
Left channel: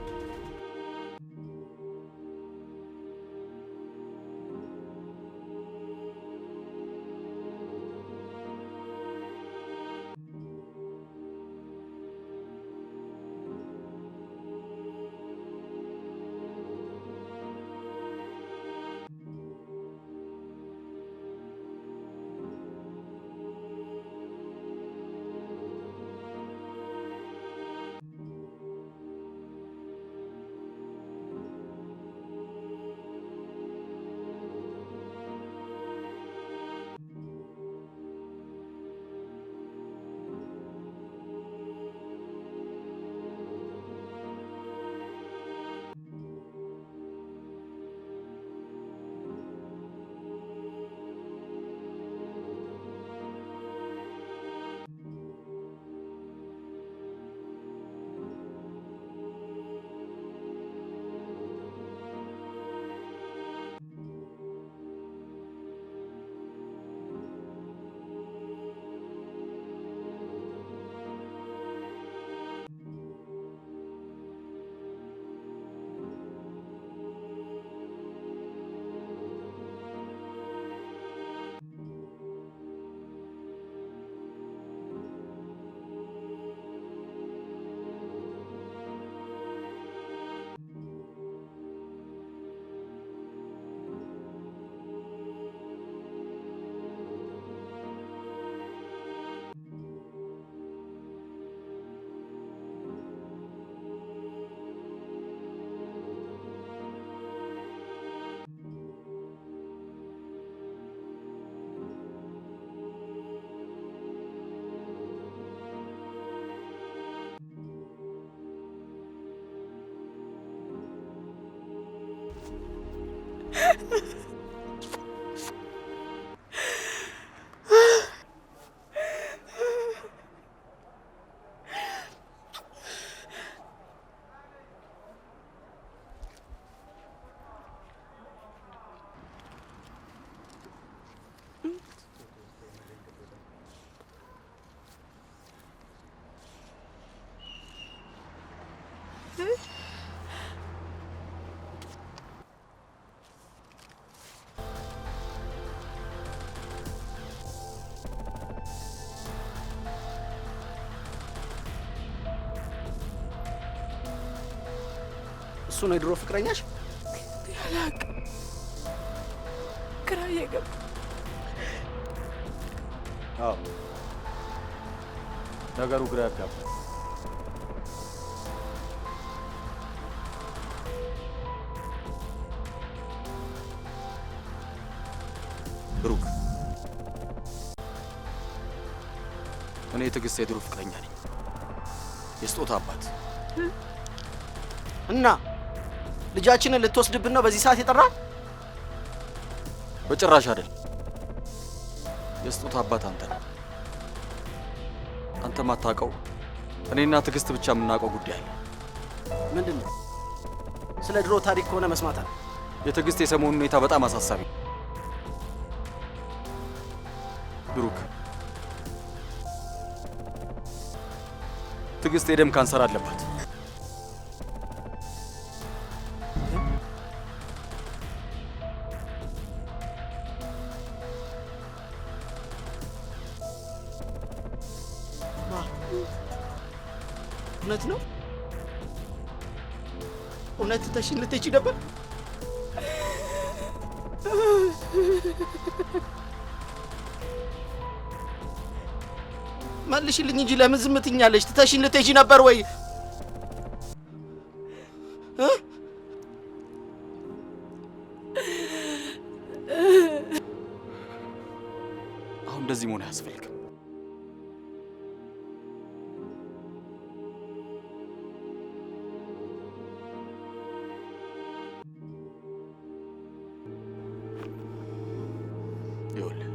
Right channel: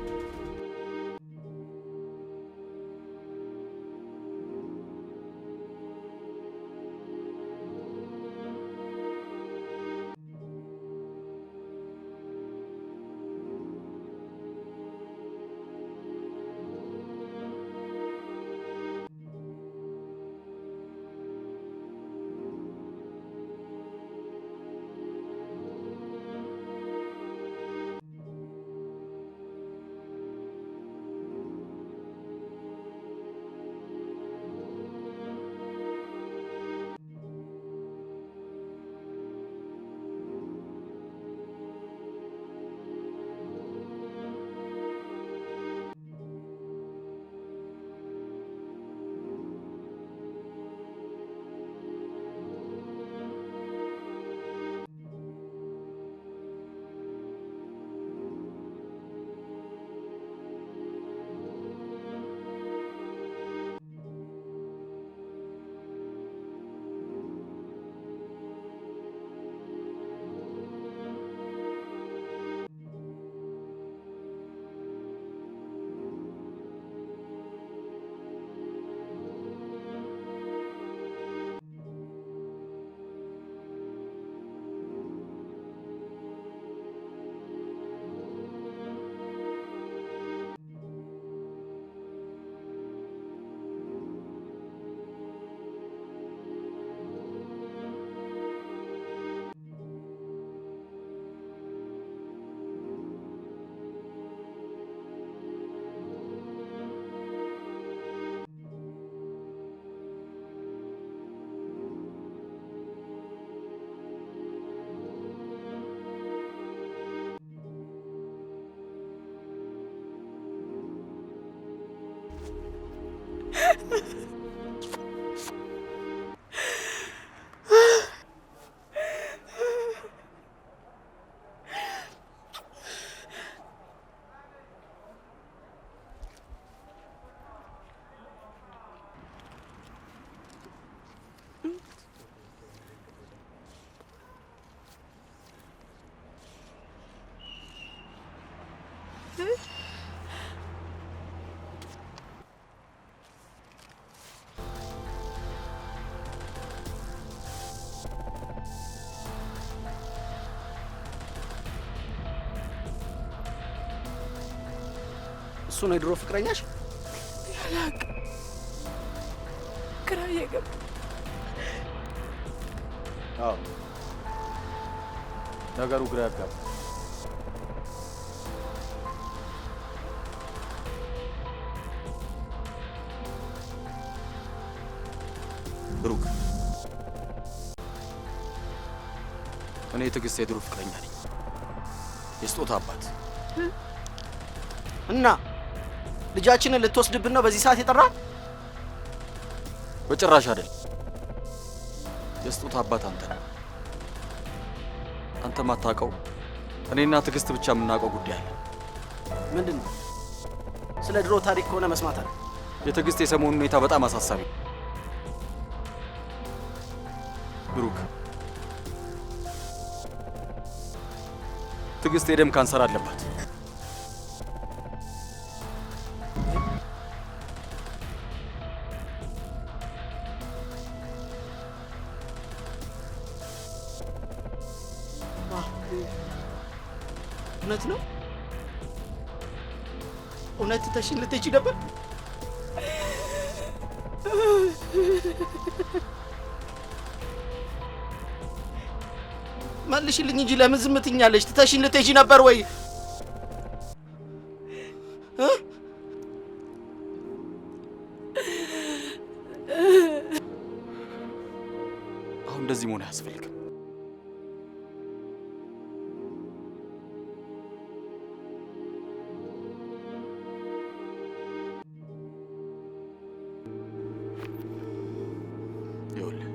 እሱ ነው የድሮ ፍቅረኛሽ? ያላቅ ግራ እየገባ አዎ ነገሩ ግራ ያጋባ። ብሩክ እኔ ትዕግስት የድሮ ፍቅረኛ ነኝ፣ የስጦታ አባት። እና ልጃችንን ልትወስድብን ነው በዚህ ሰዓት የጠራን? በጭራሽ አይደል። የስጦታ አባት አንተ ነህ። አንተ ማታውቀው እኔና ትዕግስት ብቻ የምናውቀው ጉዳይ አለ። ምንድን ነው? ስለ ድሮ ታሪክ ከሆነ መስማት አለ። የትዕግስት የሰሞኑ ሁኔታ በጣም አሳሳቢ። ብሩክ ትዕግስት የደም ካንሰር አለባት። እውነት ነው? እውነት ተሽን ልትሄጂ ነበር? መልሽልኝ እንጂ ለምን ዝም ትኛለሽ? ትተሽን ልትሄጂ ነበር ወይ? አሁን እንደዚህ መሆን አያስፈልግም። ይኸውልህ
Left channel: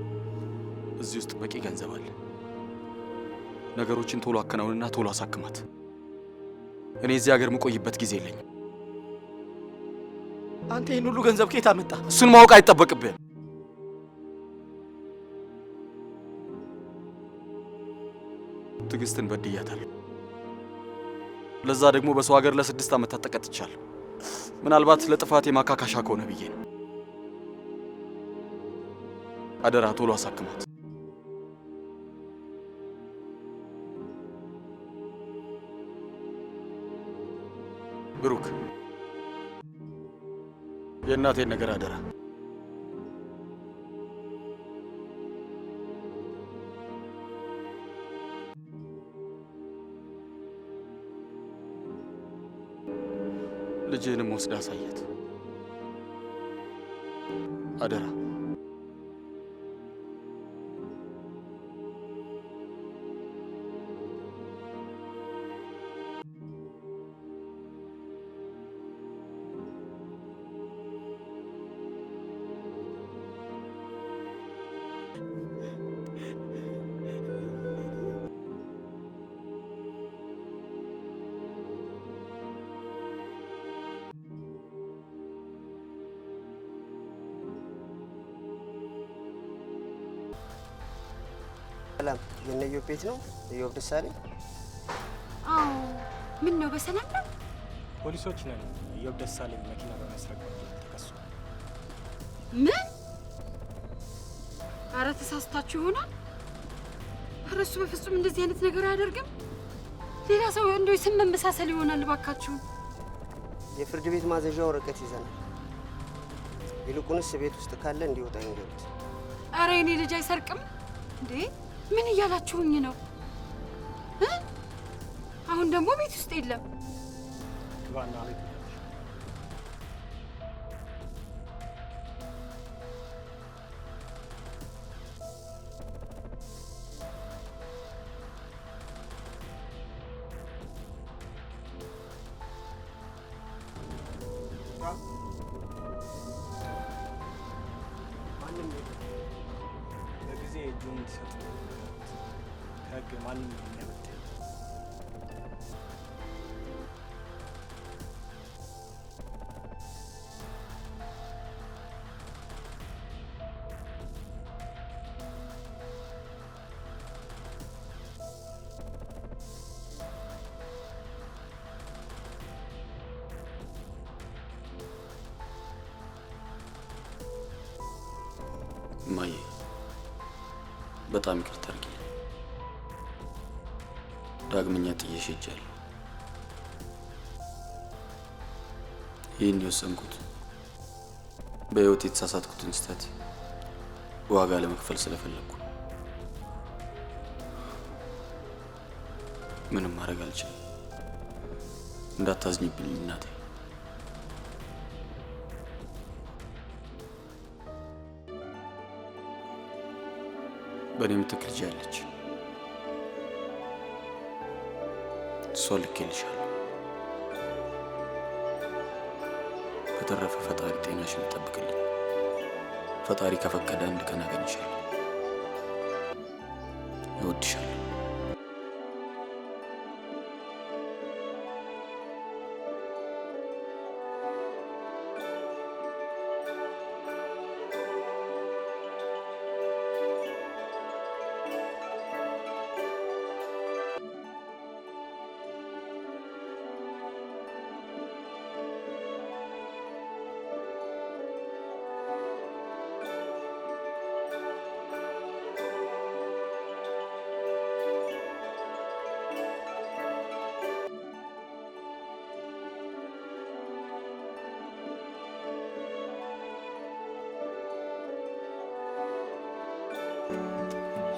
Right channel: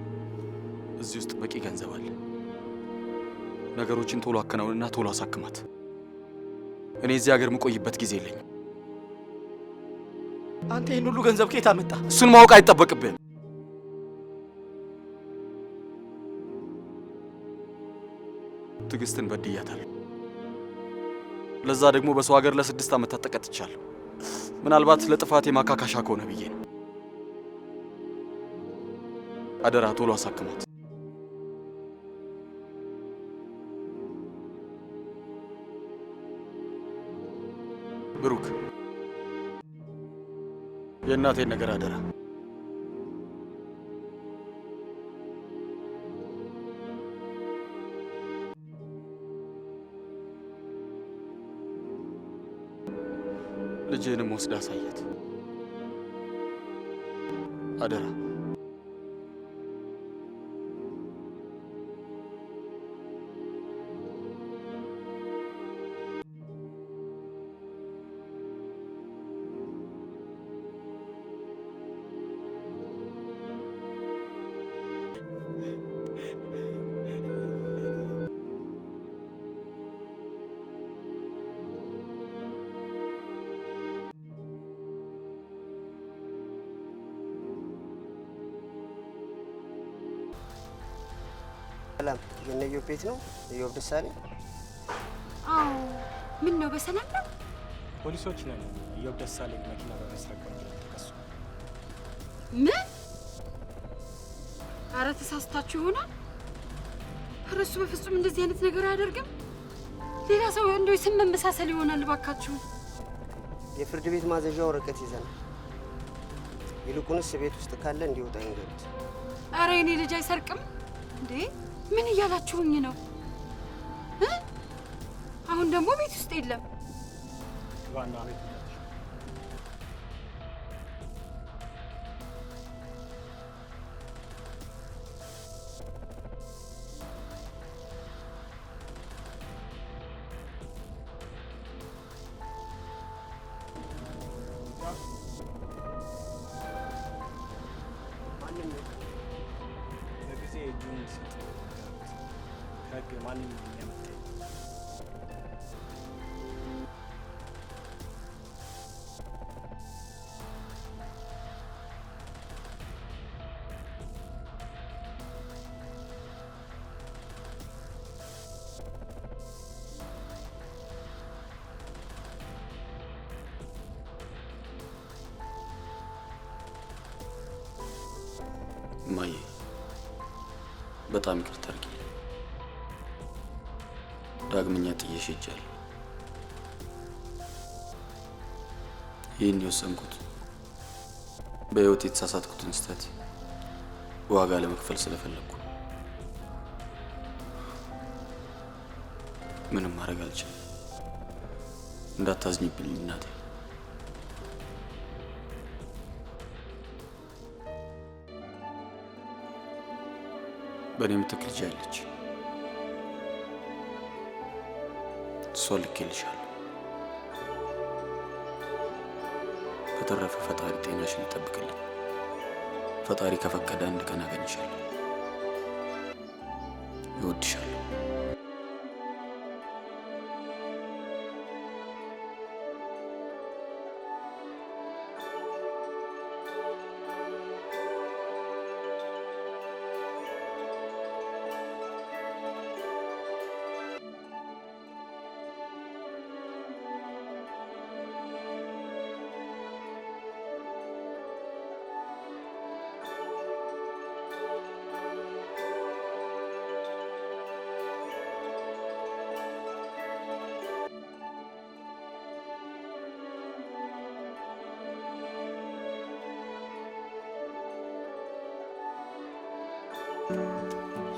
እዚህ ውስጥ በቂ ገንዘብ አለ። ነገሮችን ቶሎ አከናውንና ቶሎ አሳክማት። እኔ እዚህ ሀገር የምቆይበት ጊዜ የለኝም። አንተ ይህን ሁሉ ገንዘብ ከየት አመጣ? እሱን ማወቅ አይጠበቅብህም። ትዕግስትን በድያታለሁ። ለዛ ደግሞ በሰው ሀገር ለ6 ዓመታት ተቀጥቻለሁ። ምናልባት ለጥፋቴ ማካካሻ ከሆነ ብዬ ነው። አደራ ቶሎ አሳክማት። ብሩክ የእናቴን ነገር አደራ። ልጅህንም ወስዳ አሳያት አደራ። ሰላም የነዮ ቤት ነው? እዮብ ደሳለኝ? አዎ። ምን ነው በሰላም ነው? ፖሊሶች ነን። እዮብ ደሳለኝ መኪና በመስረቅ ወንጀል ተከሷል። ምን? ኧረ ተሳስታችሁ ይሆናል። ኧረ እሱ በፍጹም እንደዚህ አይነት ነገር አያደርግም። ሌላ ሰው እንደው ስም መመሳሰል ይሆናል። እባካችሁ የፍርድ ቤት ማዘዣ ወረቀት ይዘናል። ይልቁንስ ቤት ውስጥ ካለ እንዲወጣ ይንገሩት። ኧረ የኔ ልጅ አይሰርቅም እንዴ? ምን እያላችሁኝ ነው? አሁን ደግሞ ቤት ውስጥ የለም። ግባና ቤት ይላል። ማንም በጊዜ እጁን እንዲሰጥ ነገሩት። ከህግ ማንም የሚያመጣ እማዬ በጣም ይቅርታ አድርጊልኝ። ዳግመኛ ጥዬሽ ሄጃለሁ። ይህን የወሰንኩት በህይወት የተሳሳትኩትን ስህተት ዋጋ ለመክፈል ስለፈለኩ ምንም ማድረግ አልችልም። እንዳታዝኝብኝ እናቴ። በእኔ ምትክ ልጅ አለች። እሷ ልኬልሻለሁ። በተረፈ ፈጣሪ ጤናሽን ይጠብቅልኝ። ፈጣሪ ከፈቀደ አንድ ቀን አገኝሻለሁ። እወድሻለሁ።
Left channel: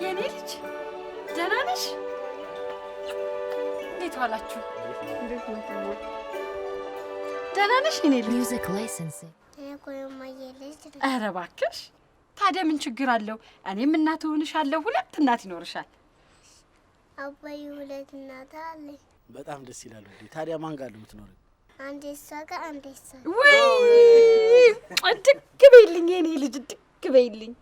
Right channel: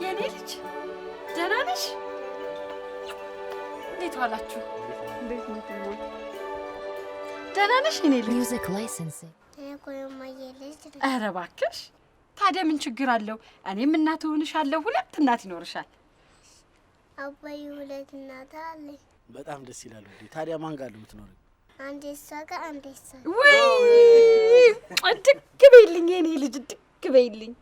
የኔ ልጅ ደህና ነሽ? እንዴት ዋላችሁ? እንዴት ነው ትሞ? ደህና ነሽ የኔ ልጅ? Music licensing. ኧረ እባክሽ፣ ታዲያ ምን ችግር አለው? እኔም እናት እሆንሻለሁ። ሁለት እናት ይኖርሻል። አባዬ ሁለት እናት አለኝ። በጣም ደስ ይላል። እንዴ ታዲያ ማን ጋር ነው የምትኖሪው? አንዴ እሷ ጋር አንዴ እሷ። ወይ ድግ በይልኝ የኔ ልጅ፣ ድግ በይልኝ።